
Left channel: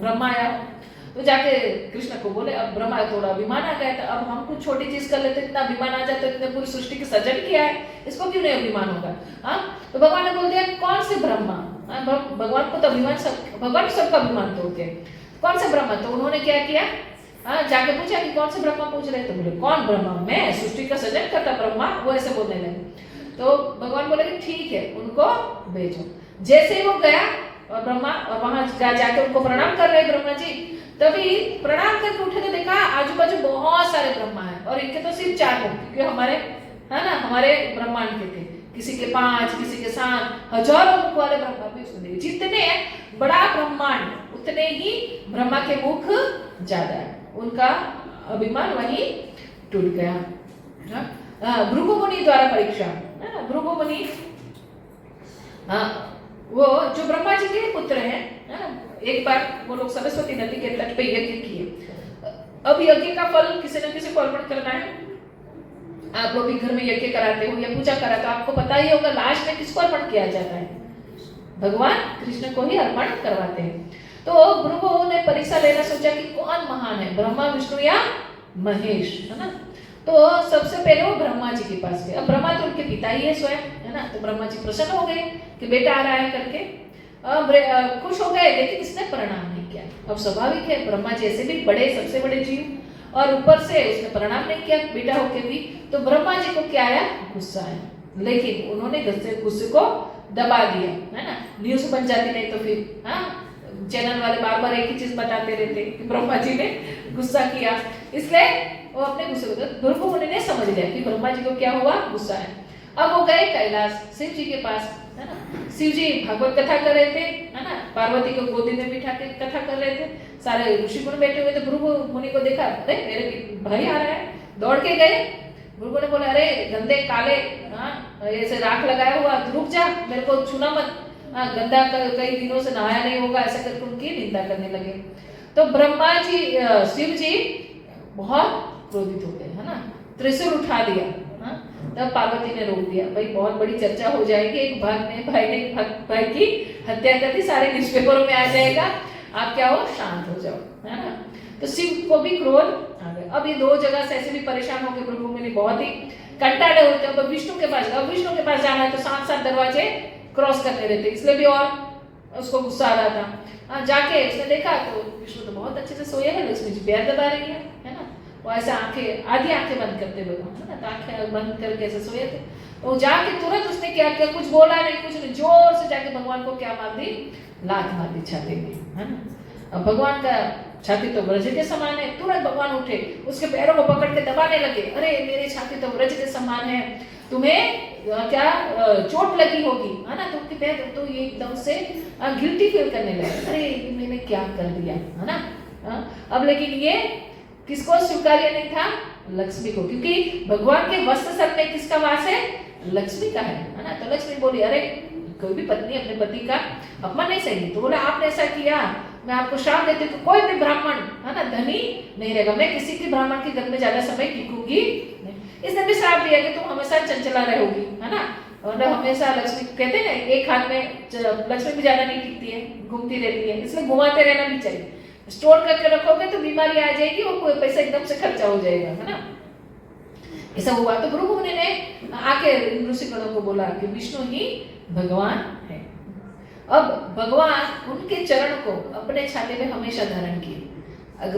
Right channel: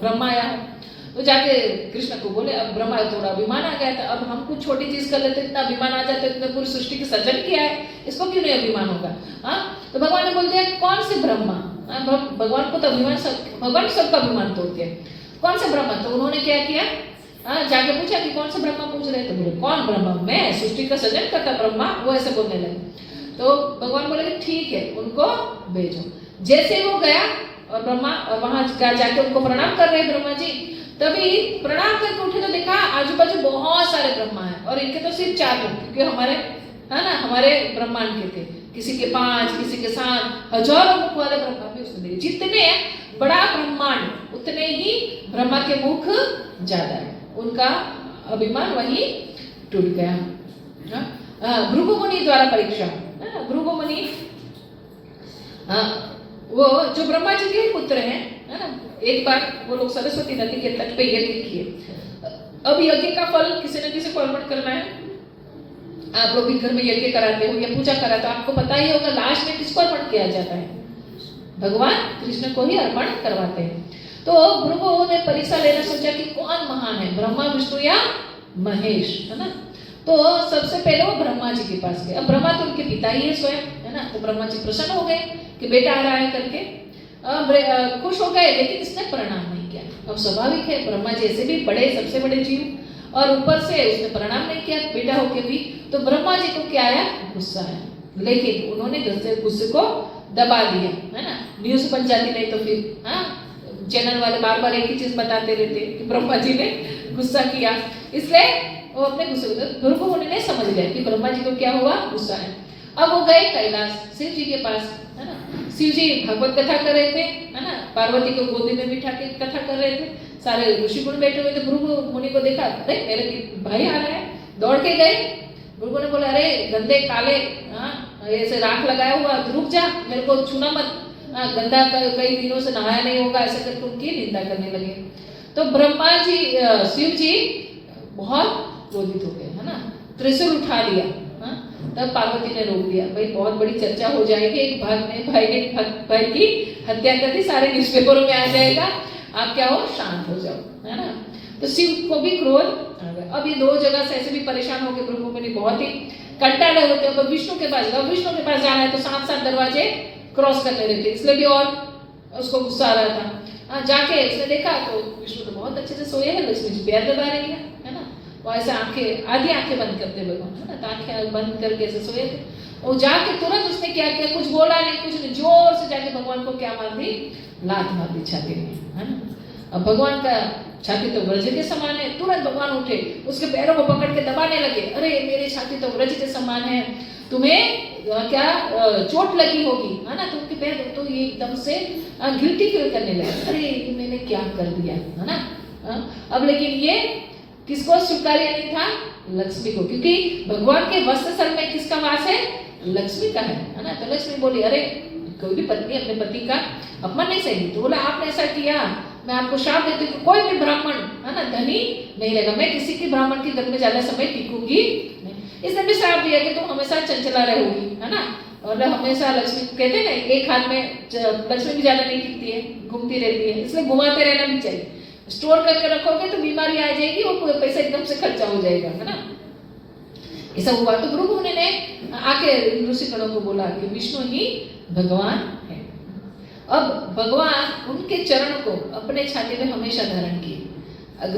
ब्रह्मा आया हूँ। तो जाके कृष्ण को बोले, अब ब्रह्मा थोड़ा अभिमान आ गया था, अब हम कुछ छोटी चीज कर लेते, इतना अभिमान आ जाता, इतने पूरी सृष्टि की सृजन किया है, इसको क्यों नहीं अभिमान होगा। तो भगवान ने बोल दिया कौन से ब्रह्मा, भगवान को तो अभिमान, भगवान सबका अभिमान तोड़ते हैं, कौन से ब्रह्मा। तो उन्होंने क्या किया, जाके पूछा कि कौन से ब्रह्मा पूछ रहे, तो बोले कौन ब्रह्मा, मैं सृष्टि का सृजन करता ब्रह्मा, वो ऐसे बोलने लगे। तो भगवान बोले कि ठीक है, उनको भेजो। जैसे वो गया और ब्रह्मा, और वहां जाके उनको प्रणाम कर रहे ब्रह्मा जी, तभी प्रणाम करके उठे तो देखा आजू बाजू बहुत सारे ब्रह्मा है, और इनके तो सिर्फ 4 लोग, क्योंकि हमारे, है ना, हमारे ब्रह्मांड के थे, किसी के 5, किसी के 7, हजारों मुख वाले ब्रह्मा भी उसने देखे। जितने बड़ा ब्रह्मांड उतने ही ब्रह्मा के मुख ज्यादा है, उनका अभिमान वही टूट गया। भृगु मुनि द्वारा परीक्षा, भृगु मुनि वो जो ब्रह्मा जी के पुत्र हैं, है ना। एक बार वो लोग सरस्वती नदी के तट पे यज्ञ किए। अब यज्ञ का फल किसी न किसी को अर्पण करना है। आप लोग भी घर में यज्ञ कराते हो या पूजा कराते हो, आपको पता ही होगा लास्ट में किसको अर्पण किया जाता है, भगवान कृष्ण को ही अर्पण करवाते हैं। तो भृगु ने परीक्षा लेना सोचा कि कौन महान है, ब्रह्मा, विष्णु या महेश, है ना। तो सबसे पहले वो ब्रह्मा जी के पास गए। अब ब्रह्मा तो उनके पिता ही है स्वयं, है ना। तो ब्रह्मा जी प्रसन्न हो गए कि बेटा आ रहा है करके, खुश हो गए, लेकिन इसने प्रणाम नहीं किया। अब स्वाभाविक है, ब्रह्मा जी ऐसे भी बड़े, सबसे बड़े जीव, और ऊपर से उसने प्रणाम नहीं किया बेटा होके भी। तो ब्रह्मा जी को क्या आया, गुस्सा आया, लेकिन उन्होंने गुस्से को दबा दिया, है ना। न्यूज बन जाती, नहीं तो फिर चैनल वाले बार बार एक ही चीज बताते रहते कि ब्रह्मा जी ने गुस्सा किया, इसलिए वो अपने गुस्से को, भृगु मुनि ने समझ लिया कि ब्रह्मा जी को क्या हुआ, गुस्सा है। अब वो गए कैलाश शिव जी के पास, है ना। शिव जी भगवत कथा कर रहे थे, है ना, पार्वती को गोदी में बिठा के कथा कर रहे थे, सारे ऋषिगुण बैठे हुए थे। भृगु मुनि को देखा, अरे मेरे भाई आ रहा है, दौड़ के गए। भृगु ने बोला अरे गंदे काले, ऐसे राख लगाया हुआ, रुक जा, मेरे को छूना मत, गंदा कई दिनों से नहाया नहीं होगा, ऐसा करके उनकी निंदा करने लगे। तो ब्रह्मा जी, शिव जी बहुत क्रोधित हो गए, है ना, त्रिशूल उठा लिया। तब पार्वती ने रोक दिया, भाई बहुत बड़ी चर्चा हो जाएगी, एक भाई ने भाई की हत्या कर दी, सारे न्यूज़पेपरों में आ जाएगा, आप क्या हो, शांत हो जाओ, है ना। तो शिव को भी क्रोध आ गया। अब ये 2 जगह से ऐसे भी परेशान हो गए भृगु मुनि, बहुत ही कंटाले होते हैं। विष्णु के पास गया, विष्णु के पास जाना है तो 7 दरवाजे क्रॉस करने रहते, इसलिए भी और उसको गुस्सा आ रहा था। जाके उसने देखा तो विष्णु तो बहुत अच्छे से सोए हैं, लक्ष्मी जी पैर दबा रही है ना। वो ऐसे आंखें, आधी आंखें बंद करते भगवान, है ना, तो आंखें बंद करके ऐसे सोए थे। वो जाके तुरंत उसने क्या किया, कुछ बोला नहीं, कुछ नहीं, जोर से जाके भगवान को क्या मार दी, लात मार दी छाती में, है ना। अब भगवान का छाती तो व्रज के समान है, तुरंत भगवान उठे, उसके पैरों को पकड़ के दबाने लगे। अरे मेरी छाती तो व्रज के समान है, तुम्हें क्या चोट लगी होगी, है ना। तुमके पैर तो ये एकदम से गिल्टी फील करने लगे, अरे ये मैंने क्या कर दिया, है ना। अब लेकिन ये किसको स्वीकार्य नहीं था, लक्ष्मी को, क्योंकि भगवान के वस्त्र सर में किसका वास है, लक्ष्मी का है ना। तो लक्ष्मी बोली, अरे कोई भी पत्नी अपने पति का अपमान नहीं सही। तो बोला आपने ऐसा किया, मैं आपको शाप देती हूँ, कोई भी ब्राह्मण, है ना, धनी नहीं रहेगा, मैं किसी की ब्राह्मण के घर में ज्यादा समय टिकूंगी नहीं। इसने भी श्राप दिया कि तुम हमेशा चंचला रहोगी, है ना, और हमेशा लक्ष्मी कहते हैं ना, एक हाथ में लक्ष्मी भी ज्यादा नहीं टिकती है, घूमती रहती है, इसलिए घुमाते रहना भी चाहिए। स्टोर करके रखोगे तो बीमारी आ जाएगी और पैसा एकदम से खर्चा हो जाएगा, है ना। ऐसा हुआ तो भृगु मुनि ने आके ऋषिगणों को बोला कि विष्णु ही भगवान है। अब भगवान उनके चरण को अपने छाती में हमेशा धारण किए।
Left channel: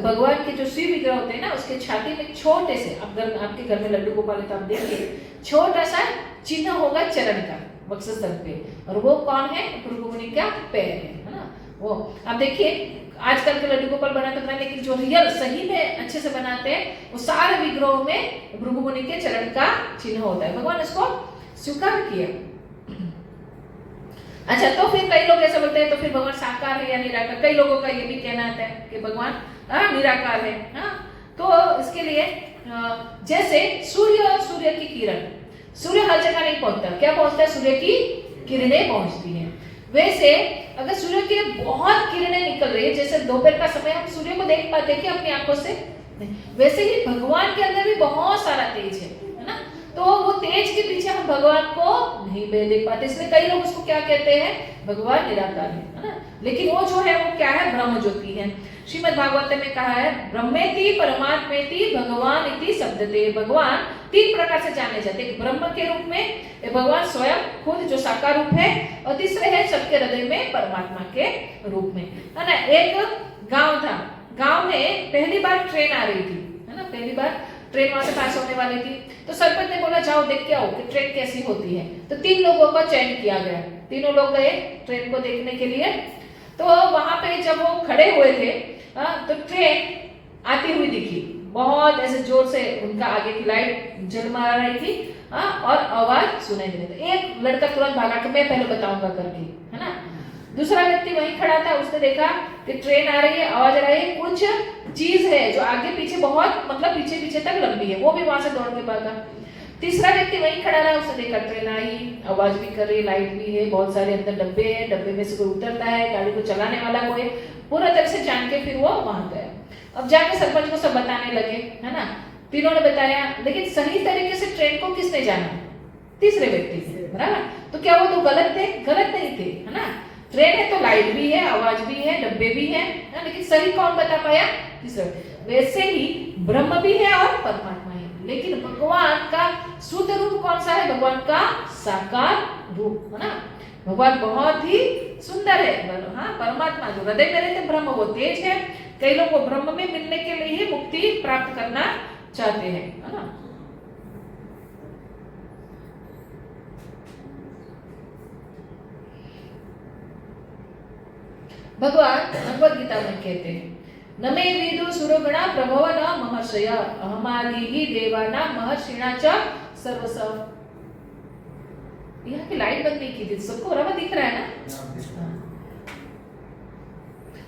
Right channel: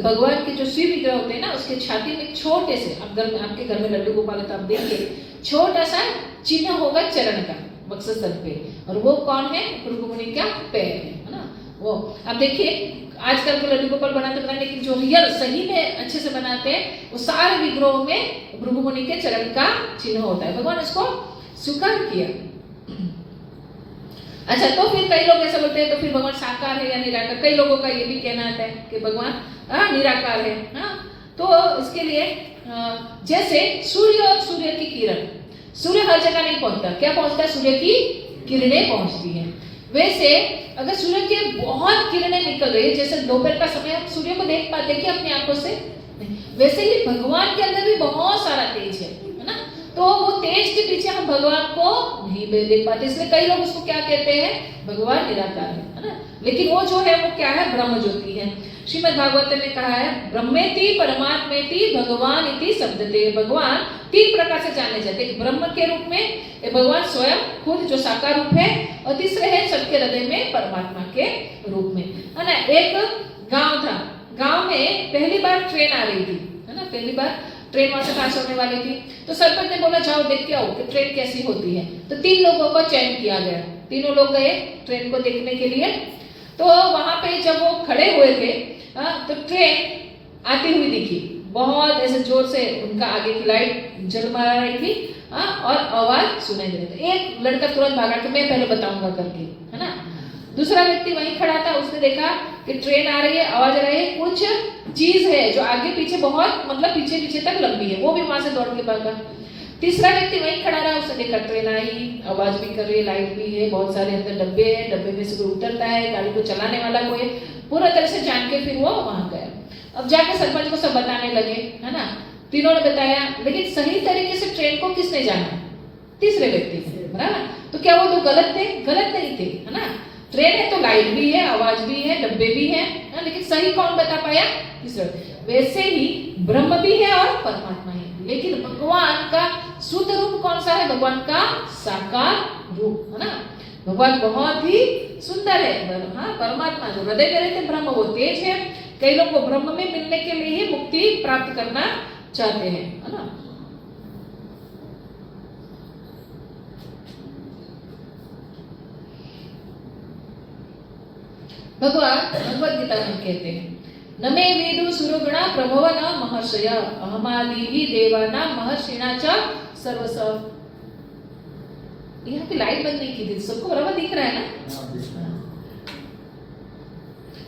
भगवान के जो शिव विग्रह होते हैं ना, उसके छाती में छोटे से, आपके घर में लड्डू गोपाल है तो आप देखिए, छोटा सा चिन्ह होगा चरण का वक्षस्थल पे, और वो कौन है, भृगु मुनि का पैर है ना। वो आप देखिए आजकल के लड्डू गोपाल बनाते हैं, लेकिन जो रियल सही में अच्छे से बनाते हैं वो सारे विग्रहों में भृगु मुनि के चरण का चिन्ह होता है। भगवान इसको स्वीकार किया। अच्छा, तो फिर कई लोग ऐसे बोलते हैं तो फिर भगवान साकार है या निराकार। कई लोगों का ये भी कहना आता है कि भगवान निराकार है। तो इसके लिए जैसे सूर्य और सूर्य की किरण, सूर्य हर जगह नहीं पहुंचता, क्या पहुंचता है, सूर्य की किरणें पहुंचती हैं। वैसे अगर सूर्य की बहुत किरणें निकल रही है, जैसे दोपहर का समय हम सूर्य को देख पाते हैं कि अपनी आंखों से, वैसे ही भगवान के अंदर भी बहुत सारा तेज है ना। तो वो तेज के पीछे हम भगवान को नहीं देख पाते, इसलिए कई लोग उसको क्या कहते हैं, भगवान निराकार है ना। लेकिन वो जो है वो क्या है, ब्रह्म ज्योति है। श्रीमद् भागवत में कहा है, ब्रह्मेति परमात्मेति भगवान इति शब्दते। भगवान 3 प्रकार से जाने जाते हैं, ब्रह्म के रूप में भगवान स्वयं खुद जो साकार रूप है, और तीसरे है सबके हृदय में परमात्मा के रूप में, है ना। एक गांव था, गांव में पहली बार ट्रेन आ रही थी, है ना, पहली बार ट्रेन वहां से पास होने वाली थी। तो सरपंच ने बोला जाओ देख के आओ कि ट्रेन कैसी होती है। तो 3 लोगों का चयन किया गया, तीनों लोग गए ट्रेन को देखने के लिए। तो वहां पे जब वो खड़े हुए थे, तो ट्रेन आती हुई दिखी, बहुत ऐसे जोर से उनका आगे की लाइट जलमा रही थी, और आवाज सुनाई दे रही थी। एक लड़का तुरंत भागा कि मैं पहले बताऊंगा करके, है ना। दूसरा व्यक्ति वहीं खड़ा था, उसने देखा कि ट्रेन आ रही है, आवाज आ रही है, कुछ चीज है जो आगे पीछे बहुत, मतलब पीछे पीछे तक लंबी है, वो भी वहां से दौड़ के भागा। तीसरा व्यक्ति वहीं खड़ा रहा, उसने देखा ट्रेन आई, आवाज भी कर रही है, लाइट भी है, बहुत सारे अंदर डब्बे हैं, डब्बे में से कोई उतरता है, गाड़ी को चलाने वाला कोई, पूरा तरह से जान के फिर वो वहां गया। अब जाकर सरपंच को सब बताने लगे, है ना। तीनों ने बताया, लेकिन सही तरीके से ट्रेन को किसने जाना, तीसरे व्यक्ति ने, बराबर। तो क्या वो तो गलत थे, गलत नहीं थे, है ना। ट्रेन है तो लाइट भी है, आवाज भी है, डब्बे भी है, लेकिन सही कौन बता पाया, तीसरा। वैसे ही ब्रह्म भी है और परमात्मा है, लेकिन भगवान का शुद्ध रूप कौन सा है, भगवान का साकार रूप, है ना। भगवान बहुत ही सुंदर है। हाँ, परमात्मा जो हृदय में रहते ब्रह्म वो तेज है। कई लोग वो ब्रह्म में मिलने के लिए ही मुक्ति प्राप्त करना चाहते हैं, है ना। भगवान भगवद गीता में कहते हैं, न मे वेदो सुरगणा प्रभव न महर्षय अहमादिहि देवाना महर्षिणा च सर्वसव। यहाँ की लाइट बंद नहीं की थी, सबको बराबर दिख रहा है ना।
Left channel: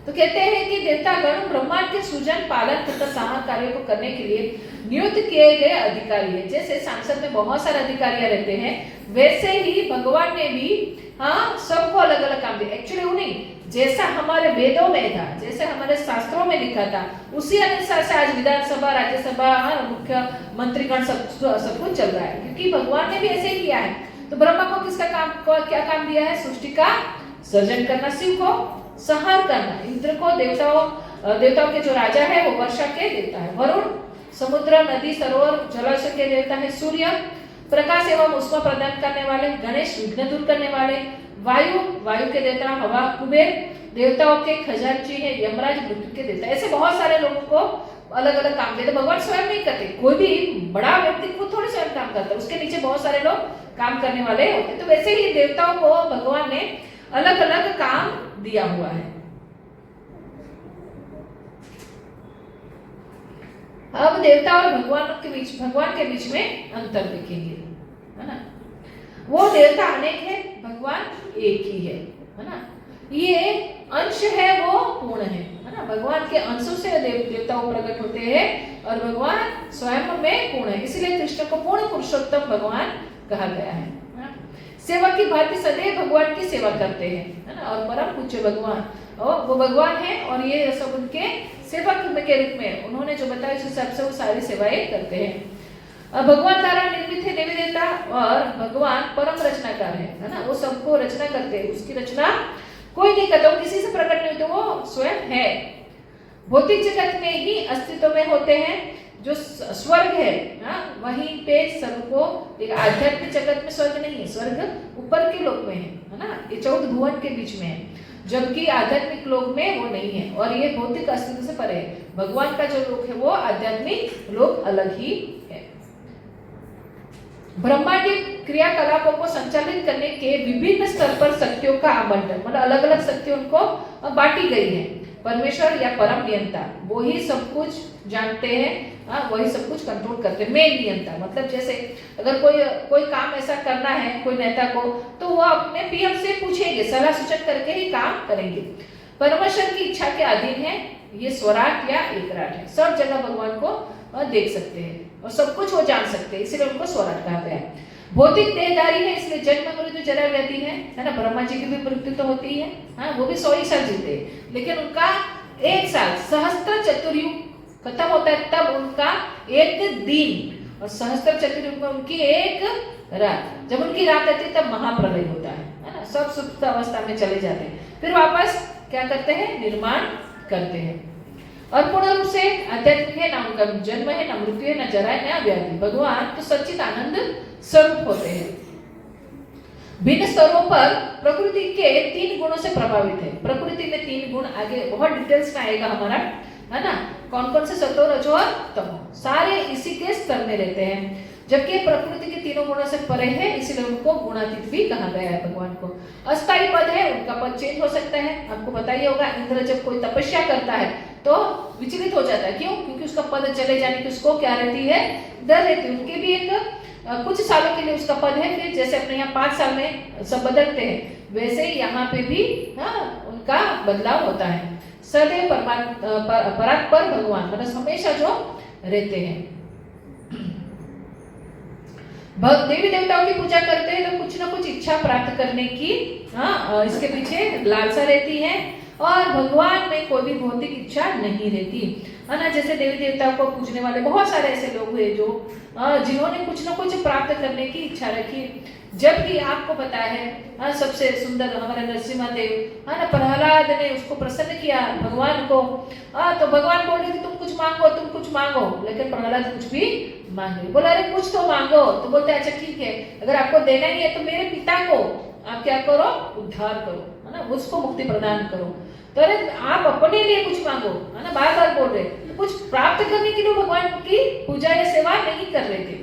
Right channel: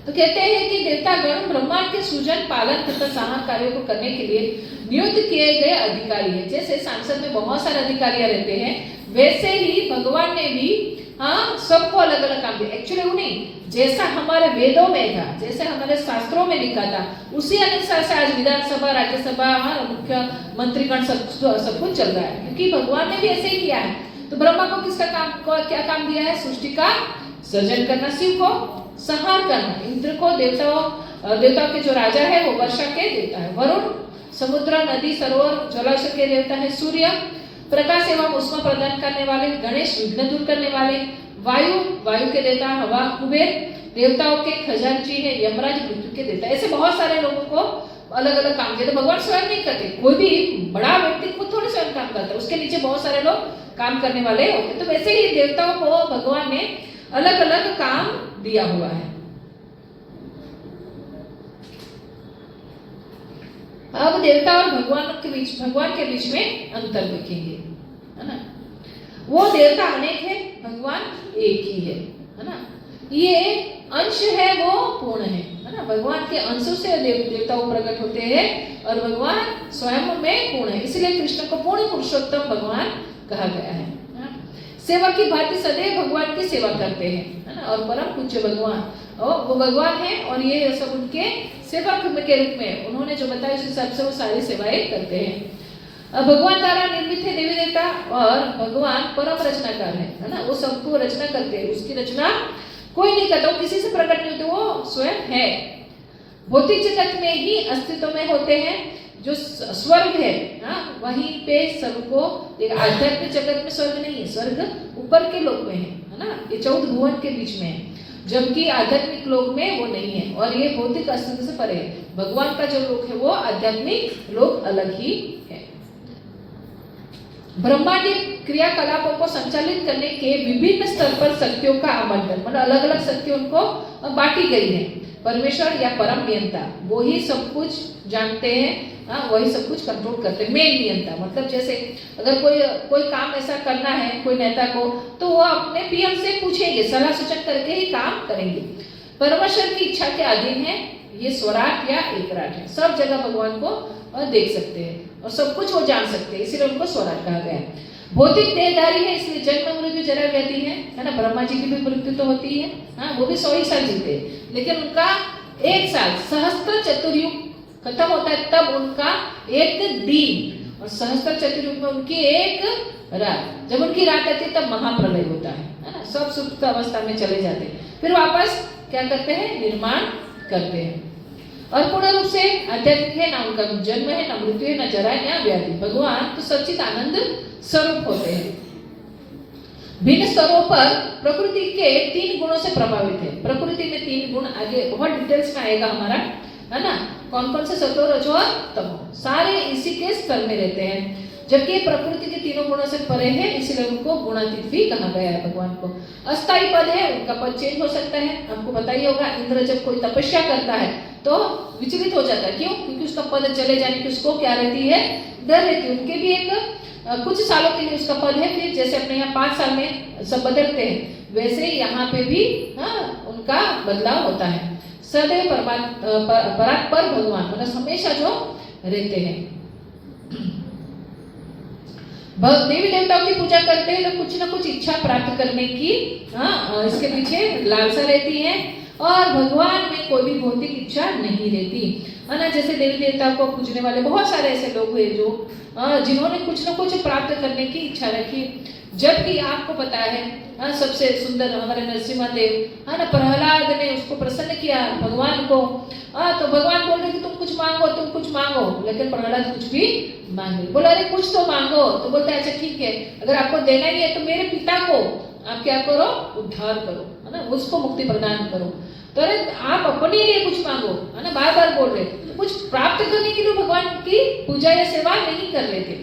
तो कहते हैं कि देवतागण ब्रह्मांड के सृजन, पालन तथा संहार कार्यों को करने के लिए नियुक्त किए गए अधिकारी हैं। जैसे सांसद में बहुत सारे अधिकारी रहते हैं, वैसे ही भगवान ने भी सबको अलग अलग काम दिया। एक्चुअली वो नहीं, जैसा हमारे वेदों में था, जैसे हमारे शास्त्रों में लिखा था, उसी अनुसार से आज विधानसभा, राज्यसभा, मुख्य मंत्रीगण सब कुछ चल रहा है, क्योंकि भगवान ने भी ऐसे ही किया है। तो ब्रह्मा को किसका काम, क्या काम दिया है, सृष्टि का सृजन करना, शिव को संहार करना, इंद्र को, देवताओं देवताओं के जो राजा है वो वर्षा के देवता है। वरुण समुद्र, नदी, सरोवर, जलाशय के देवता है। सूर्य प्रकाश एवं उष्मा प्रदान करने वाले। गणेश विघ्न दूर करने वाले। वायु वायु के देवता। हवा कुबेर देवताओं के खजांची है। यमराज मृत्यु के देवता। ऐसे बहुत सारे लोगों को अलग अलग काम देते। भगवान स्वयं नहीं करते, कोई भी बड़ा व्यक्ति खुद थोड़े स्वयं काम करता है, उसके नीचे बहुत सारे लोग काम करने वाले होते। तो वैसे ही देवताओं को भगवान ने अलग अलग काम दिया हुआ है। अब देवता और भगवान के बीच में अंतर देखेंगे, है ना। वो देवता अनेक है, भगवान एक ही है ना। ये अंश है वो पूर्ण है ना। भगवान के अंशों से देवताओं प्रकट होते हैं और भगवान स्वयं में पूर्ण है, इसलिए कृष्ण को पूर्ण पुरुषोत्तम भगवान कहा गया है ना? सेवा की भांति सदैव भगवान की सेवा करते हैं, है ना। और परम पूज्य भगवान और वो भगवान है और ये सब उनके सेवक के रूप में उन्होंने जो बताया उस हिसाब से वो सारी सेवाएं करते हैं। भगवान द्वारा निर्मित है देवी देवता और भगवान परम रचनाकार है ना। वो सबको रचना करते हैं, उसकी रचना कोई नहीं करता, किसी से प्रकट नहीं होते, वो स्वयं है। भौतिक जगत में ही अस्तित्व में होते हैं। जो स्वर्ग है ना वहीं पे सबको, आध्यात्मिक जगत में स्वर्ग नहीं है, स्वर्ग ऊपर के लोक में है ना। ये 14 भुवन के बीच में है, जबकि आध्यात्मिक लोक में वो नहीं है और ये भौतिक अस्तित्व से परे है। भगवान का जो लोक है वो आध्यात्मिक लोक अलग ही है। ब्रह्मांडीय क्रियाकलापों को संचालित करने के विभिन्न स्तर पर शक्तियों का आवंटन, मतलब अलग अलग शक्ति उनको बांटी गई है। परमेश्वर या परम नियंता वो ही सब कुछ जानते हैं, वही सब कुछ कंट्रोल करते हैं। मेन नियंता मतलब जैसे अगर कोई काम ऐसा करना है कोई नेता को, तो वो अपने पीएम से पूछेंगे, सलाह सूचक करके ही काम करेंगे। परमेश्वर की इच्छा के अधीन है, ये स्वराट या एकराट है। सब जगह भगवान को देख सकते हैं और सब कुछ वो जान सकते हैं, इसलिए उनको स्वराट कहा गया है। भौतिक देहधारी है, इसलिए जन्म मृत्यु जरा रहती है ना। ब्रह्मा जी की भी मृत्यु तो होती है, हाँ वो भी 100 साल जीते हैं, लेकिन उनका 1 साल सहस्त्र चतुर्युग खत्म होता है तब उनका 1 दिन, और सहस्त्र चतुर्युग में उनकी 1 रात। जब उनकी रात आती है तब महाप्रलय होता है ना। सब सुप्त अवस्था में चले जाते हैं, फिर वापस क्या करते हैं, निर्माण करते हैं। और पूर्ण रूप से आध्यात्मिक है, ना उनका जन्म है, ना मृत्यु है, ना जरा है, ना व्याधि। भगवान तो सच्चित आनंद स्वरूप होते हैं। भिन्न स्तरों पर प्रकृति के 3 गुणों से प्रभावित है। प्रकृति में 3 गुण आगे बहुत डिटेल्स में आएगा हमारा, है ना। कौन कौन से सत्व, रजो और तमो, सारे इसी के स्तर में रहते हैं। जबकि प्रकृति के 3 गुणों से परे है, इसलिए उनको गुणातीत भी कहा गया है। भगवान को अस्थायी पद है, उनका पद चेंज हो सकता है। आपको पता ही होगा, इंद्र जब कोई तपस्या करता है तो विचलित हो जाता है, क्यों? क्योंकि उसका पद चले जाने की उसको क्या रहती है, डर रहती है। उनके भी एक कुछ सालों के लिए उसका पद है, फिर जैसे अपने यहाँ 5 साल में सब बदलते हैं, वैसे यहाँ पे भी उनका बदलाव होता है। सदैव परात्पर भगवान मतलब हमेशा जो रहते हैं। देवी देवताओं की पूजा करते हैं तो कुछ ना कुछ इच्छा प्राप्त करने की इसके पीछे लालसा रहती है, और भगवान में कोई भी भौतिक इच्छा नहीं रहती है ना। जैसे देवी देवताओं को पूजने वाले बहुत सारे ऐसे लोग हुए जो जिन्होंने कुछ ना कुछ प्राप्त करने की इच्छा रखी। जबकि आपको पता है सबसे सुंदर हमारे नरसिम्हा देव, है ना, प्रहलाद ने उसको प्रसन्न किया भगवान को। तो भगवान बोल रहे कि तुम कुछ मांगो, तुम कुछ मांगो, लेकिन प्रहलाद कुछ भी मांगे, बोला अरे कुछ तो मांगो। तो बोलते अच्छा ठीक है, अगर आपको देना ही है तो मेरे पिता को आप क्या करो, उद्धार करो, है ना, उसको मुक्ति प्रदान करो। तो अरे आप अपने लिए कुछ मांगो, है ना, बार बार बोल रहे, कुछ प्राप्त करने के लिए भगवान की पूजा या सेवा नहीं कर रहे थे।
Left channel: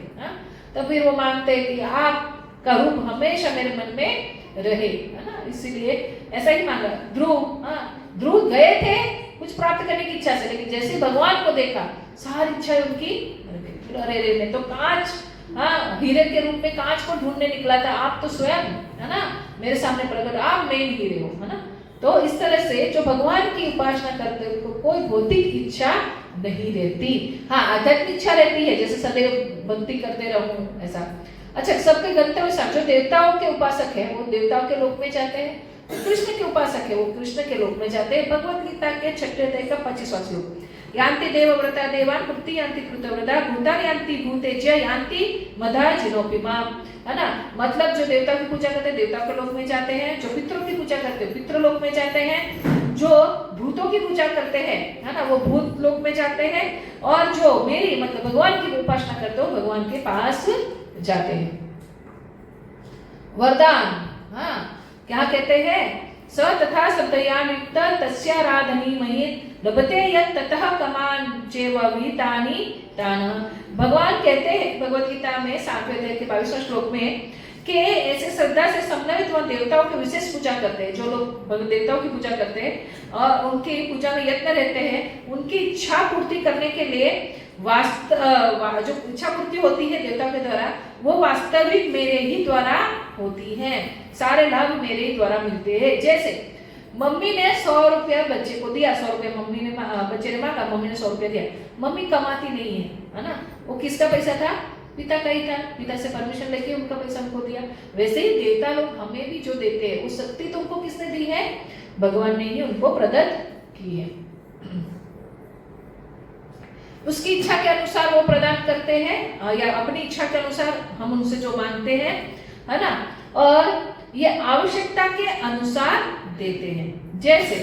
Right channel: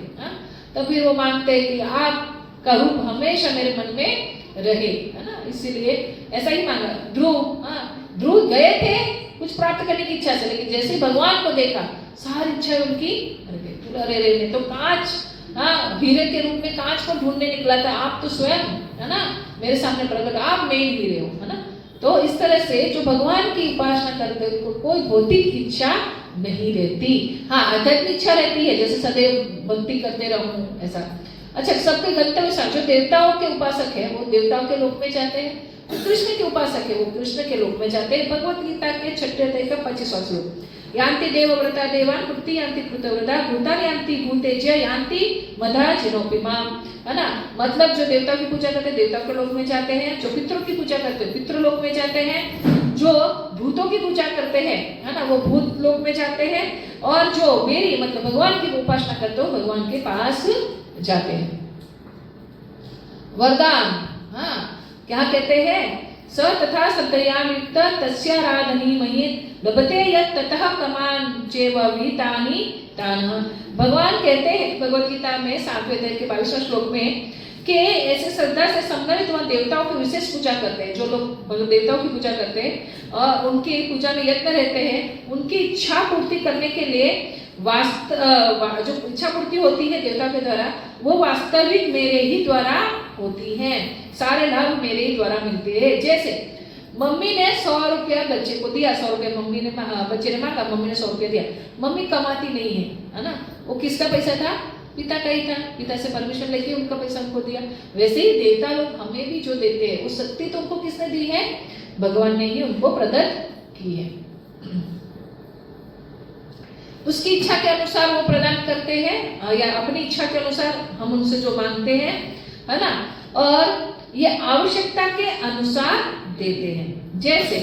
तो फिर वो मांगते कि आपका रूप हमेशा मेरे मन में रहे, है ना, इसीलिए ऐसा ही मांगा। ध्रुव गए थे कुछ प्राप्त करने की इच्छा से, लेकिन जैसे भगवान को देखा सारी इच्छाएं उनकी अरे रे, मैं तो कांच, हीरे के रूप में कांच को ढूंढने निकला था, आप तो स्वयं, है ना, मेरे सामने प्रकट, आप मेन हीरे हो, है ना। तो इस तरह से जो भगवान की उपासना करते हैं उनको कोई भौतिक इच्छा नहीं रहती। आध्यात्मिक इच्छा रहती है, जैसे सदैव भक्ति करते रहूं ऐसा। अच्छा, सबके गंतव्य स्थान जो देवताओं के उपासक है वो देवताओं के लोक में जाते हैं, कृष्ण के उपासक है वो कृष्ण के लोक में जाते हैं। भगवत गीता के 6 अध्याय का 25वां श्लोक, यान्ति देवव्रता देवान् कृति यान्ति कृतव्रता भूतानि यान्ति भूतेज्य यान्ति मधा जिनोपि माम, है ना। मतलब जो देवताओं की पूजा करते हैं देवताओं के लोक में जाते हैं, जो पितरों की पूजा करते हैं पितृलोक में जाते हैं, जो भूतों की पूजा करते हैं, है ना, वो भूत लोक में जाते हैं, और जो मेरी मतलब भगवान की उपासना करते हो भगवान के पास जाते हैं। वरदान, हाँ, क्या कहते हैं, स तथा सप्तयायुक्त तस्याराधनी महि लभते यत् ततः कमान चेव विहितानि तान। भगवान कहते हैं भगवत गीता में 7वें अध्याय के 22वें श्लोक में कि ऐसे श्रद्धा से समन्वित वह देवताओं की विशेष पूजा करते हैं। जो लोग देवताओं की पूजा करते हैं और उनकी पूजा में यत्न रहते हैं, उनकी इच्छा पूर्ति करने के लिए जो इच्छा पूर्ति होती है देवता के द्वारा, वो वास्तविक मेरे ही द्वारा होती है। सारे लाभ मेरे ही द्वारा मिलते हैं। जैसे मम्मी ने 100 रुपया बच्चे को दिया, 100 रुपया मम्मी ने बच्चे ने मांगा, मम्मी ने 100 रुपया दिया। मम्मी कमाती नहीं है ना, वो किसका पैसा था, पिता का ही था, पिता से परमिशन लेके उनका पैसा उनको दिया। वैसे ही देवता लोग हमें भी जो देते हैं, वो शक्ति तो उनको किसने दी है, भगवान ने ही उनको प्रदत्त की है। उसकी इच्छा के अनुसार वो प्रदान करते हैं, या अपनी इच्छा के अनुसार हम उनसे जो मांगते हैं, है ना, और ये आवश्यकता के अनुसार देते हैं। जैसे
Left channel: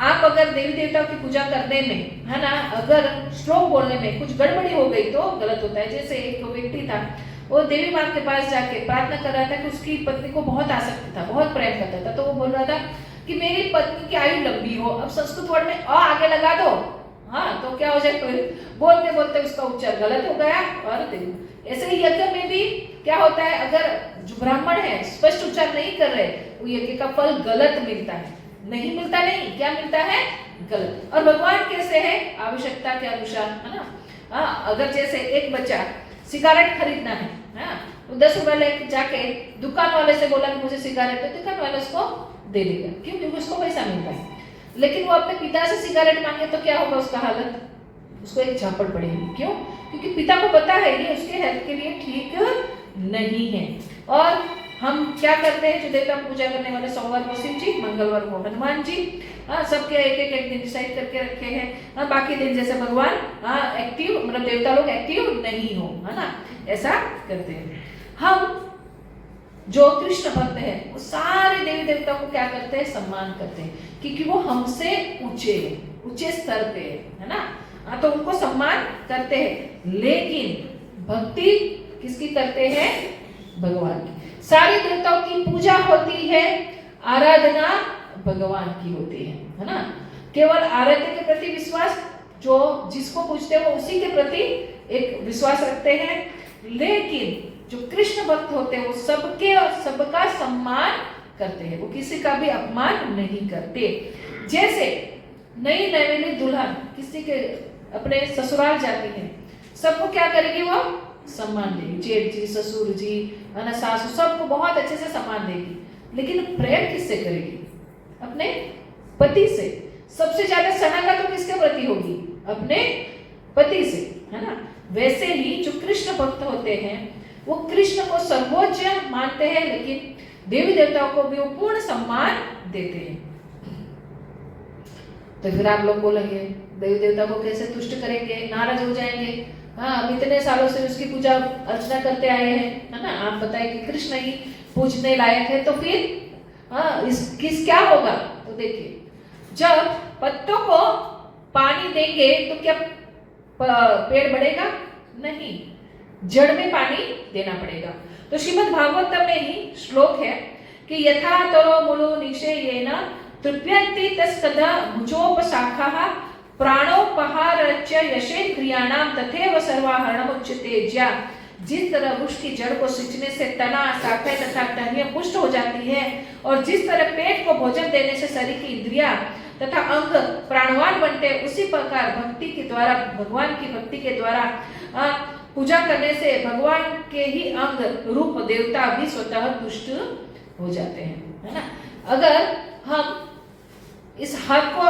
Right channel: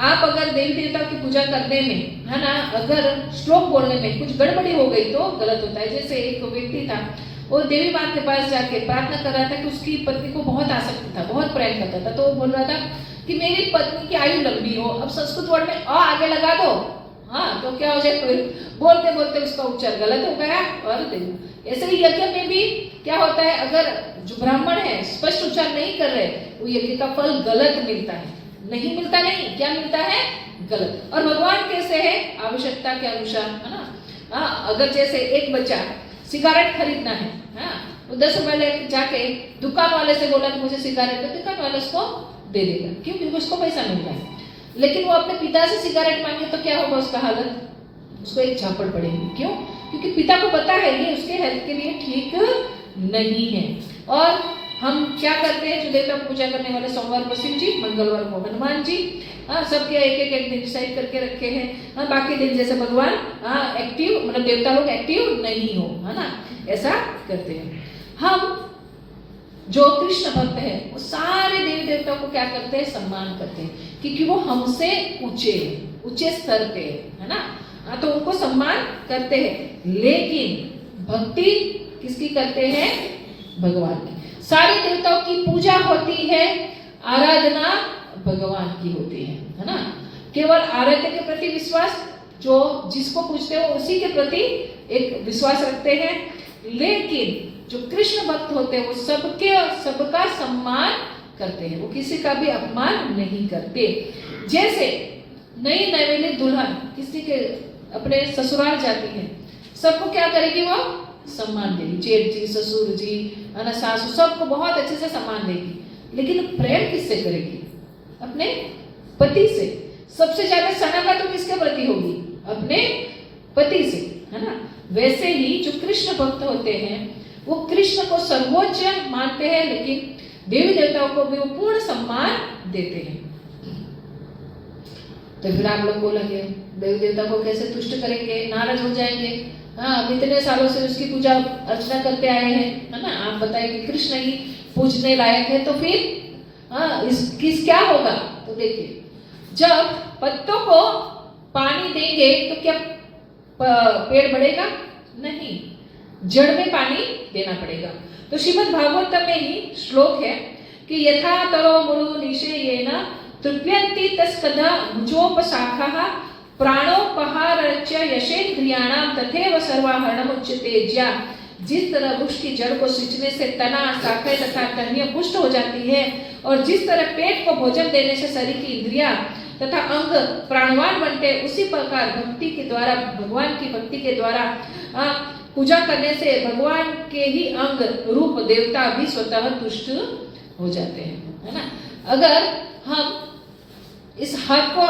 आप अगर देवी देवता की पूजा करने में, है ना, अगर श्लोक बोलने में कुछ गड़बड़ी हो गई तो गलत होता है। जैसे एक व्यक्ति था, वो देवी माँ के पास जाके प्रार्थना कर रहा था कि उसकी पत्नी को बहुत आसक्ति था, बहुत प्रेम करता था, तो वो बोल रहा था कि मेरी पत्नी की आयु लंबी हो। अब संस्कृत वर्ड में अ आगे लगा दो, हाँ, तो क्या हो जाए, बोलते बोलते उसका उच्चार गलत हो गया और देवी। ऐसे ही यज्ञ में भी क्या होता है, अगर जो ब्राह्मण है स्पष्ट उच्चार नहीं कर रहे, वो यज्ञ का फल गलत मिलता है, नहीं मिलता, नहीं, क्या मिलता है, गलत। और भगवान कैसे है, आवश्यकता के अनुसार, है ना। अगर जैसे एक बच्चा सिगारेट खरीदना है, हाँ, तो 10 रुपए लेके जाके दुकान वाले से बोला कि मुझे सिगारेट, तो दुकान वाले उसको दे देगा, क्यों, क्योंकि उसको पैसा मिलता है। लेकिन वो अपने पिता से सिगारेट मांगे तो क्या होगा उसका हालत, उसको एक झापड़ पड़ेगी। क्यों, क्योंकि पिता को पता है ये उसके हेल्थ के लिए ठीक नहीं है। और हम क्या करते हैं, जो देवता पूजा करने वाले, सोमवार को शिव जी, मंगलवार को हनुमान जी, सबके एक दिन डिसाइड करके रखे हैं। बाकी दिन जैसे भगवान एक्टिव, मतलब देवता लोग एक्टिव नहीं हो, है ना, ऐसा करते हैं। हम जो कृष्ण भक्त है वो सारे देवी देवता को क्या करते हैं, सम्मान करते हैं, क्योंकि वो हमसे ऊंचे स्तर पे है ना, तो उनको सम्मान करते हैं। लेकिन भक्ति किसकी करते हैं, भगवान की। सारे देवताओं की पूजा होती है, आराधना भगवान की होती है ना। केवल आराध्य के प्रति विश्वास, जो जिसको पूजते हैं वो उसी के प्रति एक विश्वास रखते हैं। लेकिन जो कृष्ण भक्त होते हैं वो सबका सम्मान करते हैं, वो किसी का भी अपमान नहीं करते। जैसे नई नवेली दुल्हन किसी के अपने ससुराल जाती है, सबको क्या करेगी, वो सम्मान देगी, जेठ जी, ससुर जी, सासू, सबको बहुत अच्छे से सम्मान देगी। लेकिन प्रेम किससे करेगी, अपने पति से। सबसे ज्यादा सनागा तो किसके प्रति होगी, अपने पति से, है ना। वैसे ही जो कृष्ण भक्त होते हैं वो कृष्ण को सर्वोच्च मानते हैं, लेकिन देवी देवताओं को भी वो पूर्ण सम्मान देते हैं। तो फिर आप लोग बोलेंगे देवी देवता को कैसे तुष्ट करेंगे, नाराज हो जाएंगे। हाँ, अब इतने सालों से उसकी पूजा अर्चना करते आए हैं, है ना, आप बताइए कि कृष्ण ही पूजने लायक है, तो फिर किस क्या होगा। तो देखिए, जब पत्तों को पानी देंगे तो क्या पेड़ बढ़ेगा, नहीं, जड़ में पानी देना पड़ेगा। तो श्रीमद् भागवत में ही श्लोक है कि यथा तरो मुळु निशेयेन तृप्यन्ति तस्तदा भुजोपशाखाः प्राणोपहारस्य यशेन्द्रियाणां तथैव सर्वाहरणमुच्यते। ज्या जिस तरह वृक्ष की जड़ को सींचने से तना, शाखाएं तथा टहनियां पुष्ट हो जाती है, और जिस तरह पेट को भोजन देने से शरीर की इंद्रियां तथा अंग प्राणवान बनते, उसी प्रकार भक्ति के द्वारा, भगवान की भक्ति के द्वारा पूजा करने से भगवान के ही अंग रूप देवता भी स्वतः तुष्ट हो जाते हैं, है ना। अगर हम इस हाथ को,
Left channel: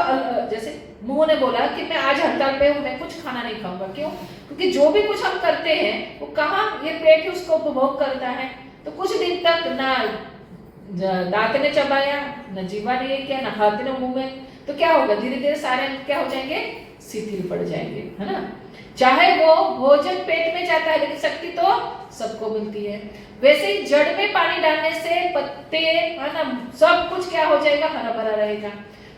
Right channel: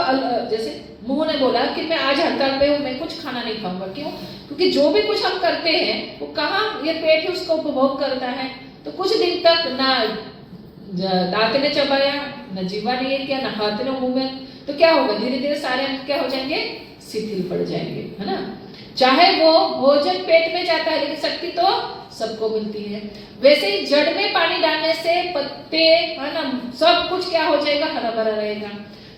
जैसे मुंह ने बोला कि मैं आज हड़ताल पे हूँ, मैं कुछ खाना नहीं खाऊंगा, क्यों, क्योंकि जो भी कुछ हम करते हैं वो कहाँ, ये पेट ही उसको उपभोग करता है। तो कुछ दिन तक ना दांत ने चबाया, न जीवा ने किया, न हाथ ने मुंह में, तो क्या होगा, धीरे धीरे सारे क्या हो जाएंगे, शिथिल पड़ जाएंगे, है ना। चाहे वो भोजन पेट में जाता है, लेकिन शक्ति तो सबको मिलती है। वैसे ही जड़ में पानी डालने से पत्ते, है ना, सब कुछ क्या हो जाएगा, हरा भरा रहेगा।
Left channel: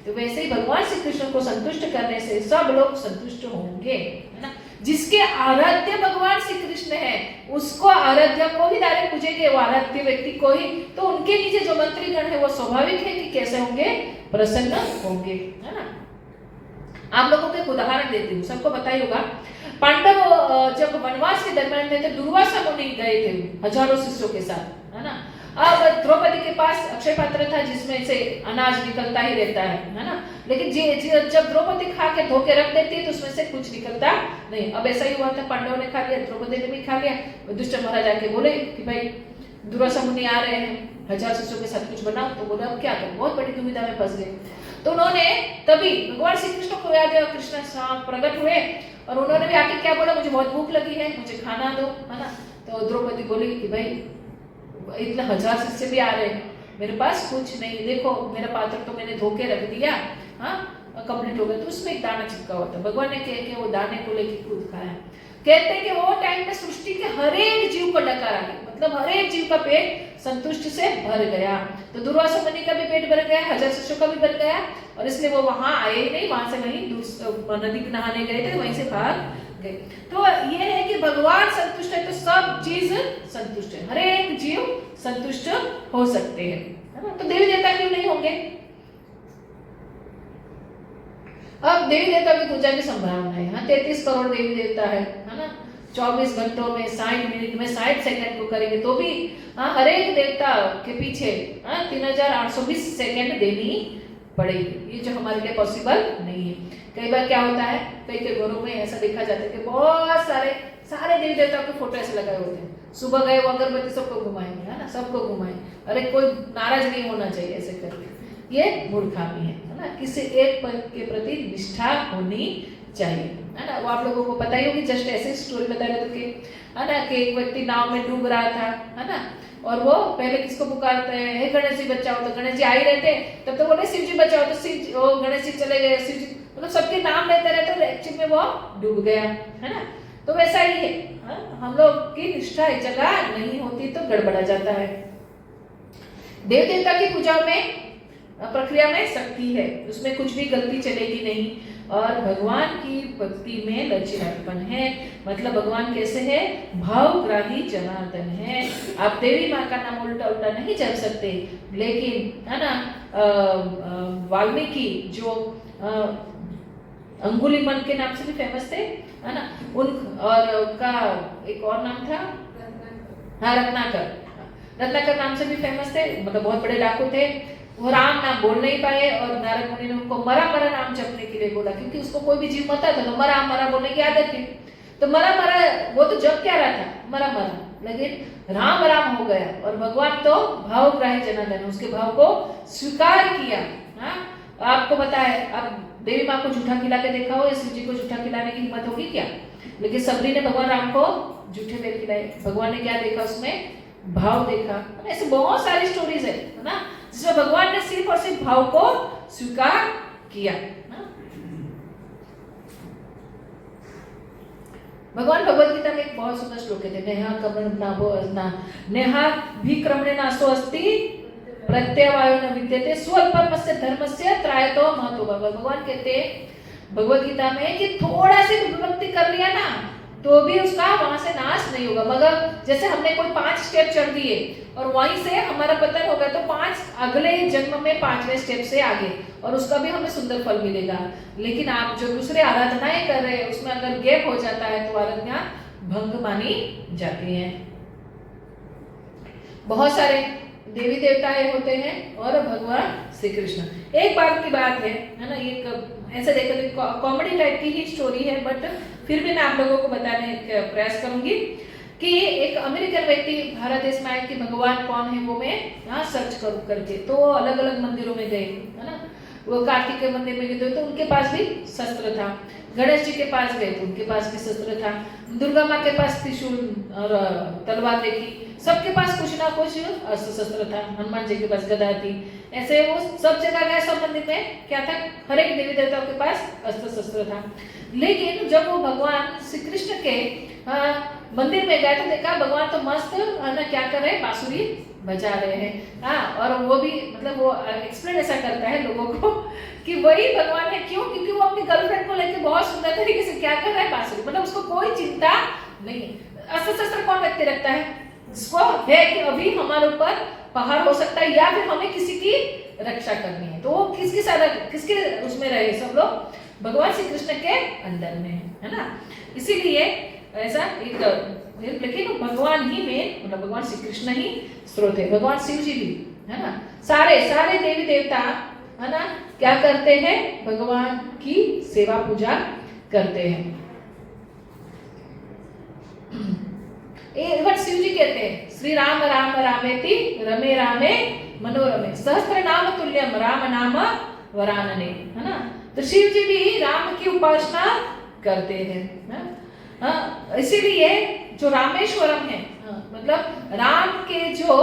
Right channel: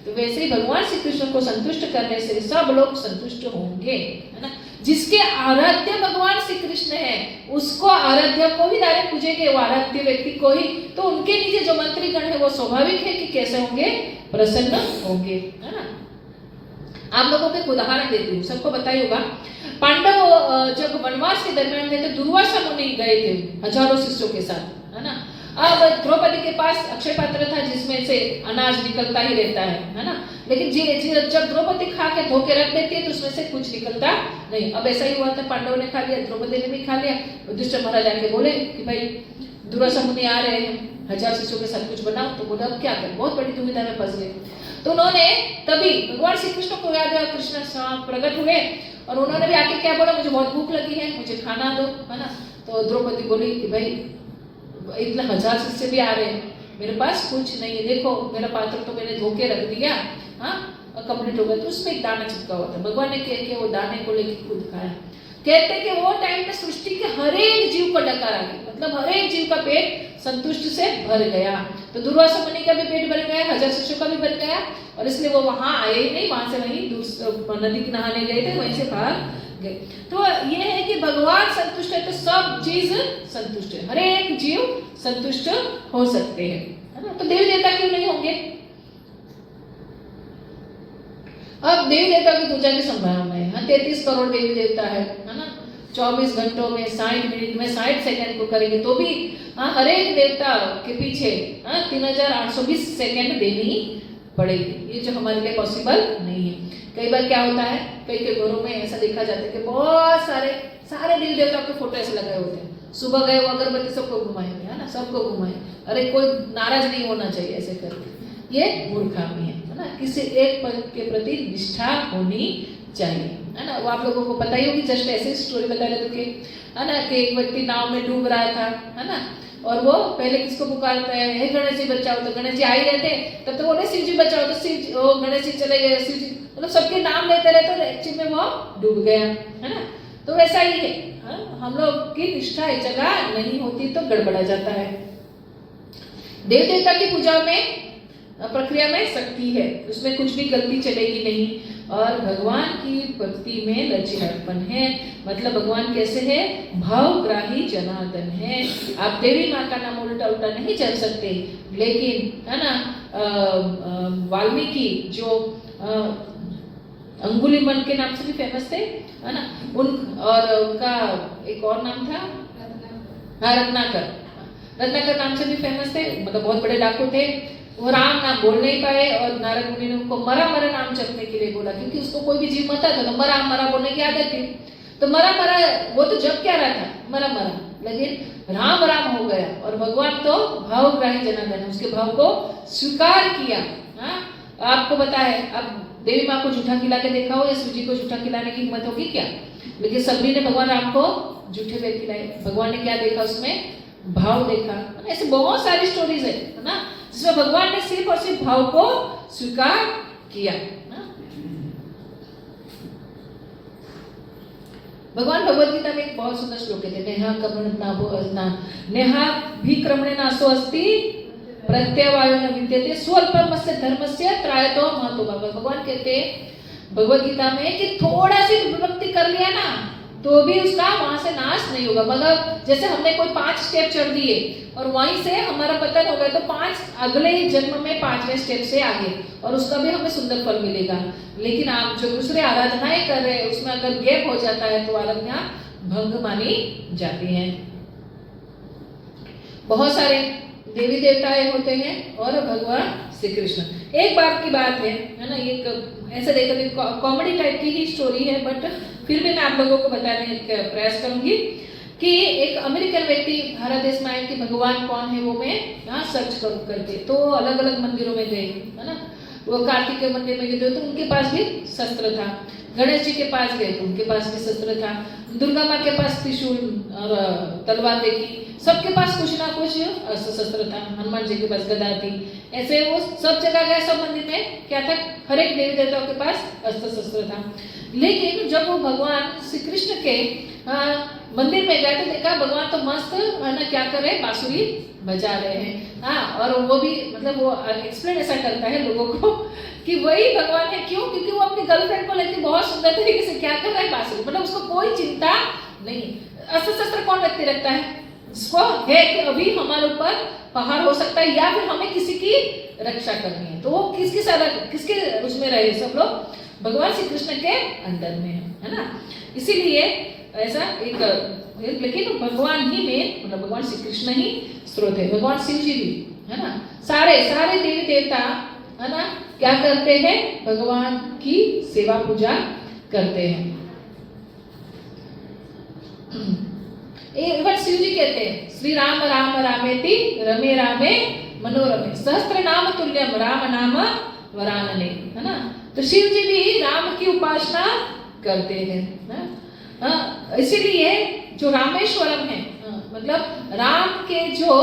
तो वैसे ही भगवान श्री कृष्ण को संतुष्ट करने से सब लोग संतुष्ट होंगे, है ना। जिसके आराध्य भगवान श्री कृष्ण है, उसको आराध्य को ही डायरेक्ट पूजेंगे, वो आराध्य व्यक्ति को ही, तो उनके नीचे जो मंत्रीगण है वो स्वाभाविक है कि कैसे होंगे, प्रसन्न होंगे, है ना। आप लोगों को एक उदाहरण देती हूँ, सबको पता ही होगा, पांडव जब वनवास के दरमियान थे तो दुर्वासा मुनि गए थे हजारों शिष्यों के साथ, है ना। अब द्रौपदी के पास अक्षय पात्र था जिसमें से अनाज निकलता ही रहता है ना। लेकिन जब द्रौपदी खा के धो के रख देती है तो उसमें से कुछ निकलता नहीं। अब ऐसा ही हुआ था, पांडवों ने खा लिया, द्रौपदी ने भी खा लिया। युधिष्ठिर महाराज आके बोले कि भाई दुर्वासा मुनि आ रहे हैं, 1000 शिष्यों के साथ कुछ बनाओ। तो बोला अब क्या करें, बहुत बड़ी दुविधा में फंस गए। तो उन्होंने तभी भगवान श्री कृष्ण को याद है, कृष्ण प्रकट हुए और उन्होंने भी आके क्या बोला, मुझे बहुत भूख लगी है, मुझे खाना दो, है ना। तो द्रौपदी बोली कि भाई इतने 1000 शिष्य भी आ रहे हैं, मेरे पास कुछ नहीं है, देखो मेरा पात्र तो मैंने धो के रख दिया, हाँ कंप्लीट हो गया। तो उसमें एक दाना चिपका हुआ था, भगवान ने कह के वो दाने को लेके खुद खाया। कहते हैं कि वो टाइम में सृष्टि के हर एक जीव को डकार आ गया, मतलब हर एक जीव का पेट संतुष्टि से भर गया। तो दुर्वासा मुनि का भी पेट भर गया, 1000 शिष्यों का भी भर गया, और इसलिए वो वहां आए ही नहीं, वहां से वहीं नदी नहाने गए थे, वहीं से बाहर गए। तो ये है कि भगवान संतुष्ट है तो सब चीज संतुष्ट है, हर एक जीव संतुष्ट हो सकते हैं, है ना। तो देवी देवता क्यों नहीं होंगे। अब देवी देवता की पूजा की संभावना है, 33 करोड़ देवी देवता है ना। 24 घंटों में 60 मिनट में 60 सेकंड को करेंगे तो भी हर एक देवता के पीछे 3820 सेकंड देनी पड़ेगी, ये जो हमारे लिए पॉसिबल नहीं है। कई बार क्या होता है, कई घरों में ऐसा देखा जाता है कि बहुत सारे देवी देवताओं के फोटो ऐसे लगाए होते हैं, सुबह गए वो अगरबत्ती सबको घुमाएंगे, है ना, सबको घुमाए। अरे कोई नाराज नहीं होना चाहिए ऐसे करके, ये मूर्खामी है ना। किसी एक के प्रति निष्ठा होनी चाहिए, है ना। वो आप लोगों को पता ही होगी, जस्ट ऐसे स्टोरी बता रहे थे कि, है ना, कि एक व्यक्ति नाव में डूब रहा था, है ना, और वो पहले किसको पुकारता है, हे गणेश जी बचाओ, तो गणेश जी आ ही रहते, तब तो बोले शिव जी बचाओ, तो शिव ओ गणेश जी चले गए, शिव जी, मतलब सबके नाम लेते रहते, तो एक्चुअली में वो डूब गया, है ना। तो वैसा ही है, हम लोग की निष्ठा एक जगह नहीं होती तो गड़बड़ा जाता है। देव देवता की पूजा में प्रक्रिया में शक्ति है, उसमें कुछ भी गलती चलेगी नहीं, और भगवान की भक्ति में लचीलापन है। मतलब भगवान कैसे है, भावग्राही जनार्दन है। आप देवी माँ का नाम उल्टा उल्टा नहीं चल सकते, लेकिन है ना वाल्मीकि जो अंगुलीमल के नाम से भी फेमस थे, है ना, और उनका एक और नाम था, हाँ रत्नाकर नाम से भी फेमस थे, मतलब बहुत बड़े डाकू थे। वो राम नाम बोल नहीं पाए और नारद मुनि ने उनको मरा मरा नाम जपने के लिए बोला, क्योंकि उसको कोई भी जीव मरता था तो मरा मरा बोलने की आदत थी। तो मरा मरा वो तो जप क्या रहा था, मरा मरा, लेकिन राम राम हो गया। और भगवान तो भावग्राही जनार्दन, उसके भाव को स्वीकार किया। हाँ, आपको पता है, अब देवी माँ को झूठा खिला के देखा हो, या शिव जी को झूठा खिलाने की हिम्मत होगी क्या। लेकिन सबरी ने भगवान राम को झूठे वेद खिलाए, भगवान ने क्या देखा उसमें, भाव देखा। ऐसे बहुत सारी स्टोरीज है ना, जिसमें भगवान ने सिर्फ और सिर्फ भाव को स्वीकार किया। भगवान भगवद गीता में एक बहुत सुंदर श्लोक है, नेहा भिक्रमणे नासो अस्ति प्रत्यवायो न विद्यते स्वल्पमस्य धर्मस्य त्रायतो महतो। भगवान कहते हैं भगवद गीता में कि थोड़ा सी विभक्ति कर लिया ना तो भी उसका वहां से नाश नहीं होगा। मतलब जैसे हमने कोई 5 स्टेप चढ़ दिए और वहीं से हमारा पतन हो गया, तो 5 अगले जन्म में 5वें स्टेप से आगे, और उसका भी हमें सुंदर फल मिलेगा। लेकिन आप जो दूसरे आराधनाएं कर रहे हैं उसमें अगर गैप हो जाता है तो आराधना भंग मानी जाती है। बहुत सारे देवी देवताएं होते हैं और भगवान श्री कृष्ण। एक बार की बात है ना, एक ऐसे देखकर कॉमेडी टाइप की ही स्टोरी है, बट फिर भी मैं आप लोगों को बताने का प्रयास करूंगी कि एक अमेरिकन व्यक्ति भारत देश में आए कि भगवान कौन है वो मैं यहाँ सर्च करूँ करके। तो वो अलग अलग मंदिरों में गए, है ना, वो कार्तिक के मंदिर में गए तो उनके पास भी शस्त्र था, गणेश जी के पास गए तो उनके पास भी शस्त्र था, दुर्गा माँ के पास त्रिशूल और तलवार देखी, सबके पास कुछ ना कुछ अस्त्र शस्त्र था, हनुमान जी के पास गदा थी। ऐसे वो सब जगह गए, सब मंदिर में क्या था, हर एक देवी देवताओं के पास अस्त्र शस्त्र था। लेकिन जब वो भगवान श्री कृष्ण के मंदिर में गए तो देखा भगवान तो मस्त है ना, क्या कर रहे हैं, बांसुरी बजा रहे हैं। हाँ, और वो भी मतलब वो एक्सप्लेन ऐसा करता है लोगों को कि वही भगवान है। क्यों? क्योंकि वो अपनी गर्लफ्रेंड को लेकर बहुत सुंदर तरीके से क्या कर रहा है, बांसुरी, मतलब उसको कोई चिंता नहीं। अस्त्र शस्त्र कौन व्यक्ति रखता है? इसको है कि अभी हमारे ऊपर पहाड़ हो सकता है या फिर हमें किसी की रक्षा करनी है, तो वो किसके उसमें रहे, सब लोग भगवान श्री कृष्ण के अंदर में है ना। इसीलिए ऐसा एक, लेकिन भगवान ही में मतलब भगवान श्री कृष्ण ही स्रोत है। भगवान शिव जी भी है ना, सारे देवी देवता है ना क्या करते हैं, भगवान की सेवा पूजा करते हैं। एक बार शिव जी कहते हैं, श्री राम राम रामेति रमे रामे मनोरमे सहस्त्र नाम तुल्यम राम नाम वरानने, है ना। तो शिव जी भी राम की उपासना करते हैं। इसीलिए जो रामेश्वरम है, मतलब राम के जो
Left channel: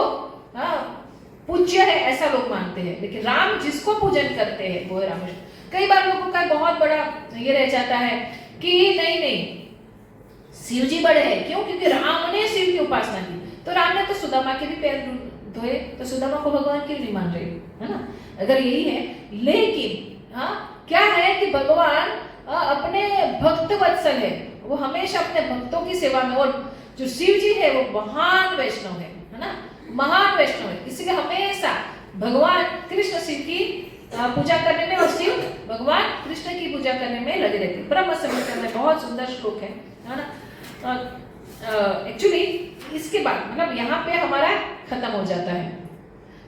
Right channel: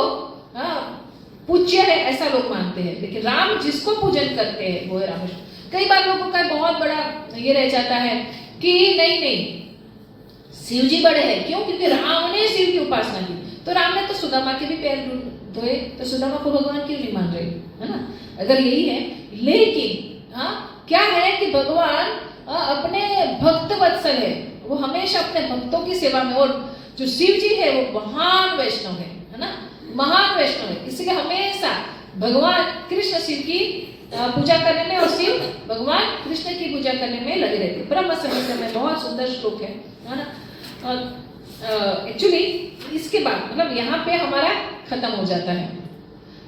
पूज्य है ऐसा लोग मानते हैं, लेकिन राम जिसको पूजन करते हैं वो है रामेश्वर। कई बार लोगों का बहुत बड़ा ये रह जाता है कि नहीं शिव जी बड़े हैं, क्यों? क्योंकि राम ने शिव की उपासना की, तो राम ने तो सुदामा के भी पैर धोए, तो सुदामा को भगवान क्यों नहीं मान रहे, है ना, अगर यही है। लेकिन क्या है कि भगवान अपने भक्त वत्सल है, वो हमेशा अपने भक्तों की सेवा में, और जो शिव जी है वो महान वैष्णव है ना, महान वैष्णव है। इसलिए हमेशा भगवान कृष्ण शिव की पूजा करने में और शिव भगवान कृष्ण की पूजा करने में लगे रहते। ब्रह्म संहिता में बहुत सुंदर श्लोक है ना। एक्चुअली इसके बाद मतलब यहाँ पे हमारा खत्म हो जाता है,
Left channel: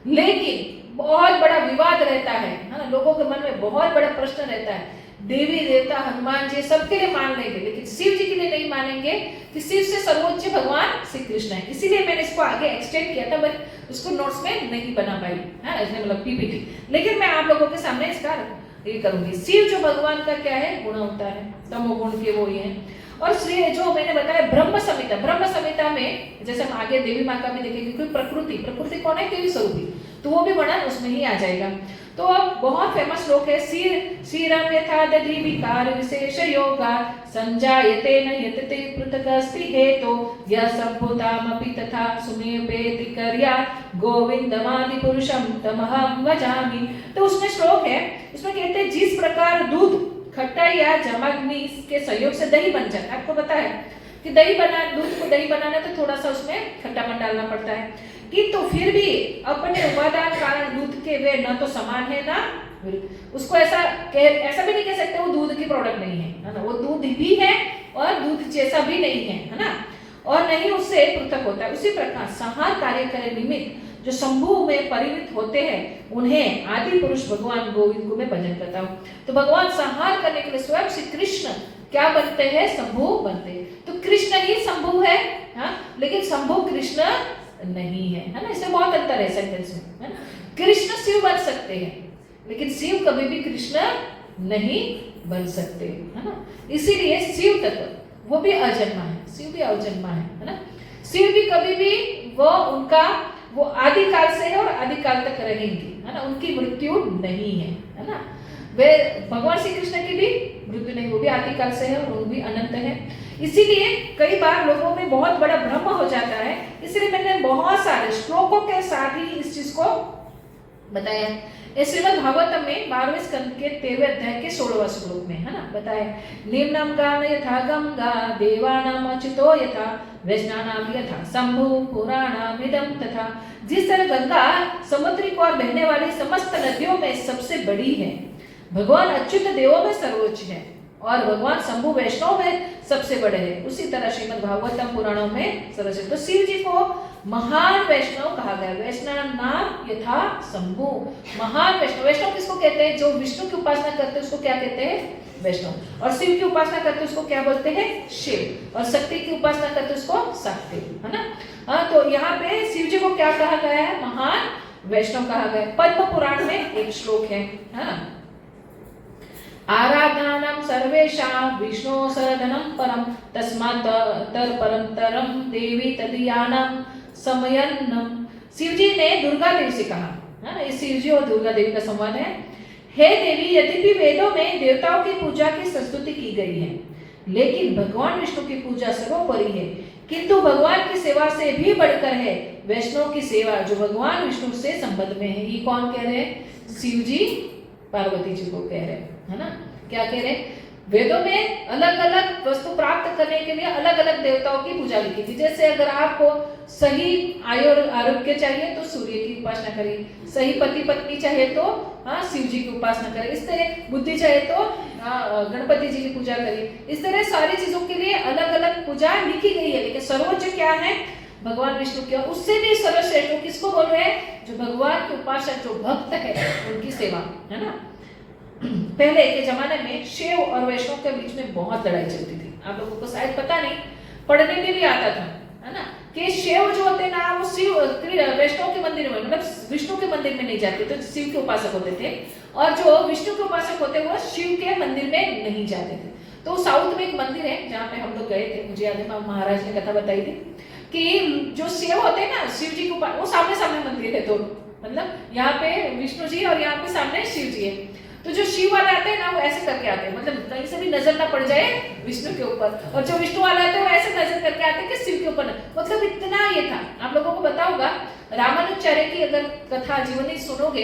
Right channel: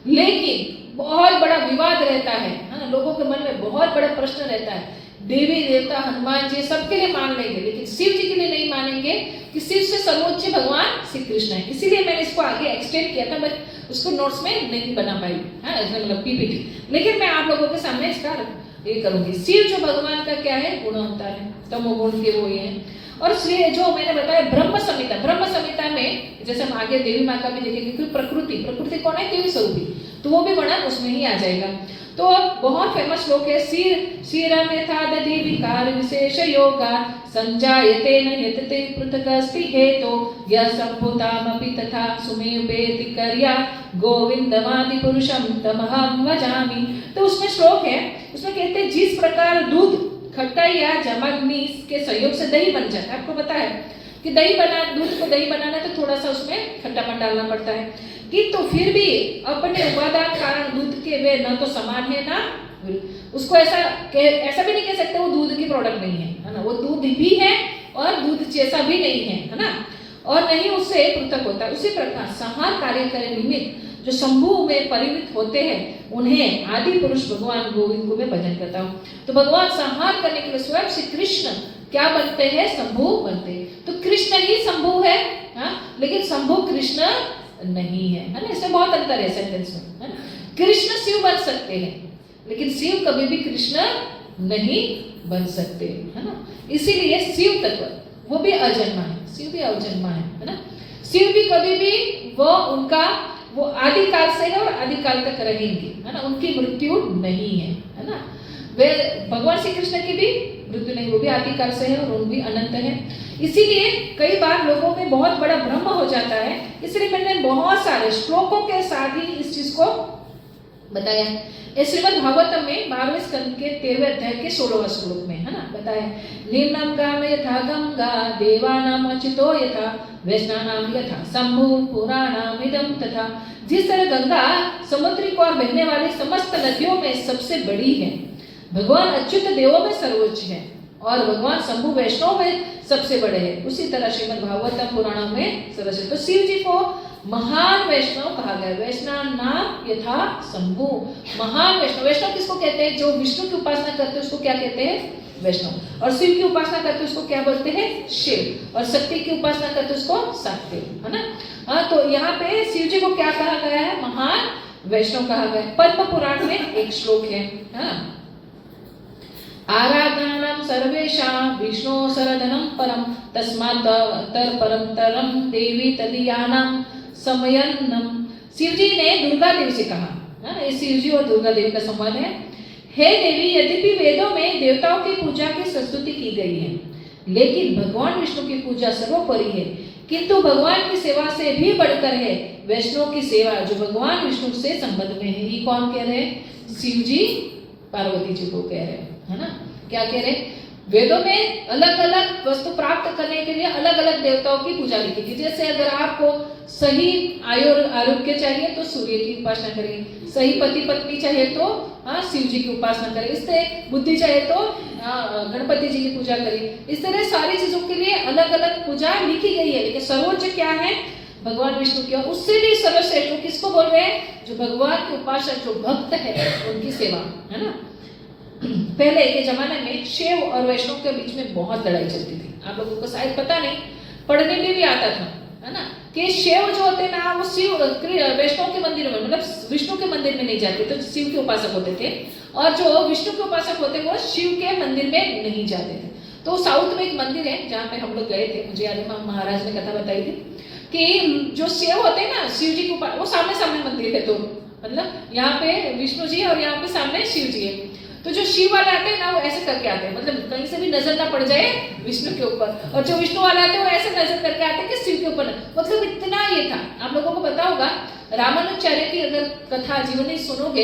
लेकिन बहुत बड़ा विवाद रहता है ना, लोगों के मन में बहुत बड़ा प्रश्न रहता है। देवी देवता हनुमान जी सबके लिए मान लेंगे, लेकिन शिव जी के लिए नहीं मानेंगे कि शिव से सर्वोच्च भगवान श्री कृष्ण है। इसीलिए मैंने इसको आगे एक्सटेंड किया था, मैं उसको नोट्स में नहीं बना पाई है, इसमें मतलब पीपीटी, लेकिन मैं आप लोगों के सामने इसका ये करूंगी। शिव जो भगवान का क्या है, गुण होता है, तमोगुण के वो ये है। और श्री जो मैंने बताया ब्रह्म संहिता में जैसे हम आगे देवी माँ का भी देखेंगे, क्योंकि प्रकृति कौन है, देवी स्वरूपी, तो वो भी वर्णन उसमें ही आ जाएगा। तो अब बहुत फेमस श्लोक है, श्रीरम यथा दधि विकार विशेष योगा संजायते न यतते पृथकस्ति हेतो यः सम्भूतामपि तथा सुमेवेति कर्या गोविंदमादि पुरुषम तमहं भजामि। तो उसमें श्लोक है, उसमें कहते हैं जिस प्रकार दूध खट्टा या जमाग्नि के सहयोग से दही बन जाता है। आपको पता है कि दूध को दही बनाना तो थोड़ा सा उसमें खट्टापन डालना पड़ता है, किंतु फिर भी अपने उपादान कारण दूध के वे न तो समान है ना उसको ऐसा भी नहीं कह सकते वो दूध की प्रोडक्ट नहीं है ना, वो दूध भी है और दूध जैसा भी नहीं है ना, और नहीं उससे पृथक होता है। उसी प्रकार संहार कार्य करे निमित्त जो शंभु में परिणित होते हैं उन्हें आदि पुरुष भगवान गोविंद को मैं भजन करता हूँ। तो भगवान संहार करने के लिए स्वयं श्री कृष्ण क्या बनते हैं, शंभु बनते हैं। तो कृष्ण ही शंभु है, लेकिन शंभु कृष्ण नहीं है ना, इसमें बहुत अंतर है सेंटेंस में, है ना। कृष्ण शिव बन सकते हैं, लेकिन शिव कभी भी कृष्ण नहीं बन सकते, है ना। इसीलिए शिव तत्व वो भी अजन्मा है, शिव भी अजन्मा है ना। शिव भी कभी भी वो आदि काल से है और आदि काल तक रहेंगे, है ना, उनकी मृत्यु नहीं है ना। वे भगवान श्री कृष्ण की भी मृत्यु नहीं, वो भी आदि काल से है और वो भी अनंत है। इसीलिए कई बार लोगों में बहुत बड़ा भ्रम हो जाता है, इसलिए मैंने बहुत सारे श्लोकों के साथ ही इस चीज को बताया है। श्रीमद् भागवतम में 12वें स्कंद के 13वें अध्याय के 16वां श्लोक में, है ना, बताया निम्नम गाम यथा गंगा देवानाम अच्युतो यथा वैष्णवानाम यथा शंभु पुराणाम इदम तथा। जिस तरह गंगा समुद्र की ओर बहने वाली समस्त नदियों में सबसे बड़ी है, भगवान अच्युत देवों में सर्वोच्च है और भगवान शंभु वैष्णव में सबसे बड़े हैं, उसी तरह श्रीमद् भागवतम पुराणों में सर्वोच्च। तो शिव जी को महान वैष्णव कहा गया, वैष्णव नाम यथा शंभु, महान वैष्णव। वैष्णव किसको कहते हैं, जो विष्णु की उपासना करते हैं उसको क्या कहते हैं, वैष्णव, और शिव की उपासना करते हैं उसको क्या बोलते हैं, शिव, और शक्ति की उपासना करते हैं उसको शक्ति, है ना। तो यहाँ पे शिव जी को क्या कहा गया है, महान वैष्णव कहा गया है। पद्म पुराण में एक श्लोक है, आराधनानां सर्वेषां विष्णु सरदनं परम तस्मात् परम तरम देवी तदीयानां समयन्नम। शिव जी ने दुर्गा देवी से कहा, है ना, शिव जी और दुर्गा देवी का संवाद है। हे देवी, यद्यपि वेदों में देवताओं की पूजा की स्तुति की गई है, लेकिन भगवान विष्णु की पूजा सर्वोपरि है। किंतु भगवान की सेवा से भी बढ़कर है वैष्णव की सेवा, जो भगवान विष्णु से संबंध में है। ये कौन कह रहे हैं? शिव जी पार्वती जी को कह रहे हैं, है ना। क्या कह रहे हैं? वेदों में अलग अलग वस्तु प्राप्त करने के लिए अलग अलग देवताओं की पूजा लिखी थी। जैसे अगर आपको सही आरोग्य चाहिए तो सूर्य की उपासना करिए, सही पति पत्नी चाहिए तो शिव जी की उपासना करिए, इस तरह बुद्धि चाहिए तो गणपति जी की पूजा करिए। इस तरह सारी चीजों के लिए अलग अलग पूजा लिखी गई है, लेकिन सर्वोच्च क्या है? भगवान विष्णु की। उससे भी सर्वश्रेष्ठ किसको बोल रहे हैं? जो भगवान के उपासक, जो भक्त है, उनकी सेवा, है ना। पहले के जमाने में शैव और वैष्णव के बीच में बहुत लड़ाई चलती थी। आप लोगों को शायद पता नहीं, पढ़ने में भी आता था, है ना, कि शैव जो होते ना वो शिव वैष्णव के मंदिर में, मतलब विष्णु के मंदिर में नहीं जाते, तो शिव के उपासक होते थे, और जो विष्णु के उपासक होते वो शिव के मंदिर में नहीं जाते थे। तो साउथ में एक मंदिर है जहाँ पे हम लोग गए थे, मुझे याद है महाराज ने कथा बताई थी कि जो शिव होते हैं ना, शिव जी को वो सामने सामने मंदिर है, तो मतलब यहाँ पे विष्णु जी और यहाँ पे सामने शिव जी है। तो जो शिव वाले आते हैं ना वो ऐसे करके आते हैं, मतलब कहीं से भी नजर ना पड़ जाए विष्णु के ऊपर, और जो विष्णु वाला आते हैं वो ऐसे नजर करके आते हैं कि शिव के ऊपर, मतलब इतना ये था। आप लोगों को पता होगा रामानुचार्य की अगर कथा जीवनी सुनोगे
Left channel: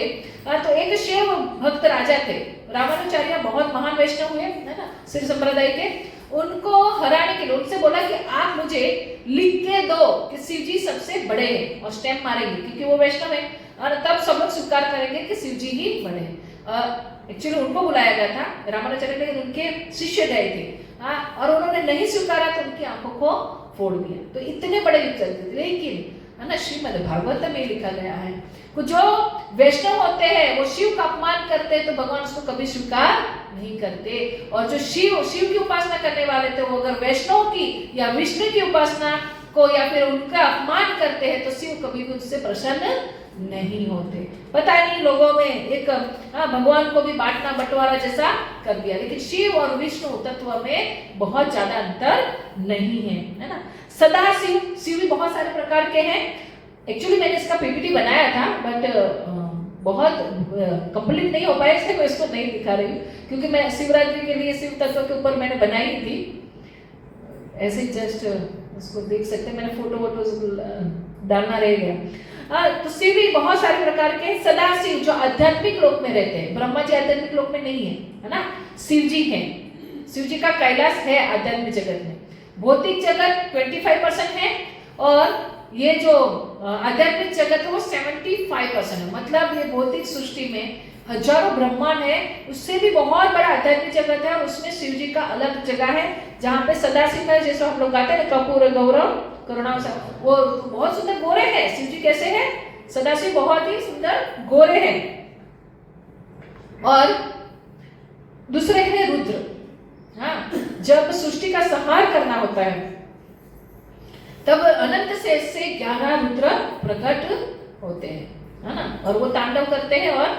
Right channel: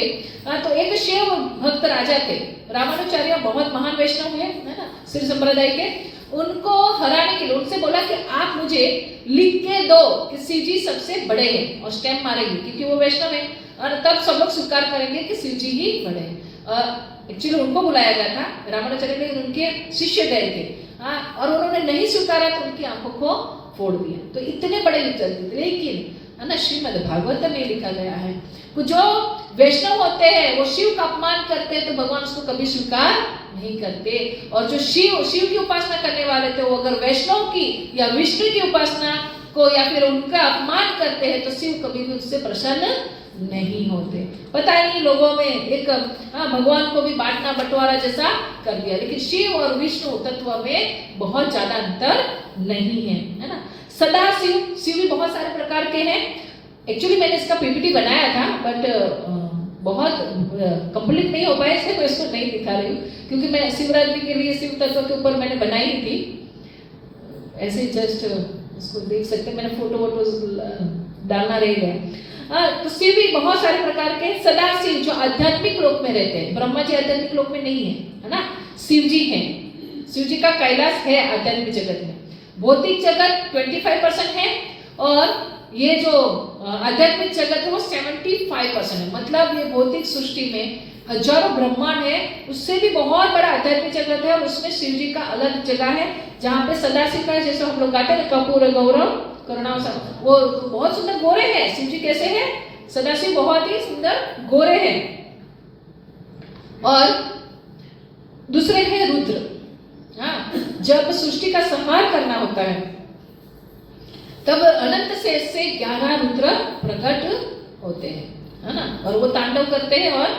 तो एक शिव भक्त राजा थे। रामानुचार्य बहुत महान वैष्णव हुए, है ना, श्री संप्रदाय के। उनको हराने के लिए उनसे बोला कि आप मुझे लिख के दो कि शिव जी सबसे बड़े हैं, और स्टैम्प मारेंगे क्योंकि वो वैष्णव है, और तब सब लोग स्वीकार करेंगे कि शिव जी ही बड़े हैं। एक्चुअली उनको बुलाया गया था रामानुचार्य, लेकिन उनके शिष्य गए थे, और उन्होंने नहीं स्वीकारा तो उनकी आंखों को फोड़ दिया। तो इतने बड़े युद्ध चलते थे, लेकिन है ना, श्रीमद् भागवत में लिखा गया है कि जो वैष्णव होते हैं वो शिव का अपमान करते हैं तो भगवान उसको कभी स्वीकार नहीं करते, और जो शिव की उपासना करने वाले थे वो अगर वैष्णव की या विष्णु की उपासना को या फिर उनका अपमान करते हैं तो शिव कभी भी उससे प्रसन्न नहीं होते। पता नहीं लोगों में एक भगवान को भी बांटना बंटवारा जैसा कर दिया, लेकिन शिव और विष्णु तत्व में बहुत ज्यादा अंतर नहीं है ना। सदा शिव भी बहुत सारे प्रकार के हैं। एक्चुअली मैंने इसका पीपीटी बनाया था, बट बहुत कंप्लीट नहीं हो पाया, इसलिए मैं इसको नहीं दिखा रही हूँ, क्योंकि मैं शिवरात्रि के लिए शिव तत्व के ऊपर मैंने बनाई थी। ऐसे जस्ट उसको देख सकते हैं, मैंने फोटो डालना रहेगा। तो शिव भी बहुत सारे प्रकार के। सदा शिव जो आध्यात्मिक लोक में रहते हैं, ब्रह्मा जी आध्यात्मिक लोक में नहीं है ना, शिव जी हैं। शिव जी का कैलाश है आध्यात्मिक जगत में। भौतिक जगत 25% है, और ये जो आध्यात्मिक जगत है वो 75% है। मतलब ये भौतिक सृष्टि में हजारों ब्रह्मांड है, उससे भी बहुत बड़ा आध्यात्मिक जगत है, और उसमें शिव जी का अलग जगह है जहाँ पे सदाशिव है। जैसे हम लोग गाते हैं कपूर गौरव करुणा, वो बहुत सुंदर गोरे हैं। शिव जी कैसे हैं? सदाशिव बहुत ही सुंदर गोरे हैं। और दूसरे हैं रुद्र। जब सृष्टि का संहार करना होता है तब अनंत शेष से 11 रुद्र प्रकट होते हैं, है ना, और वो तांडव करते हैं और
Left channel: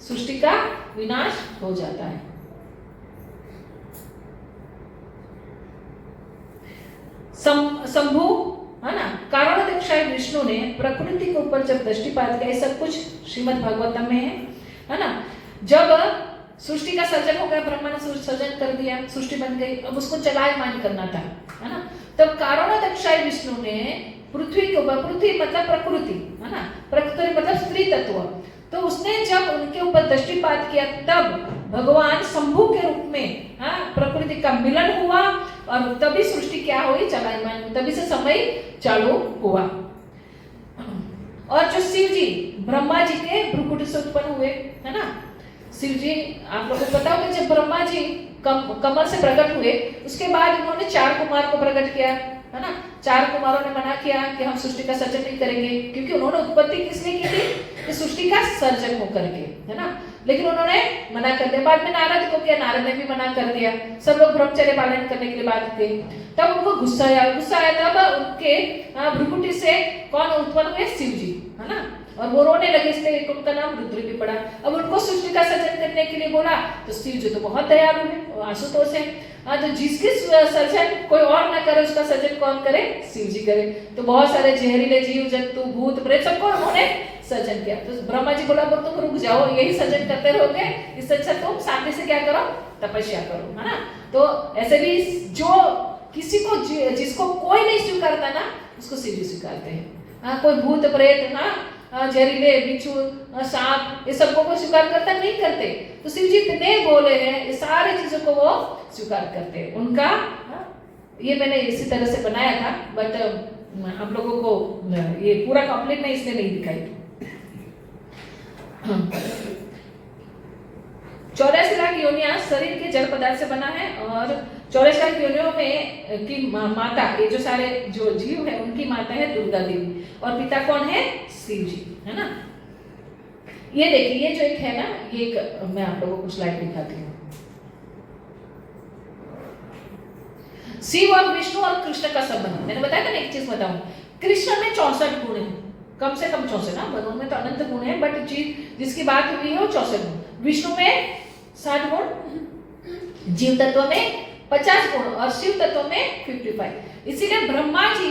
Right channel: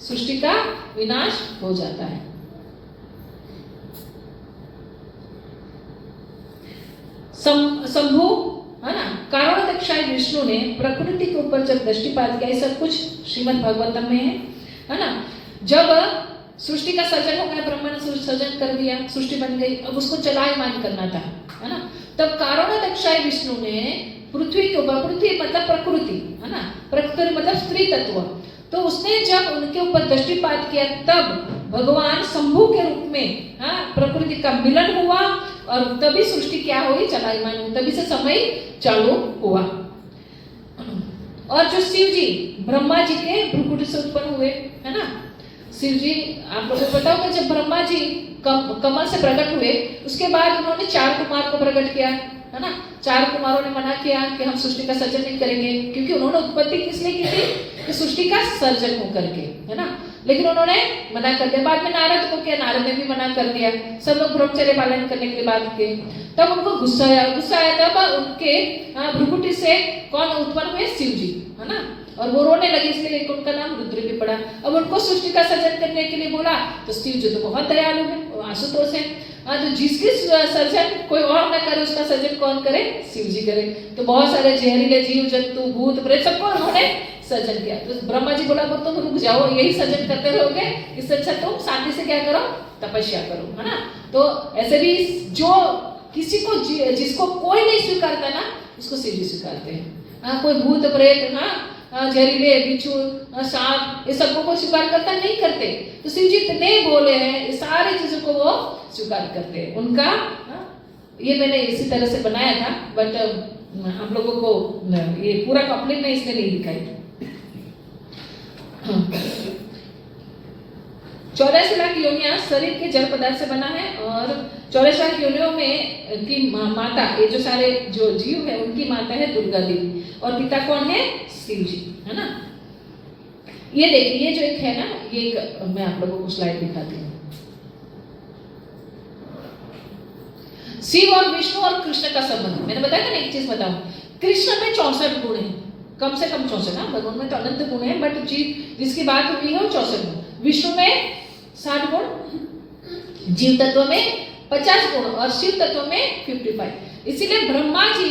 सृष्टि का विनाश हो जाता है। शंभु, है ना, कारणोदक्षाय विष्णु ने प्रकृति के ऊपर जब दृष्टिपात किया, सब कुछ श्रीमद् भागवतम में है ना। जब सृष्टि का सर्जन हो गया, ब्रह्मा ने सर्जन कर दिया, सृष्टि बन गई, अब उसको चलायमान करना था, है ना। तब कारणोदक्षाय विष्णु ने पृथ्वी के ऊपर, पृथ्वी मतलब प्रकृति, है ना, प्रकृति मतलब स्त्री तत्व, तो उसने जब उनके ऊपर दृष्टिपात किया तब भगवान शंभु के रूप में प्रकृति का मिलन हुआ, और तभी सृष्टि क्या हुई? चलायमान, तभी से समय चालू हुआ। और जो शिव जी ब्रह्मा जी के भ्रुकुटी से उत्पन्न हुए, है ना। शिव जी, आप लोगों को पता होगा जब ब्रह्मा जी कमल से प्रकट हुए, उसके बाद उन्होंने 4 कुमार को प्रकट किया, है ना। 4 कुमारों ने मना किया कि हम सृष्टि का सर्जन नहीं करेंगे, क्योंकि उन्होंने उत्पत्ति किस लिए की थी? कि सृष्टि का सर्जन होकर के, है ना। लेकिन उन्होंने मना कर दिया। बाद में नारद को किया, नारद ने भी मना कर दिया। सब लोग ब्रह्मचर्य पालन करने के लिए बात किए, तब उनको गुस्सा आया। तब उनके भ्रुकुटी से कौन उत्पन्न हुए? शिव जी, है ना। और वो रोने लगे, इसलिए उनका नाम रुद्र भी पड़ा। अब उनको सृष्टि का सर्जन करने के लिए बोला, तो शिव जी तो बहुत दयालु है, आशुतोष है, तो जिसकी सर्जन कोई और न करे उसका सर्जन कौन करे? शिव जी करे। तो बहुत सारे जहरीले जीव जंतु भूत प्रेत सबको उन्होंने सृजन किया। तो ब्रह्मा जी बोला तुम रुक जाओ, यही सृजन करते रहोगे, इससे अच्छा तुम शांति से क्या करो, तपस्या करो, है ना। तो ऐसे भी जो किसी को जिसको कोई नहीं स्वीकारता ना, उसको शिव जी स्वीकारते हैं। कोई भूत प्रेत, जहरीले बिच्छू, सांप, ये सबको कोई स्वीकार करता नहीं करते। तो शिव जी इतने बोले हैं, ये सारी चीजों को वो स्वीकार करते हैं। उनका ये मैंने इसी तरह से बनाया था, बट हम लोगों को ये पूरा कंप्लीट मैं इसलिए नहीं दिखाई। 84 लाख योनियां शरीर के जड़ पदार्थ से बना है, और 84 लाख योनियों में की माता, ये जो सारे जो जीव है उनकी माता है दुर्गा देवी, और पिता कौन है, शिव जी, है ना। ये देखिए, ये जो एक है ना, ये एक मैं आप लोगों को स्लाइड दिखाती हूँ। शिव और विष्णु और कृष्ण का संबंध, मैंने बताया था ना, एक चीज बताऊं, कृष्ण में 64 गुण है, कम से कम 64 ना, भगवान में तो अनंत गुण है, बट जिसकी बात हुई है वो 64 गुण। विष्णु में 60 गुण, जीव तत्व में 50 गुण, और शिव तत्व में 55। इसीलिए ब्रह्मा जी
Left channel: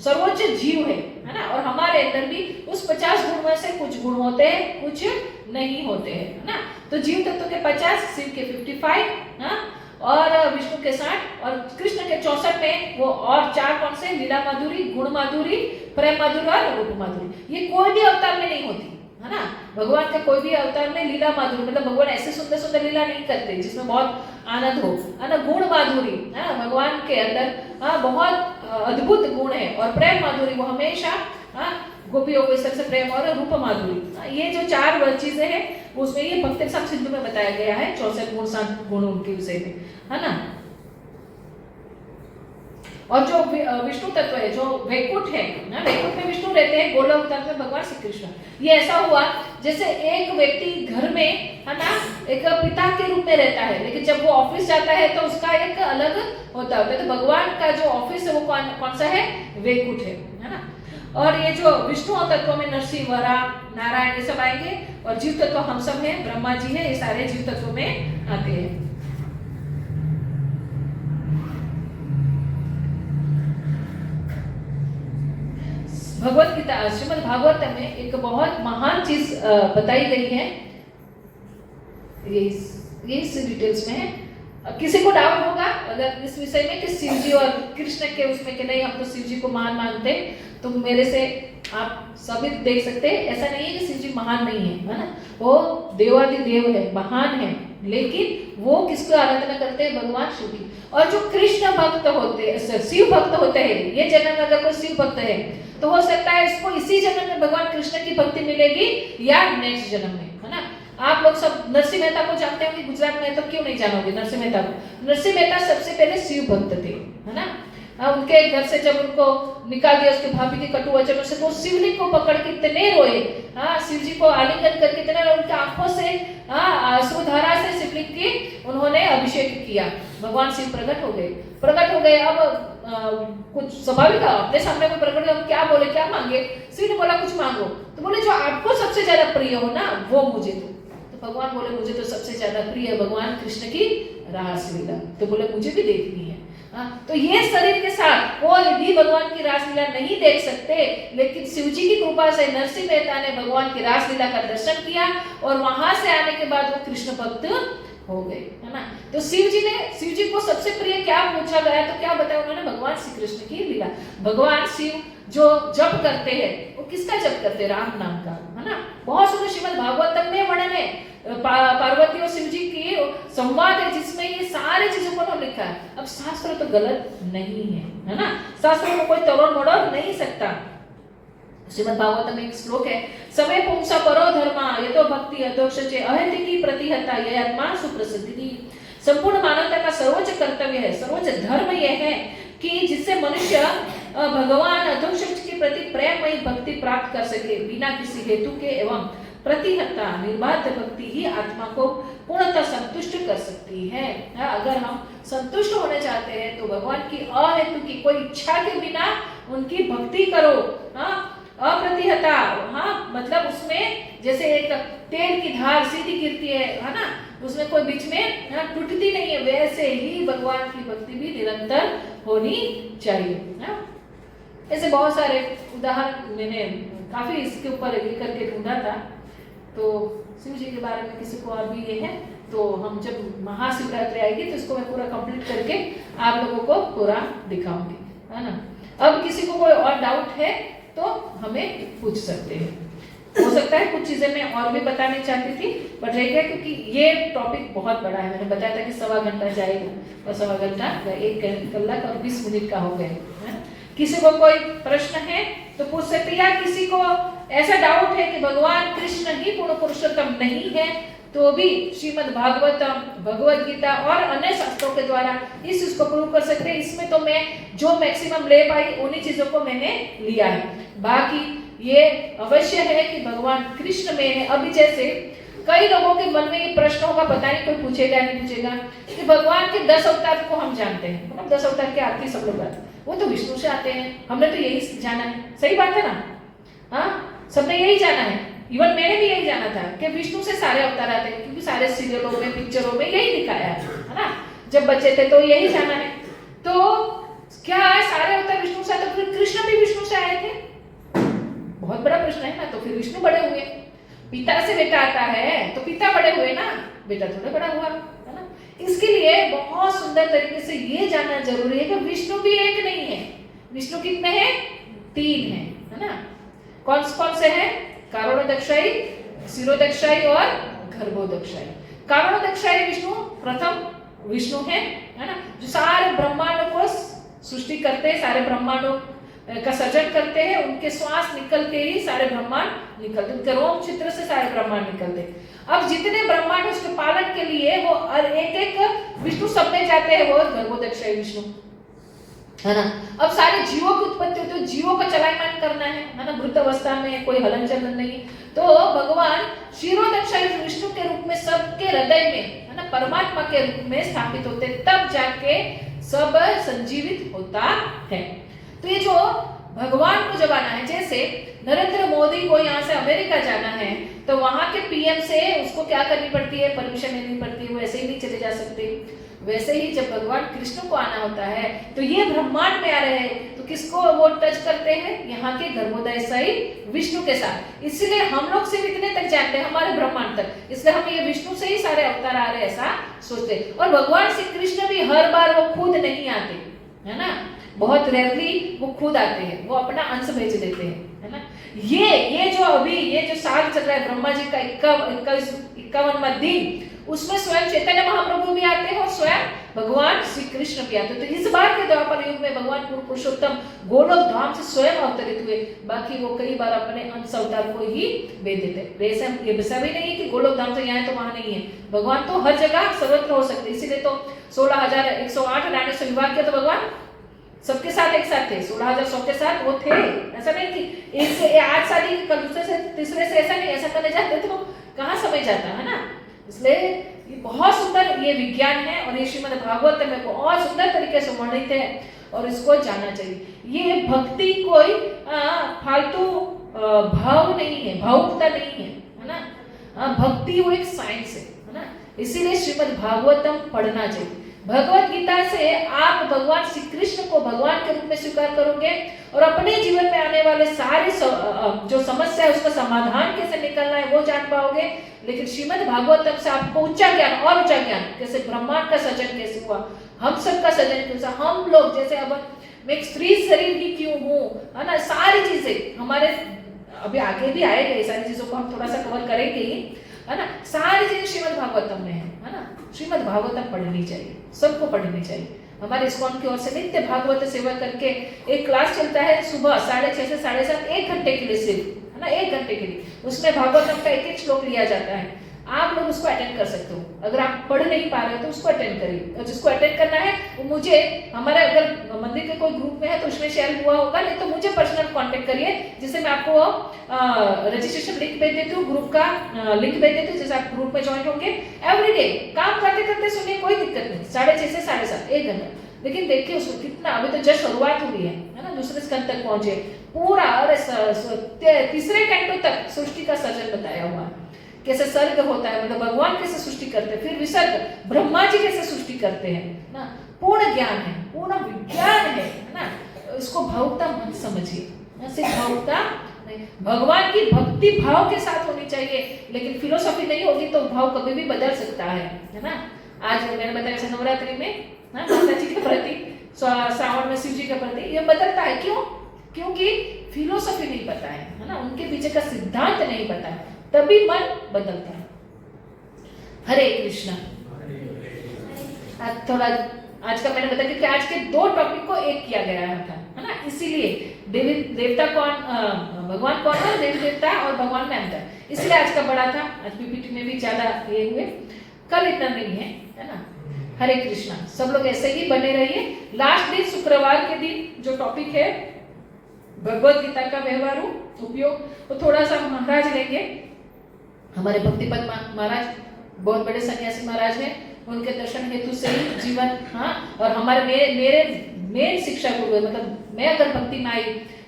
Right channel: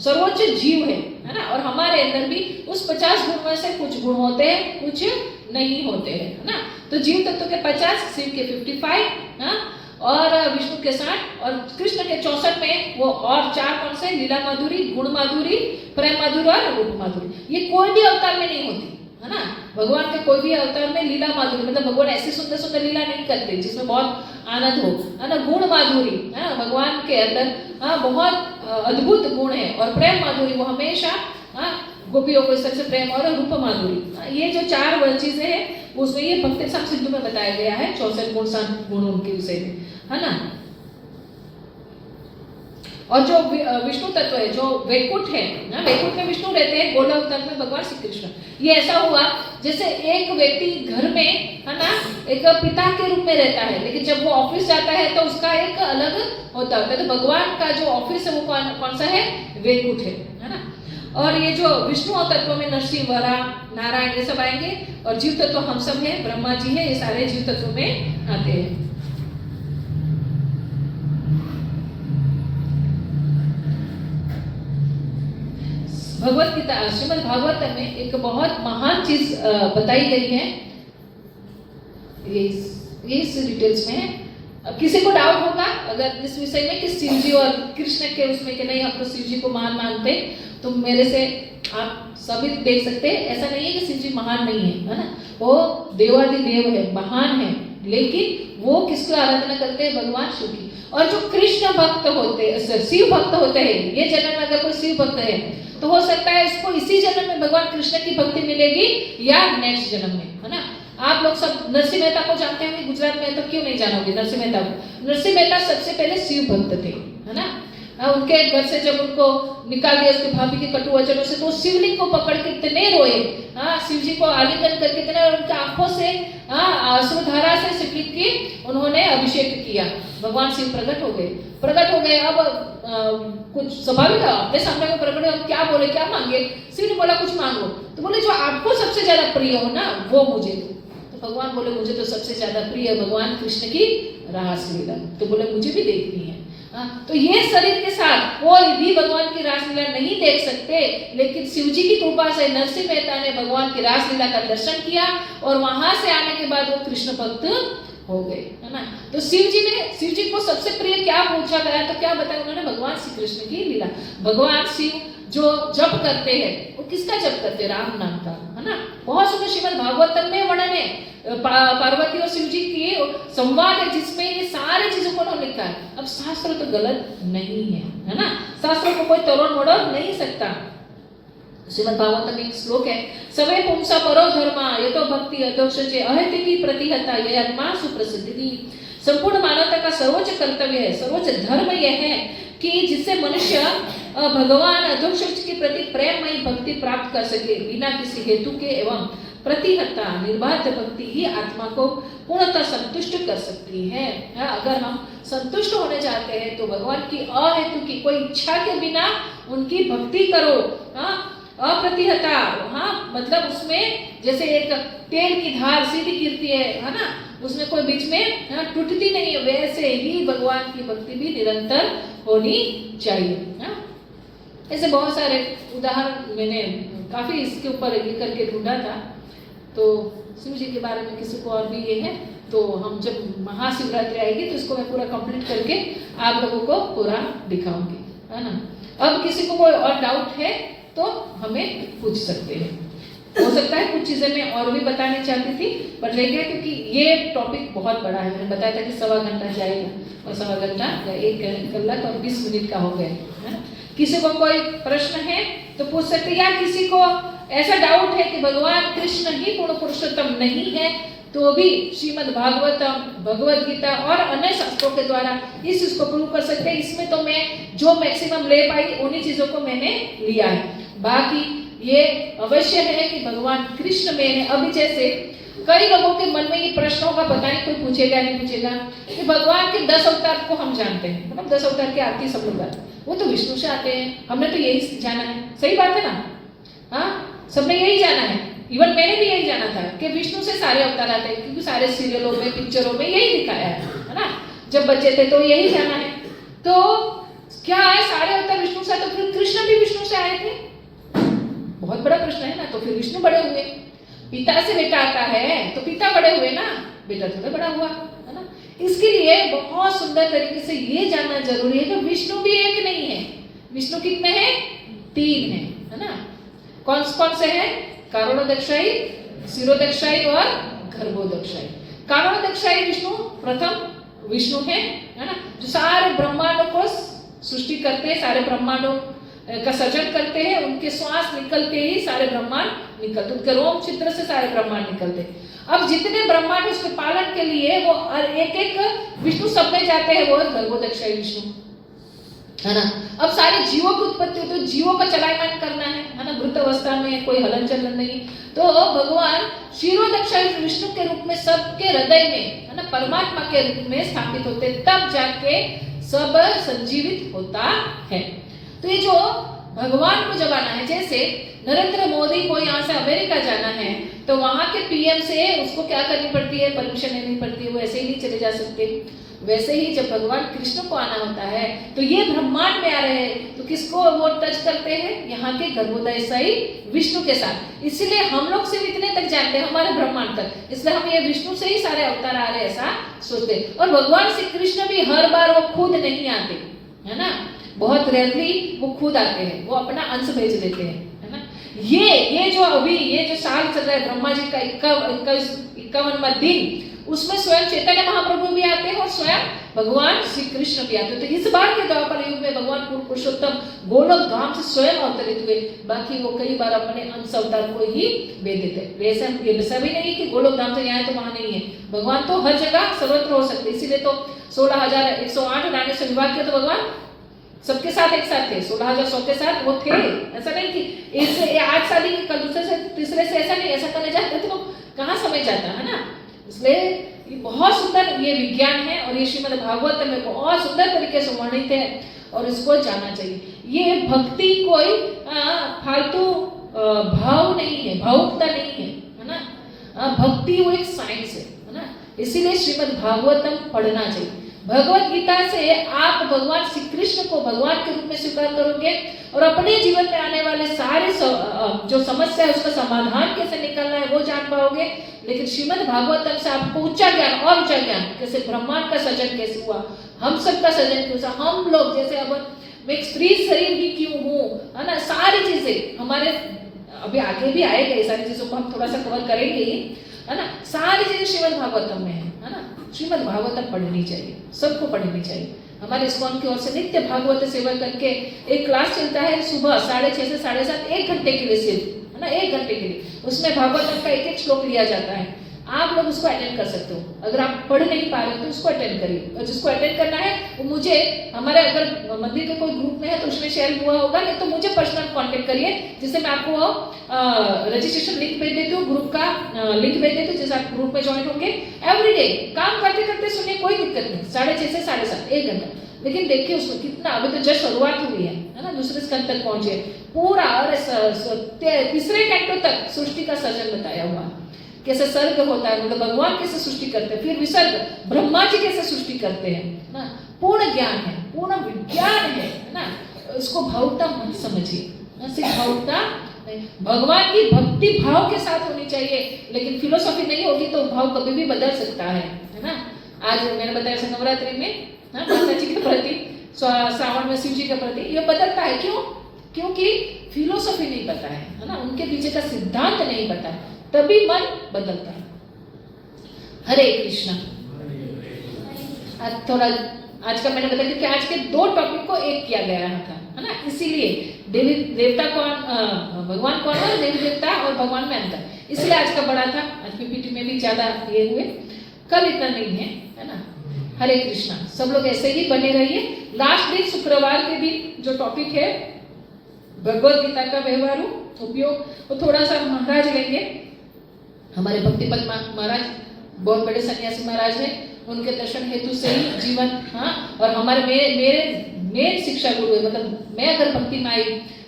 सर्वोच्च जीव है ना, और हमारे अंदर भी उस 50 गुण में से कुछ गुण होते हैं, कुछ नहीं होते हैं, है ना। तो जीव तत्व के 50, शिव के 55, हाँ, और विष्णु के 60, और कृष्ण के 64 में वो और 4 कौन से, लीला माधुरी, गुण माधुरी, प्रेम माधुरी और रूप माधुरी। ये कोई भी अवतार में नहीं होती, है ना। भगवान के कोई भी अवतार में लीला माधुरी, मतलब भगवान ऐसे सुंदर सुंदर लीला नहीं करते जिसमें बहुत आनंद हो, है ना। गुण माधुरी, भगवान के अंदर बहुत अद्भुत गुण है, और प्रेम माधुरी वो हमेशा गोपियों को इस तरह से प्रेम, और रूप माधुरी, ये जो 4 चीजें हैं उसमें ये भक्ति सब सिंधु में बताया गया है। 64 गुण, 7 गुण उनके विषय में, है ना। और जो विष्णु तत्व है, जो वैकुंठ है ना, वैकुंठ में विष्णु रहते हैं, गोलोक तत्व में भगवान श्री कृष्ण। ये ऐसा हुआ जैसे एक व्यक्ति घर में, है ना, एक पिता के रूप में रहता है, लेकिन जब वो ऑफिस जाता है तो उसका एक अलग होता है। तो भगवान का जो ऑफिस है वो कौन सा है, वैकुंठ है ना। और ये जो विष्णु तत्व में नरसिंह, वरा, नारायण, ये सब आएंगे, और जीव तत्व हम सब हैं, ब्रह्मा जी है, ये सारे जीव तत्व में आते हैं। भगवत गीता, श्रीमद् भागवत में एक बहुत महान चीज बताई गई है, ये इस डिटेल्स में है। अब किसी को डाउट होगा अगर इस विषय में कि शिव जी और कृष्ण के उसमें कि नहीं हम तो शिव जी को महान मानते, तो मेरे से आप सभी देख सकते हैं, ऐसा नहीं है कि शिव जी महान नहीं है ना, वो देवादिदेव है, महान है, लेकिन वो किसको आराधना करते हैं, भगवान शिव की। और जो कृष्ण भक्त होते हैं, शिव भक्त होते हैं, ये जन्म में अगर कोई शिव भक्त है तो हो सकता है इसको इसी जन्म में भगवान कृष्ण की भक्ति मिलेगी, या नेक्स्ट जन्म में, है ना। आप लोग सब नरसिंह मेहता को जानते होंगे, गुजरात में, तो क्यों नहीं जानोगे नरसिंह मेहता को। नरसिंह मेहता सबसे पहले शिव भक्त थे, है ना। उनके घर से जब उनको निकाल दिया उसके भाभी के कटु वचनों से, तो शिवलिंग को पकड़ के इतने रोए, शिव जी को आलिंगन करके इतने, उनके आंखों से अश्रुधारा से शिवलिंग की उन्होंने अभिषेक किया, भगवान शिव प्रकट हो गए। अब कुछ स्वाभाविक है, अपने सामने में प्रकट हुए, हम क्या बोले, क्या मांगे। शिव ने बोला कुछ मांगो, तो बोले जो आपको सबसे ज्यादा प्रिय हो ना वो मुझे दो। तो भगवान बोले मुझे तो सबसे ज्यादा प्रिय भगवान कृष्ण की रासलीला, तो बोले मुझे भी देखनी है। तो ये शरीर के साथ कोई भी भगवान की रासलीला नहीं देख सकते, लेकिन शिवजी की कृपा से नरसिंह मेहता ने भगवान की रासलीला का दर्शन किया, और वहां से आने के बाद वो कृष्ण भक्त हो गए, है ना। तो शिव जी को सबसे प्रिय क्या पूछा गया, तो क्या बताया उन्होंने, भगवान श्री कृष्ण की लीला। भगवान शिव जो जप करते हैं वो किसका जप करते हैं, राम नाम का, है ना। बहुत सुंदर श्रीमद् भागवतम में वर्णन है, पार्वती और शिव जी की संवाद है, जिसमें ये सारी चीजों को उन्होंने लिखा है। अब शास्त्र तो गलत नहीं है ना, शास्त्र को कोई तोड़ मोड़ नहीं सकता। श्रीमद् भागवत में एक श्लोक है, सवे पुंसा परो धर्मा ये तो भक्ति अधोक्षजे अहेति की प्रतिहता ये आत्मा सुप्रसिद्धि। संपूर्ण मानवता का सर्वोच्च कर्तव्य है, सर्वोच्च धर्म यह है कि जिससे मनुष्य भगवान अधोक्षज के प्रति प्रेममयी भक्ति प्राप्त कर सके, बिना किसी हेतु के एवं प्रतिहता निर्बाध भक्ति ही आत्मा को पूर्णतः संतुष्ट कर सकती है। अगर हम संतुष्ट होने चाहते हैं तो भगवान की अहेतु की कोई इच्छा के बिना उनकी भक्ति करो। अप्रतिहता, मतलब उसमें जैसे एक तेल की धार सीधी गिरती है ना, उसमें कोई बीच में टूटती नहीं है, वैसे ही भगवान की भक्ति भी निरंतर होनी चाहिए। ऐसे बहुत सारे उदाहरण मैंने काफ़ी इसके ऊपर ये करके ढूंढा था। तो शिव जी के बारे में किसी को और भी ये है तो हम जब महाशिवरात्रि आएगी तो इसको मैं पूरा कंप्लीट करके आप लोगों को पूरा दिखाऊंगी, है ना। अब किसी को कोई और डाउट है तो हमें पूछ सकते हैं। हो सकता है कुछ चीज़ें मैं और भी बताने चाहती थी बट रह गया क्योंकि ये टॉपिक बहुत बड़ा है। मैंने बताया था कि 1.25 घंटा जाएगा और 1.25 घंटा या 1 कलाक और 20 मिनट का हो गया है। किसी को कोई प्रश्न है तो पूछ सकते हैं, या किसी को ऐसा डाउट है कि भगवान कृष्ण ही पूर्ण पुरुषोत्तम नहीं है तो भी श्रीमद् भागवतम, भगवद गीता और अन्य शास्त्रों के द्वारा इस चीज को प्रूव कर सकते हैं। इसमें तो मैं जो मैक्सिमम ले पाई उन्हीं चीजों को मैंने लिया है। बाकी ये अवश्य है कि भगवान कृष्ण में है। अभी जैसे कई लोगों के मन में ये प्रश्न होगा, पता नहीं कोई पूछेगा नहीं पूछेगा, कि भगवान के 10 अवतार को हम जानते हैं, मतलब 10 अवतार की आरती सब लोग आते, वो तो विष्णु से आते हैं, हमने तो यही जाना है। सही बात है ना? हाँ, सबने यही जाना है। इवन मैंने भी यही जाना था कि विष्णु से सारे अवतार आते हैं, क्योंकि सारे सीरियलों में, पिक्चरों में यही दिखाया है ना। जब बच्चे थे तो यही जाना है। तो क्या है, सारे अवतार विष्णु से आते, तो फिर कृष्ण भी विष्णु से आए थे? बहुत बड़ा प्रश्न है ना। तो फिर विष्णु बड़े हुए, पिता से बेटा आता है तो पिता बड़े हुए ना, बेटा थोड़ा बड़ा हुआ, है ना। इसके लिए बहुत सुंदर तरीके से ये जानना जरूरी है कि विष्णु भी एक नहीं है। विष्णु कितने हैं? 3 है ना। कौन कौन से हैं? कारणोदक्षाई, शिरोदक्षाई और गर्भोदक्षाई। कारणोदक्षाई विष्णु प्रथम विष्णु है ना, जो सारे ब्रह्मांडों को सृष्टि करते हैं, सारे ब्रह्मांडों का सृजन करते हैं। उनके श्वास निकलते ही सारे ब्रह्मांड निकलते, उनके रोम छिद्र से सारे ब्रह्मांड निकलते। अब जितने ब्रह्मांड उसके पालन के लिए वो एक एक विष्णु सब में जाते हैं, वो गर्भोदक्षाई विष्णु, है ना। अब सारे जीवों की उत्पत्ति होती है, जीवों का चलायमान करना है ना। मृत अवस्था में कोई हलन चलन नहीं। तो भगवान क्षीरोदक्षाई विष्णु के रूप में सबके हृदय में, है ना, परमात्मा के रूप में स्थापित होते, तब जाके सब संजीवित होता है। तो ये जो भगवान को जब आना है, जैसे नरेंद्र मोदी को यहाँ से अमेरिका जाना है तो वहां के पीएम से उसको क्या करनी पड़ती है? परमिशन लेनी पड़ती है, वो ऐसे ही नहीं चले जा सकते। वैसे ही जब भगवान कृष्ण को आना होता है तो ये ब्रह्मांड में आ रहे हैं तो किसको वो टच करते हैं? यहाँ के गर्भोदयशाई विष्णु के साथ। इसलिए हम लोग सिर्फ इतने तक जानते हैं, हमारे ब्रह्मांड तक, इसलिए हम ये विष्णु से ही सारे अवतार आ रहे हैं ऐसा सोचते हैं। और भगवान श्री कृष्ण भी हर बार वो खुद नहीं आते, है ना। बहुत रेयरली वो खुद आते हैं, वो अपना अंश भेज देते हैं, है ना। ये जो अभी ये जो साल चल रहा है ब्रह्मा जी का 51वां दिन, उसमें स्वयं चैतन्य महाप्रभु भी आते हैं और स्वयं भगवान श्री कृष्ण भी आते हैं। तो इस बार के द्वापर युग में भगवान पुरुषोत्तम गोलोक धाम से स्वयं अवतरित हुए। बाकी वो कई बार अपने अंश अवतार को ही भेज देते। ये ऐसा भी नहीं है कि गोलोक धाम से यहाँ तो वहां नहीं है। भगवान तो हर जगह सर्वत्र हो सकते, इसीलिए तो 16,108 रानी से विवाह किया तो भगवान सबके साथ एक साथ थे, 16,100 के साथ वो थे। ऐसा नहीं कि एक से आज शादी कल दूसरे से तीसरे से, ऐसा नहीं। ऐसा करने जाते तो कहाँ समय जाता है ना। इसलिए ये बहुत सुंदर ये विज्ञान है और ये श्रीमद् भागवत में बहुत सुंदर तरीके से वर्णित है और इसको जानना चाहिए। ये भक्ति कोई फालतू भाव नहीं है, भावुकता नहीं है ना। भक्ति वो एक साइंस है ना। इसीलिए श्रीमद् भागवतम पढ़ना चाहिए। भगवत गीता से आप भगवान श्री कृष्ण को भगवान के रूप में स्वीकार करोगे और अपने जीवन में आने वाले सारे जो समस्या है उसका समाधान कैसे निकलना है वो जान पाओगे। लेकिन श्रीमद् भागवतम से आपको ऊंचा ज्ञान और ऊंचा ज्ञान, कैसे ब्रह्मांड का सृजन कैसे हुआ, हम सबका सृजन कैसे, हम लोग जैसे अब मैं एक स्त्री शरीर ही क्यों हूँ, है ना। सारी चीजें हमारे अभी आगे भी आएगा, सारी चीजों को हम थोड़ा सा कवर करेंगे ही, है ना। सारी चीजें श्रीमद् भागवतम में है ना। श्रीमद् भागवतम पढ़नी चाहिए, सबको पढ़नी चाहिए। हमारे इस्कॉन की ओर से नित्य भागवत सेवा करके एक क्लास चलता है सुबह 6:30 से 7:30, 1 घंटे के लिए सिर्फ, है ना, 1 घंटे के लिए। उसमें भागवतम का एक श्लोक लिया जाता है। आप लोग उसको अटेंड कर सकते हो। अगर आप पढ़ नहीं पा रहे तो उसको अटेंड करिए, और जिसको अटेंड करना है वो मुझे, हमारे अगर मंदिर के कोई ग्रुप में है तो उसमें शेयर हुआ होगा, नहीं तो मुझे पर्सनल कांटेक्ट करिए, जिससे मैं आपको रजिस्ट्रेशन लिंक भेज देती हूँ, ग्रुप का लिंक भेज देती हूँ, जैसे आप ग्रुप में ज्वाइन होंगे। एवरीडे काम करते करते सुनिए, कोई दिक्कत नहीं। 6:30 से 7:30, 1 घंटा। लेकिन देखिए उसमें कितना, अभी तो जस्ट शुरुआत हुई है ना, दूसरे स्कंद तक पहुंचे पूरा, और तीसरे कैंटो तक सृष्टि का सर्जन बताया हुआ है। कैसे सर्ग होता है, मतलब भगवान कैसे सृष्टि करते हैं, फिर विसर्ग ब्रह्मा जी कैसे सृष्टि करते हैं ना। पूर्ण ज्ञान है, पूर्ण विज्ञान है ना। इसको भावुकता मत समझिए, सिर्फ भावुकता नहीं, भगवान की भक्ति भाव के साथ होनी चाहिए, लेकिन फिलोसॉफी नहीं होगी तो भाव कभी भी बदल सकता है ना। आज मैंने बताया नवरात्रि में माता जी के प्रति, श्रावण में शिव जी के प्रति ये बदलता है। क्यों? क्योंकि फिलोसॉफी नहीं पता है ना, उनके पीछे का सिद्धांत नहीं पता है, तभी मन बदलता है। हरे कृष्णा। आज थोड़ा आज का मैंने बताया कि आज के 2 टॉपिक को एक किया गया था, है ना, इसीलिए देवी देवता कौन, भगवान कौन है, देवी देवता और भगवान में अंतर, इसलिए आज का बड़ा था। आज पीपीटी में भी ज्यादा ये हुए, कल इतना नहीं है ना। हरे कृष्णा। सब लोग ऐसे ही बने रहिए। लास्ट दिन शुक्रवार के दिन जो टॉपिक है भगवत गीता का व्यवहारू उपयोग, वो थोड़ा सा महाराज लेंगे, हमारे भक्तिपद महाराज बहुत बड़े सन्यासी महाराज हैं, उनके दर्शन हेतु से ही जीवन, हाँ, और हमारे मेरे मेन शिक्षा गुरु है, मतलब मैं अगर भक्ति में आई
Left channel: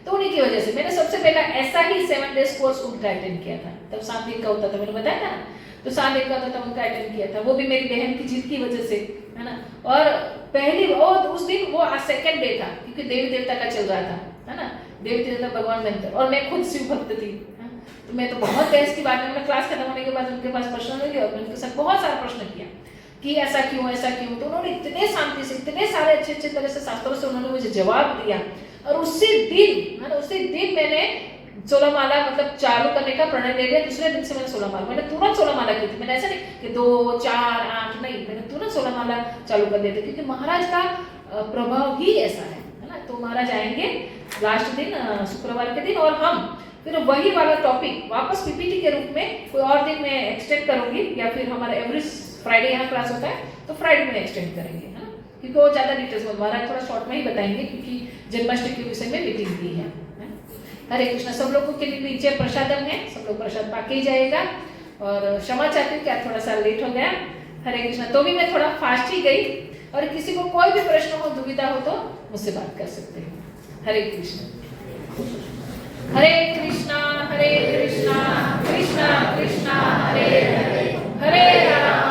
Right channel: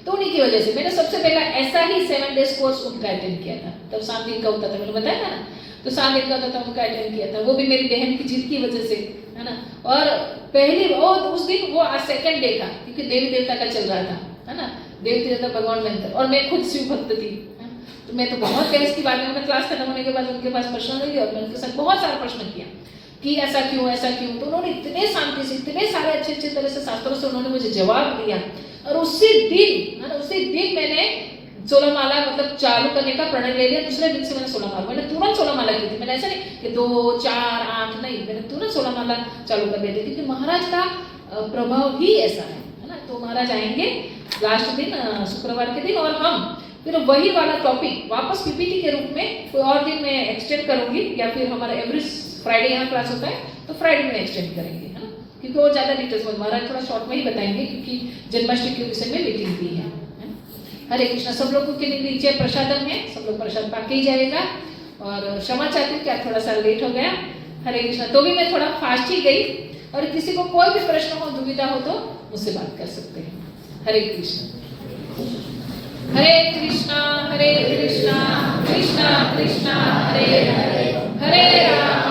तो उन्हीं की वजह से। मैंने सबसे पहला ऐसा ही 7 डेज कोर्स उनका अटेंड किया था, तब 7 दिन का होता था, मैंने बताया था ना, तो 7 दिन का होता था, उनका अटेंड किया था, वो भी मेरी बहन की जिद की वजह से, है ना। और पहली और उस दिन वो आज 2nd डे था, क्योंकि देवी देवता का चल रहा था, है ना, देवी देवता भगवान में, और मैं खुद शिव भक्त थी, तो मैं तो बहुत बहस की बात, मैंने क्लास खत्म होने के बाद उनके पास प्रश्न हुई और मैंने उनके साथ बहुत सारा प्रश्न किया कि ऐसा क्यों, तो उन्होंने इतने शांति से, इतने सारे अच्छे तरह से शास्त्रों से उन्होंने मुझे जवाब दिया। और उसी दिन मैंने 16 माला मतलब चालू करने का प्रणय ले लिया। दूसरे दिन से मैंने 16 माला, मैंने तुरंत 16 माला की थी, मैंने ऐसा नहीं कि 2, 4, 8 नहीं, मैंने तुरंत 16 माला चालू कर दिया था, क्योंकि महाराज का प्रभाव ही ऐसा है ना। तो महाराज आएंगे लास्ट दिन शुक्रवार के दिन, और हम फिर वही वाला टॉपिक वापस पीपीटी के रूप में कोई और दिन में एक्सटेंड करूंगी, या फिर हमारा एवरी फ्राइडे यहाँ क्लास होता है तो फ्राइडे में एक्सटेंड करेंगे, है ना, क्योंकि और ज्यादा डिटेल्स में महाराज थोड़ा शॉर्ट में ही बताएंगे, क्योंकि जन्माष्टमी के विषय में मीटिंग दी है। हरे कृष्णा। सब लोगों के नीचे प्रसादम है, सब लोग प्रसाद पाके ही जाएगा, और क्षमा चाहती हूँ कि आज थोड़ा सा लेट हो गया। हरे कृष्णा। तो भी मैं थोड़ा फास्ट ही गई, और किसी को कोई भी प्रश्न हो, दुविधा हो तो मुझसे बात कर सकते हैं। हरे कृष्णा। हरे कृष्णा कृष्णा कृष्णा हरे हरे, हरे राम